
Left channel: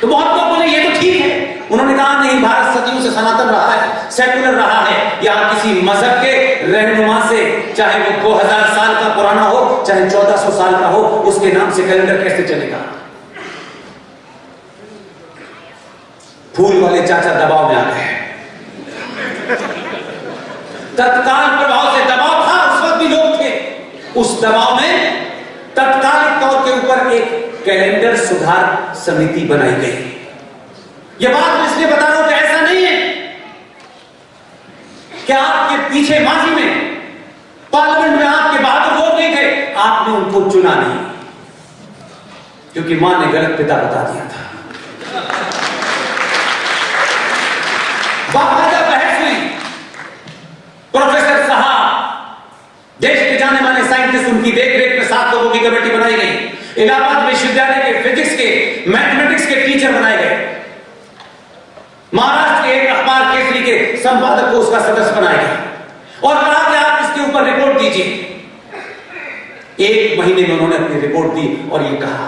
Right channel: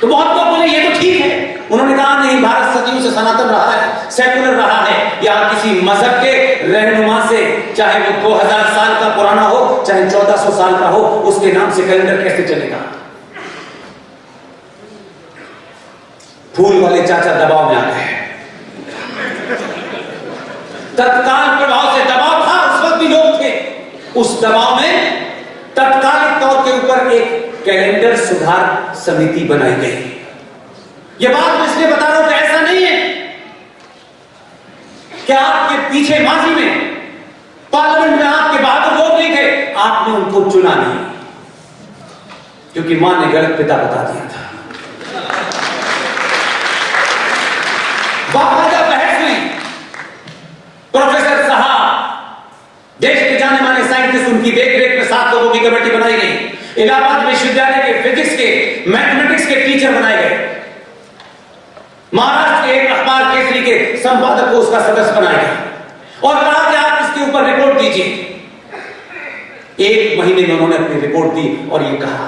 तो बहुत लोग बोले ये तो ठीक है। उन्होंने कहा नहीं, भारत सदियों से सनातन रहा है, सेकुलर रहा है। यहां किसी मजहब के रहनुमा से, चाहे वो 2000 साल का पुराना हो, चाहे 1400 साल का हो, उसके नाम से कैलेंडर कैसे चलेगा? फूल वाले चाचा दबाव में आ गए। तत्काल प्रभाव से दबाव था, उस वक्त भी लोग थे उस दबाव में। तत्कालिक तौर के ऊपर एक कैलेंडर सुधार समिति बनाई गई। यह बात मैं इसलिए बता रहा हूं कि ऐसा नहीं है कि आपके पीछे माजी में पार्लियामेंट में आपके बहादुर लोग नहीं थे, आपने उनको चुना नहीं, क्योंकि मां ने गलत पिता बता दिया था। बाकायदा बहस हुई। प्रोफेसर साहब, देश के जाने माने साइंटिस्ट, उनकी देखरेख में 7 लोगों की कमेटी बनाई गई, इलाहाबाद विश्वविद्यालय के फिजिक्स के, मैथमेटिक्स के टीचर बनाए गए, महाराष्ट्र के एक अखबार केसरी के संपादक को उसका सदस्य बनाया गया और कहा कि आप इसके ऊपर रिपोर्ट दीजिए। 1 महीने में उन्होंने अपनी रिपोर्ट दी और यह कहा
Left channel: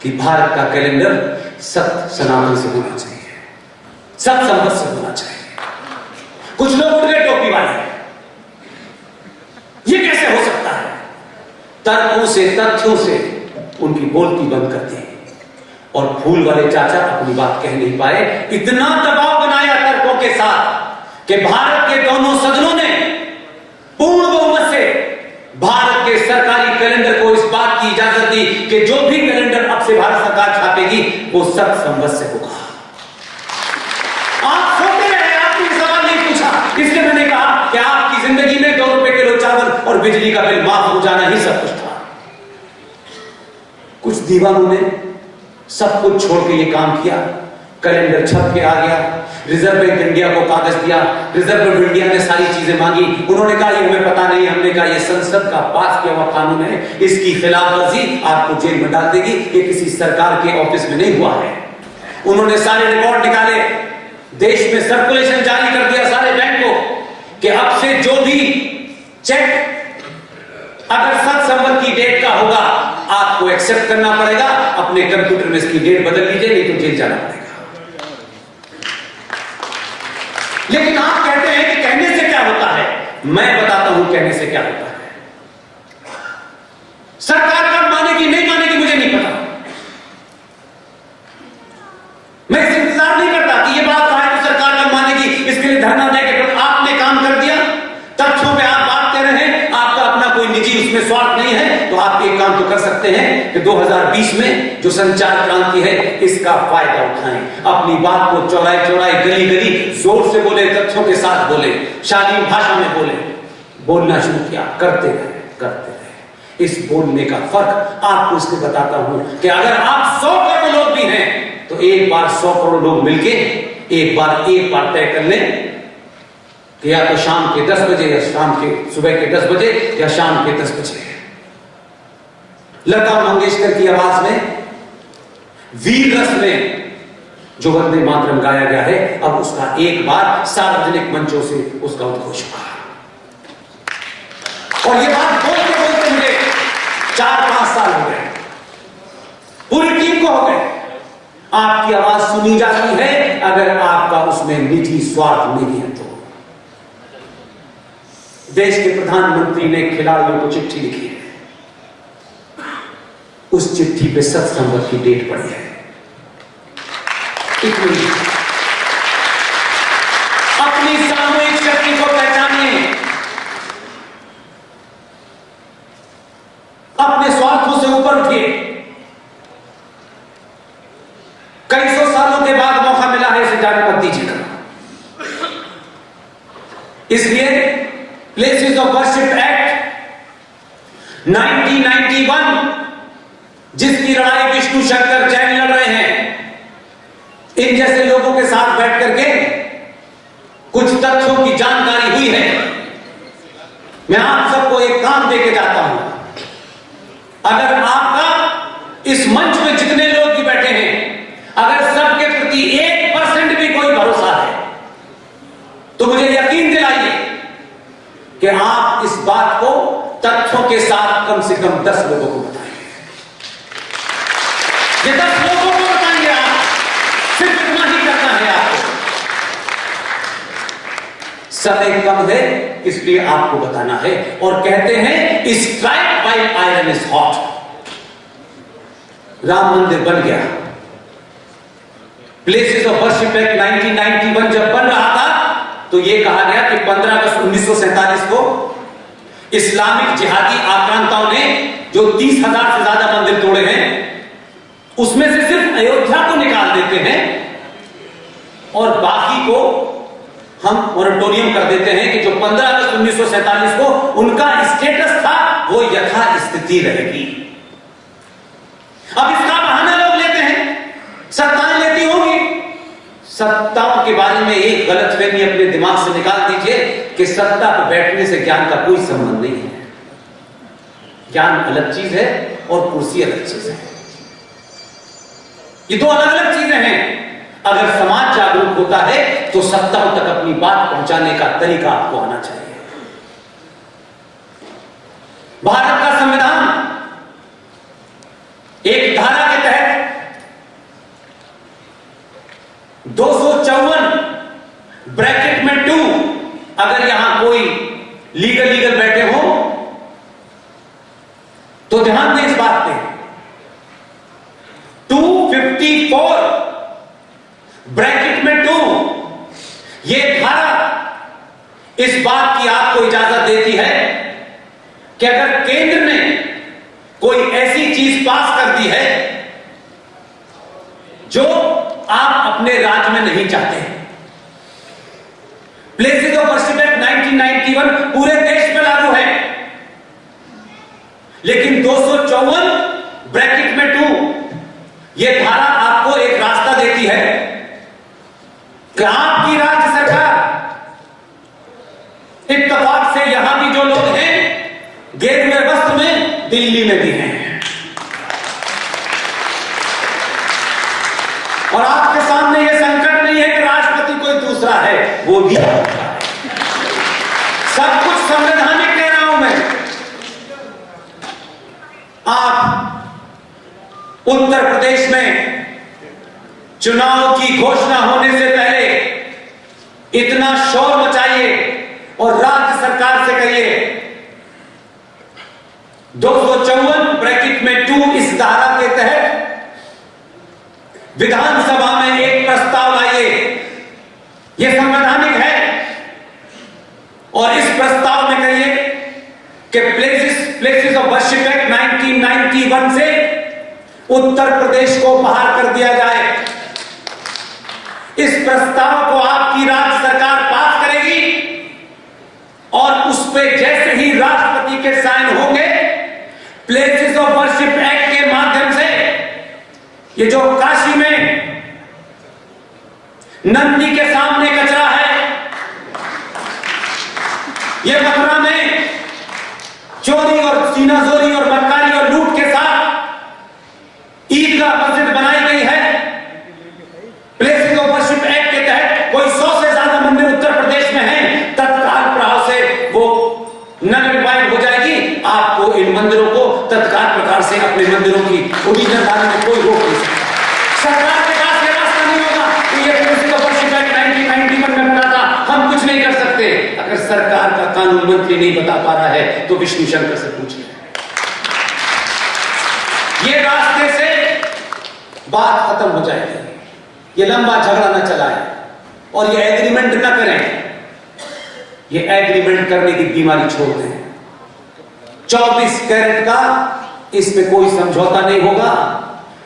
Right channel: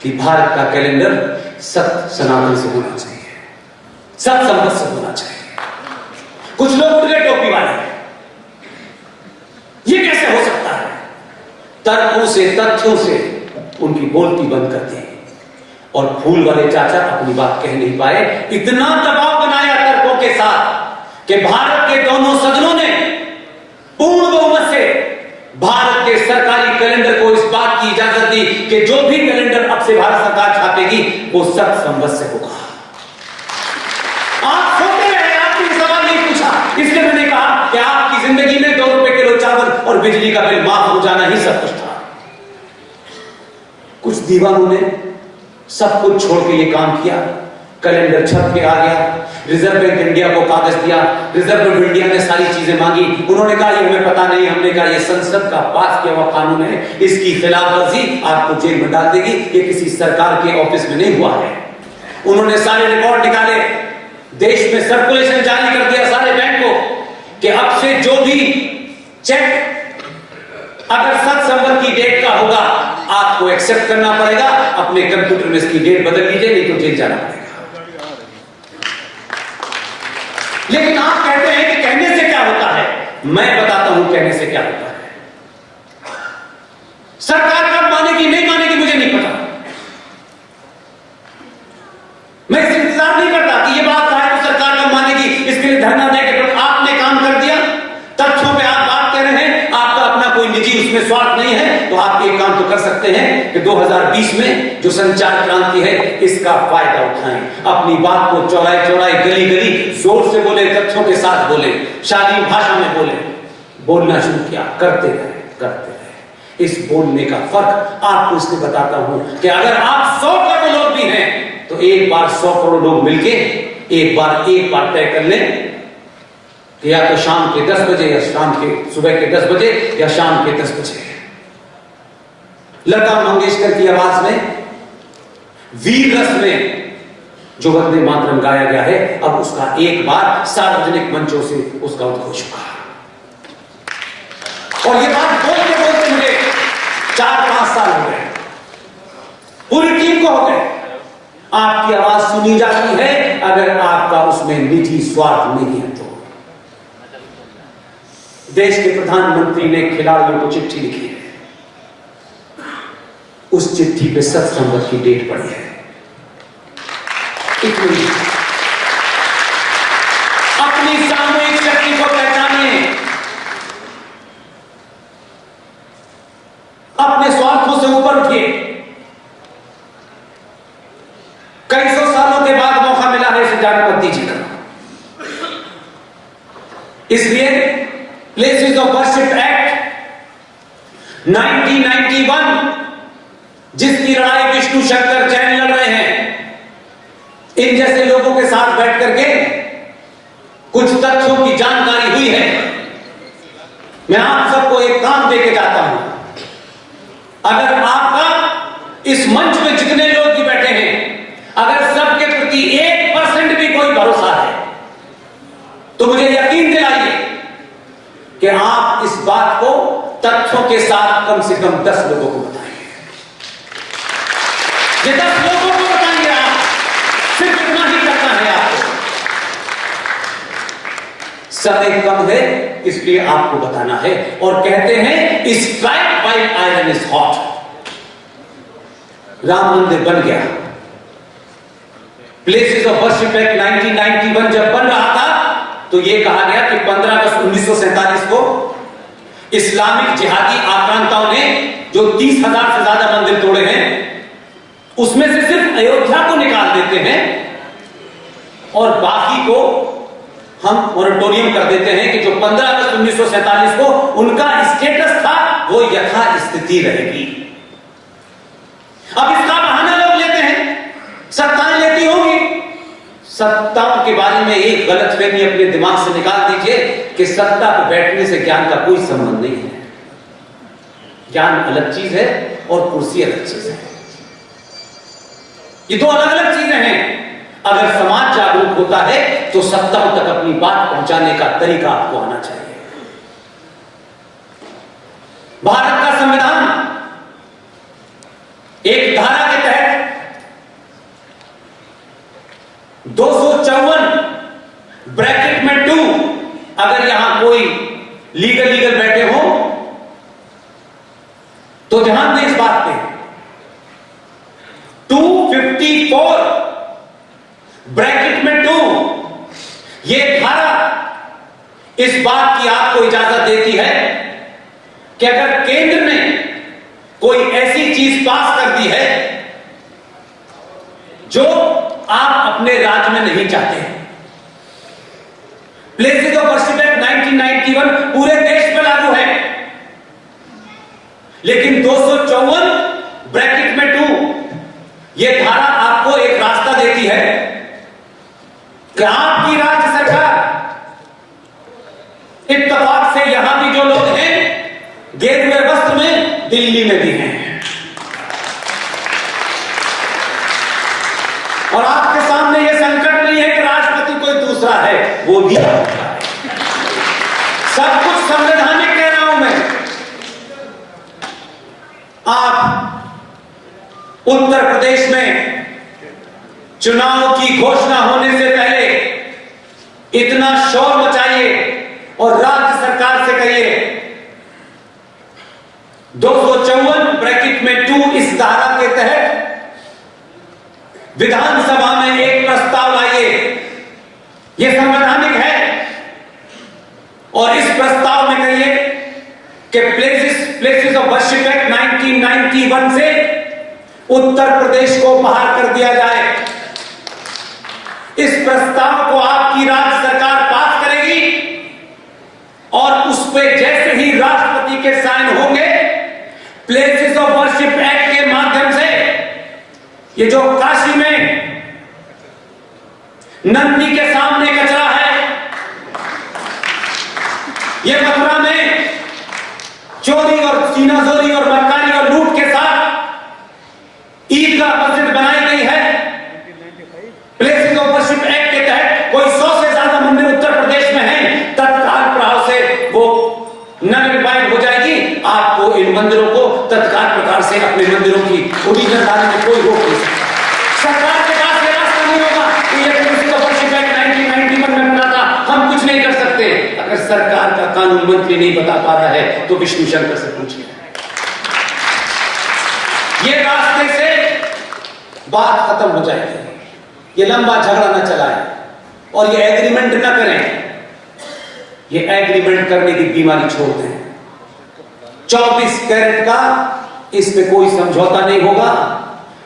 कि भारत का कैलेंडर सत्य सनातन से होना चाहिए, सत्य संपत से होना चाहिए। कुछ लोग उठ गए टोपी वाले, ये कैसे हो सकता है? तर्कों से, तथ्यों से उनकी बोलती बंद कर दी और फूल वाले चाचा अपनी बात कह नहीं पाए। इतना दबाव बनाया तर्कों के साथ कि भारत के दोनों सदनों ने पूर्ण बहुमत से भारत के सरकारी कैलेंडर को इस बात की इजाजत दी कि जो भी कैलेंडर अब से भारत सरकार छापेगी वो सत्य संवत से होगा। आप सोते रहे, आपने सवाल नहीं पूछा, इसलिए मैंने कहा कि आपकी जिंदगी में 2 रुपए किलो चावल और बिजली का बिल माफ हो जाना ही सब कुछ था। कुछ दीवानों ने सब कुछ छोड़ के ये काम किया, कैलेंडर छप के आ गया, रिजर्व बैंक इंडिया को कागज दिया, रिजर्व बैंक इंडिया ने सारी चीजें मांगी, उन्होंने कहा ये हमें पता नहीं, हमने कहा ये संसद का पास किया हुआ कानून है, इसकी खिलाफवर्जी आपको जेल में डाल देगी, ये किसी सरकार के ऑफिस में नहीं हुआ है। उन्होंने सारे रिकॉर्ड निकाले, देश में सर्कुलेशन जारी कर दिया सारे बैंक को कि अब से जो भी चेक अगर सत्य संवत की डेट का होगा आपको एक्सेप्ट करना पड़ेगा, अपने कंप्यूटर में इसकी डेट बदल लीजिए, नहीं तो जेल जाना पड़ेगा। लेकिन आप कहते हैं कि कहने से क्या होता है, मैं बताता हूं कहने से क्या होता है। सरकार कब मानेगी नहीं मानेगी मुझे नहीं पता, मैं इस इंतजार नहीं करता कि ये बात कहा है तो सरकार कब मानेगी, इसके लिए धरना देकर आपने काम कर दिया, तथ्यों पे आप बात कर रहे हैं, आपका अपना कोई निजी उसमें स्वार्थ नहीं है, तो आप एक काम तो कर सकते हैं कि 2020 में जो संचार क्रांति है इसका फायदा उठाएं, अपनी बात को चौराहे चौराहे, गली गली जोर से बोले, तथ्यों के साथ बोले, शालीन भाषा में बोले, बोलना शुरू किया, करते रहे। इस बोलने का फर्क आपको इसलिए बताता हूं कि अगर आप 100 करोड़ लोग भी हैं तो एक बार 100 करोड़ लोग मिलके एक बार तय कर लें कि या तो शाम के 10 बजे या सुबह के 10 बजे या शाम के 10 बजे लता मंगेशकर की आवाज में वीर रस में जो वंदे मातरम गाया गया है, अब उसका एक बार सार्वजनिक मंचों से उसका उद्घोष हुआ और ये बात बोलते बोलते मुझे 4-5 साल हो गए, पूरी टीम को हो गए। आपकी आवाज सुनी जाती है अगर आपका उसमें निजी स्वार्थ नहीं है तो। देश के प्रधानमंत्री ने खिलाड़ियों को चिट्ठी लिखी है, उस चिट्ठी पे सत्य संवत की डेट पड़ी है। इतनी अपनी सामूहिक शक्ति को पहचानिए, अपने स्वार्थों से ऊपर उठिए। कई सौ सालों के बाद मौका मिला है, इसे जाने मत दीजिएगा। इसलिए प्लेसेस ऑफ वर्शिप एक्ट 1991 जिसकी लड़ाई विष्णु शंकर जैन लड़ रहे हैं, इन जैसे लोगों के साथ बैठ करके कुछ तथ्यों की जानकारी हुई है। मैं आप सबको एक काम देके जाता हूं, अगर आपका इस मंच में जितने लोग भी बैठे हैं, अगर सबके प्रति 1% भी कोई भरोसा है तो मुझे यकीन दिलाइए कि आप इस बात को तथ्यों के साथ कम से कम 10 लोगों को बताएंगे। ये 10 लोगों को बताएंगे, आप सिर्फ इतना ही करना है आपको। समय कम है इसलिए आपको बताना है। और कहते हैं strike while iron is hot. Ram मंदिर बन गया, प्लेसेस ऑफ वर्शिप एक्ट 1991 जब बन रहा था तो यह कहा गया कि 15 अगस्त 1947 को इस्लामिक जिहादी आक्रांताओं ने जो 30,000 से ज्यादा मंदिर तोड़े हैं उसमें से सिर्फ अयोध्या को निकाल देते हैं और बाकी को हम मोरेटोरियम कर देते हैं कि जो 15 अगस्त 1947 को उनका स्टेटस था वो यथास्थिति रहेगी। अब इसका बहाना लोग लेते हैं, सत्ताएं लेती होंगी। सत्ताओं के बारे में एक गलतफहमी अपने दिमाग से निकाल दीजिए कि सत्ता पर बैठने से ज्ञान का कोई संबंध नहीं है। ज्ञान अलग चीज है और कुर्सी अलग चीज है। ये दो अलग अलग चीजें हैं। अगर समाज जागरूक होता है तो सत्ताओं तक अपनी बात पहुंचाने का तरीका आपको आना चाहिए। भारत का संविधान एक धारा के तहत 254 ब्रैकेट में 2, अगर यहां कोई लीगल बैठे हो तो ध्यान दें इस बात पे, 254 ब्रैकेट में 2, यह धारा इस बात की आपको इजाजत देती है कि अगर केंद्र ने कोई ऐसी चीज पास कर दी है जो आप अपने राज्य में नहीं चाहते हैं। प्लेसेस ऑफ वर्शिप एक्ट 1991 पूरे देश में लागू है, लेकिन 254 ब्रैकेट में 2 यह धारा आपको एक रास्ता देती है कि आपकी राज्य सरकार, इत्तेफाक से यहां भी जो लोग हैं गेरुए वस्त्र में, दिल्ली में भी हैं, और आपके सामने यह संकट नहीं है कि राष्ट्रपति कोई दूसरा है, वो भी सब कुछ संवैधानिक कह रहा हूं मैं। आप उत्तर प्रदेश में चुनाव की घोषणा होने से पहले इतना शोर मचाइए और राज्य सरकार से कहिए 254 ब्रैकेट में 2 इस धारा के तहत विधानसभा में एक प्रस्ताव लाइए। यह संवैधानिक है और इस प्रस्ताव में कहिए कि प्लेसेस ऑफ वर्शिप एक्ट 1991 से उत्तर प्रदेश को बाहर कर दिया जाए। इस प्रस्ताव को आपकी राज्य सरकार पास करेगी और उस पर जैसे ही राष्ट्रपति के साइन होंगे, प्लेसेस ऑफ वर्शिप एक्ट के माध्यम से ये जो काशी में नंदी के सामने कचरा है, ये मथुरा में चोरी और सीनाजोरी और बदकारी और लूट के साथ ईदगाह मस्जिद बनाई गई है। प्लेसेस ऑफ वर्शिप एक्ट के तहत कोई 100 से ज्यादा मंदिर उत्तर प्रदेश में हैं, तत्काल प्रभाव से वो नगरीकरण हो जाएगी। आपको इन मंदिरों को तत्काल प्रकार से अपने मंदिरों की ओरिजिनल बनाने में कोई रोक नहीं सकता। सरकार के पास यह रास्ता नहीं होगा कि ये प्लेसेस ऑफ वर्शिप एक्ट 1991 में बना था, हम कुछ नहीं कर सकते। अगर सरकार का कानून मंत्री नहीं बता पा रहा है तो विष्णु शंकर से पूछिए। ये रास्ते से बात खत्म हो जाएगी, ये लंबा झगड़ा न चलाएं और ये एग्रीमेंट न करें। ये एग्रीमेंट करने की बीमारी छोड़ दें। 24 कैरेट का इस पे कोई समझौता नहीं होगा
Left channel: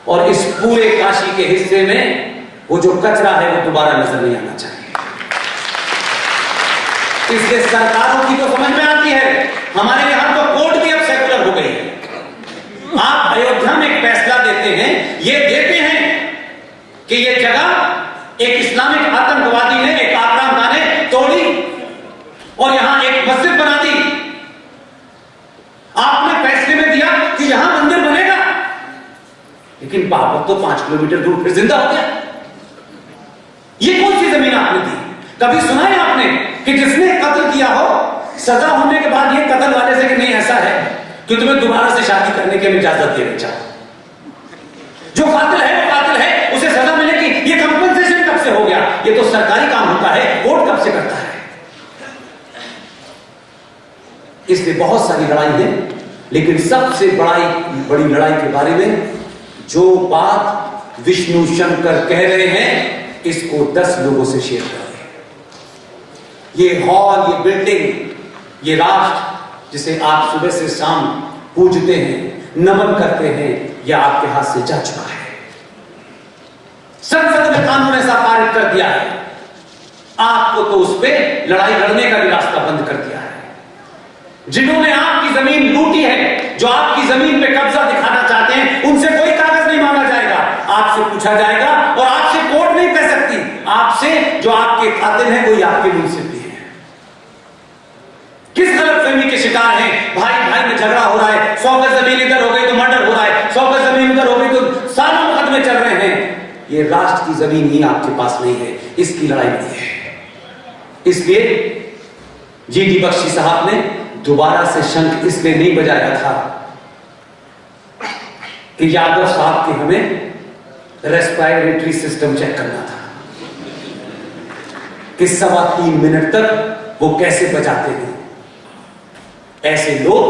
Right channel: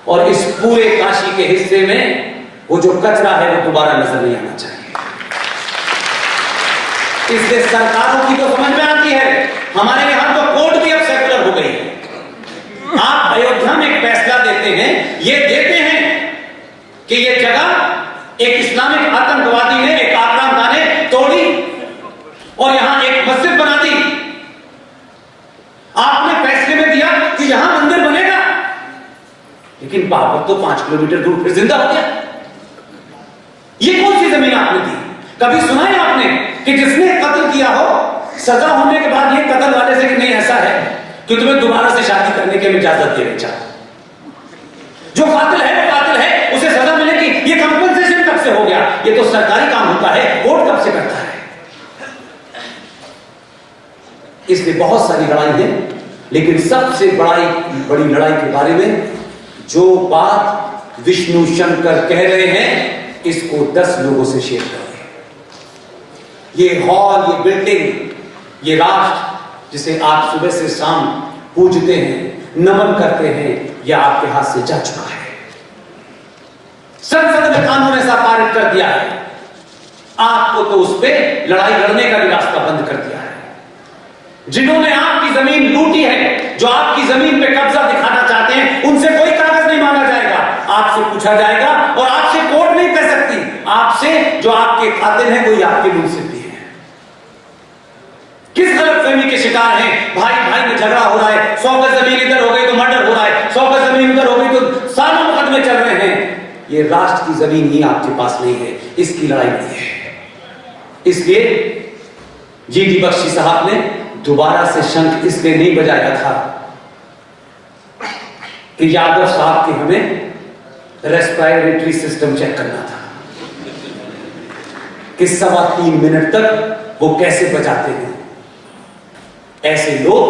और इस पूरे काशी के हिस्से में वो जो कचरा है वो दोबारा नजर नहीं आना चाहिए। इसलिए सरकारों की तो समझ में आती है, हमारे यहां तो कोर्ट भी अब सेकुलर हो गई है। आप अयोध्या में एक फैसला देते हैं, ये देते हैं कि ये जगह एक इस्लामिक आतंकवादी ने, एक आक्रामक ने तोड़ी और यहां एक मस्जिद बना दी। आपने फैसले में दिया कि यहां मंदिर बनेगा, लेकिन बाबर तो 5 किलोमीटर दूर फिर जिंदा हो गया। ये कौन सी जमीन आपने दी? कभी सुना है आपने कि जिसने कत्ल किया हो, सजा होने के बाद ये कत्ल वाले से कि नहीं ऐसा है कि तुम्हें दोबारा से शादी करने की इजाजत देनी चाहिए। जो कातिल है वो कातिल है, उसे सजा मिलेगी। ये कंपनसेशन कब से हो गया? ये तो सरकारी काम होता है, कोर्ट कब से करता है? इसलिए बहुत सारी लड़ाई है, लेकिन सबसे बड़ी लड़ाई के बारे में जो बात विष्णु शंकर कह रहे हैं, इसको 10 लोगों से शेयर करें। ये हॉल, ये बिल्डिंग, ये राष्ट्र जिसे आप सुबह से शाम पूजते हैं, नमन करते हैं, यह आपके हाथ से जा चुका है। संसद ने कानून ऐसा पारित कर दिया है, आपको तो उस पर लड़ाई लड़ने का भी रास्ता बंद कर दिया है। जिन्होंने आपकी जमीन लूटी है, जो आपकी जमीन पे कब्जा दिखाना चाहते हैं, उनसे कोई कागज नहीं मांगा जाएगा, आपसे पूछा जाएगा और आपसे कोर्ट नहीं कह सकती। आपसे जो आपके कातिल हैं कोई आपके मुंसिफ भी है। किस गलतफहमी के शिकार हैं? भाई भाई में झगड़ा झगड़ा हो रहा है, 100 गज जमीन इधर हो गई तो मर्डर हो रहा है, 100 गज जमीन उधर हो गई तो सालों मुकदमे चल रहे हैं। ये राष्ट्र की जमीन ही आपके पास नहीं है, इसकी लड़ाई नहीं है। इसलिए जीडी बख्शी साहब ने दोबारा से शंख इसलिए नहीं बजाया था कि यादव साहब के हमें रेस्पिरेटरी सिस्टम चेक करना था कि 3.25 मिनट तक वो कैसे बजाते हैं। ऐसे लोग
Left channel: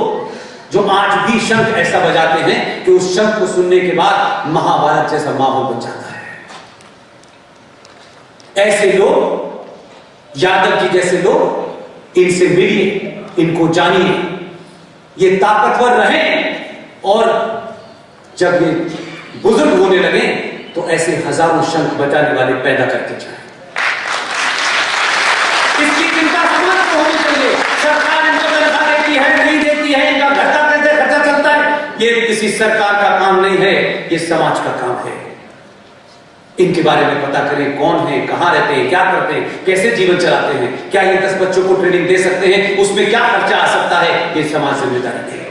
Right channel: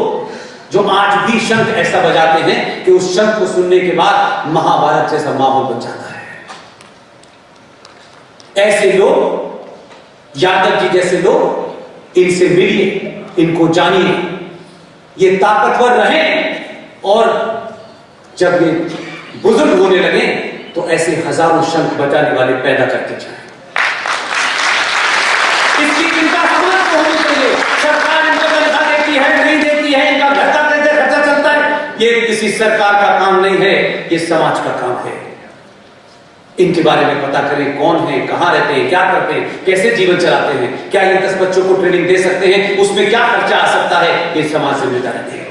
जो आज भी शंख ऐसा बजाते हैं कि उस शंख को सुनने के बाद महाभारत जैसा माहौल बन जाता है। ऐसे लोग, यादव जी जैसे लोग, इनसे मिलिए, इनको जानिए, ये ताकतवर रहें और जब ये बुजुर्ग होने लगे तो ऐसे हजारों शंख बजाने वाले पैदा करके जाएं। इसकी चिंता समाज को होनी चाहिए। सरकार इनको तनख्वाह देती है, नहीं देती है, इनका घर का कैसे खर्चा चलता है, ये किसी सरकार का काम नहीं है, ये समाज का काम है। इनके बारे में पता करें, कौन है, कहां रहते हैं, क्या करते हैं, कैसे जीवन चलाते हैं, क्या ये 10 बच्चों को ट्रेनिंग दे सकते हैं, उसमें क्या खर्चा आ सकता है, ये समाज जिम्मेदारी है।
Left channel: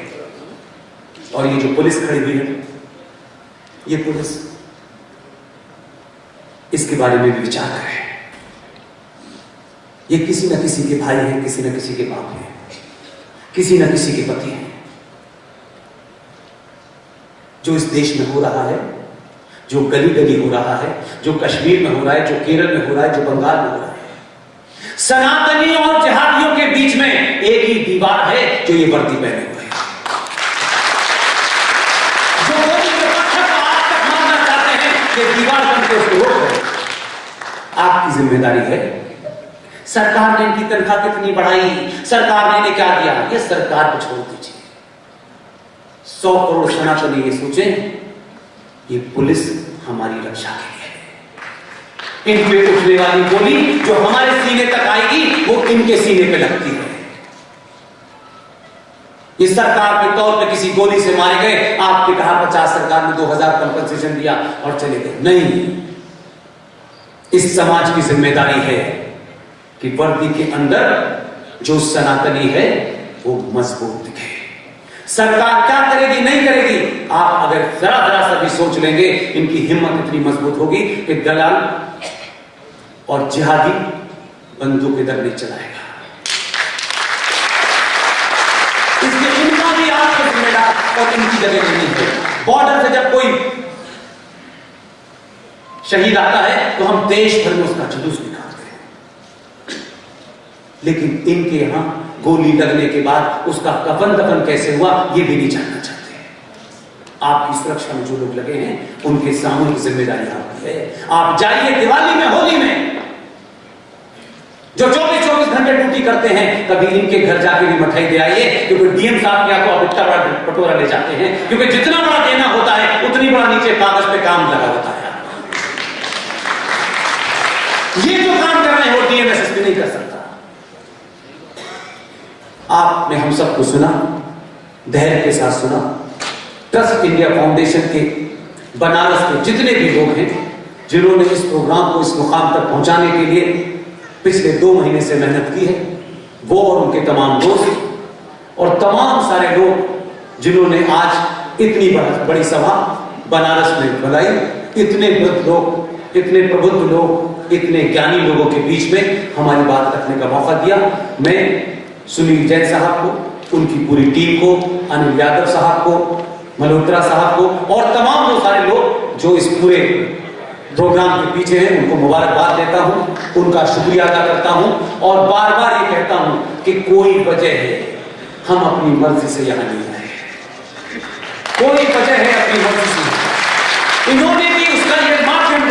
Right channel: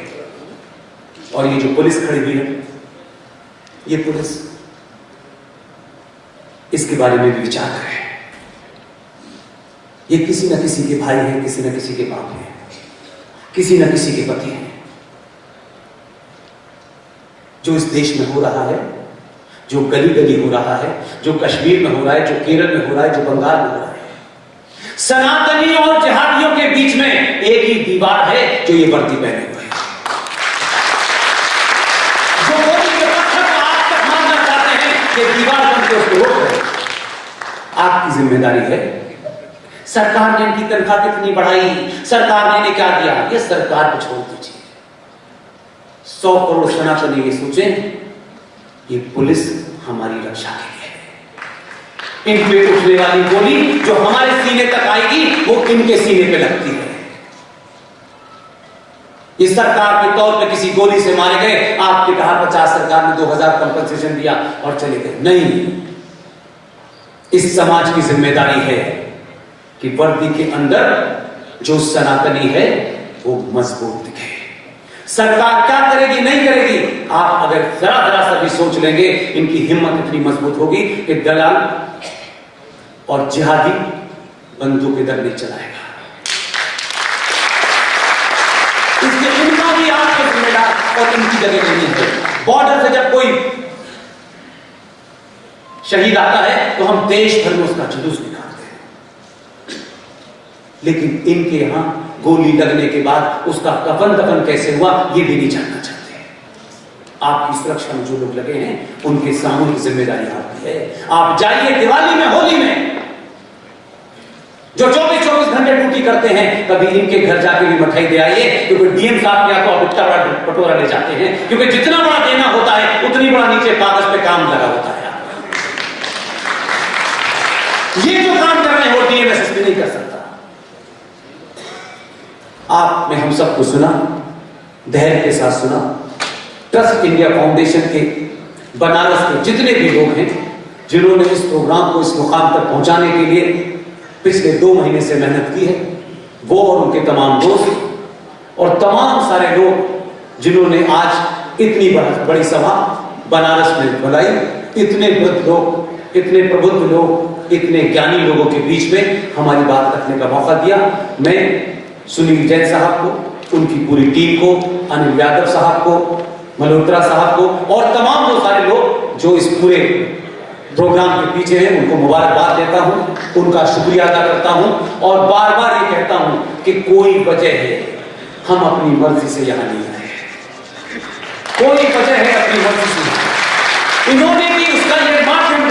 और ये जो पुलिस खड़ी हुई है, ये पुलिस, इसके बारे में भी विचार करें। ये किसी न किसी के भाई हैं, किसी न किसी के बाप हैं, किसी न किसी के पति हैं। जो इस देश में हो रहा है, जो गली गली हो रहा है, जो कश्मीर में हो रहा है, जो केरल में हो रहा है, जो बंगाल में हो रहा है, सनातनी और जिहादियों के बीच में एक ही दीवार है जो ये वर्दी पहने हुए हैं। जो मोदी के पत्थर को आज तक मारना चाहते हैं, ये दीवार बनकर उसको रोक रहे हैं। आपकी जिम्मेदारी है। सरकार ने इनकी तनख्वाह कितनी बढ़ाई, सरकार ने इन्हें क्या दिया, ये सरकार को छोड़ दीजिए। 100 करोड़ सनातनी ये सोचें, ये पुलिस हमारी रक्षा के लिए है। इन पे उठने वाली गोली जो हमारे सीने तक आएगी, वो इनके सीने पे लगती है। ये सरकार के तौर पे किसी गोली से मारे गए, आपने कहा 50 सरकार ने 2000 कंपनसेशन दिया और चले गए, नहीं। इस समाज की जिम्मेदारी है कि वर्दी के अंदर जो सनातनी है वो मजबूत दिखे। सरकार क्या करेगी, नहीं करेगी, आप अगर जरा जरा सा भी सोच लेंगे, इनकी हिम्मत इतनी मजबूत होगी कि दलाल और जिहादी बंदूक इधर नहीं चलाएगा। इसलिए इनका भी आपके जिम्मेदार और इनकी जगह नहीं है। बॉर्डर से जब कोई शहीद आता है तो हम देश भर में उसका जुलूस निकालते हैं, लेकिन इनके यहां गोली लगने के बाद उसका कफन दफन कैसे हुआ ये भी नहीं जानना चाहते। आपकी सुरक्षा में जो लोग लगे हैं उनके सामूहिक जिम्मेदारी आपकी है। आप जाइए दिवाली में, होली में, जो 24-24 घंटे ड्यूटी करते हैं, कभी इनके घर जाके भी मिठाई दे आइए, क्योंकि डीएम साहब के यहाँ तो आप इतना बड़ा पटोरा ले जाते हैं, क्योंकि जितना बड़ा देना होता है उतनी बड़ा नीचे कागज पे काम लगा होता है। ये जो काम कर रहे हैं वो डीएम एसएसपी नहीं कर सकता। आपने हम सबको सुना, धैर्य के साथ सुना। ट्रस्ट इंडिया फाउंडेशन के बनारस के जितने भी लोग हैं जिन्होंने इस प्रोग्राम को इस मुकाम तक पहुंचाने के लिए पिछले 2 महीने से मेहनत की है, वो और उनके तमाम दोस्त और तमाम सारे लोग जिन्होंने आज इतनी बड़ी सभा बनारस में बुलाई, इतने वृद्ध लोग, इतने प्रबुद्ध लोग, इतने ज्ञानी लोगों के बीच में हमारी बात रखने का मौका दिया। मैं सुनील जैन साहब को, उनकी पूरी टीम को, अनिल यादव साहब को, मल्होत्रा साहब को और तमाम वो सारे लोग जो इस पूरे प्रोग्राम के पीछे हैं, उनको मुबारकबाद देता हूं, उनका शुक्रिया अदा करता हूं और बार बार ये कहता हूं कि कोई वजह है हम अपनी मर्जी से यहां नहीं आए, कोई वजह है अपनी मर्जी से। इन्होंने भी उसका ये मापदंड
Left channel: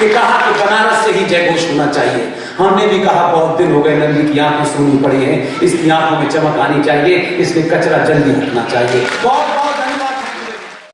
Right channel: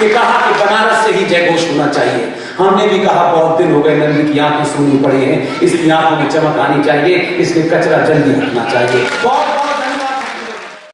कि कहा कि बनारस से ही जयघोष होना चाहिए। हमने भी कहा बहुत दिन हो गए नंदी की आंखें सूनी पड़ी है, इसकी आंखों में चमक आनी चाहिए, इसलिए कचरा जल्दी हटना चाहिए।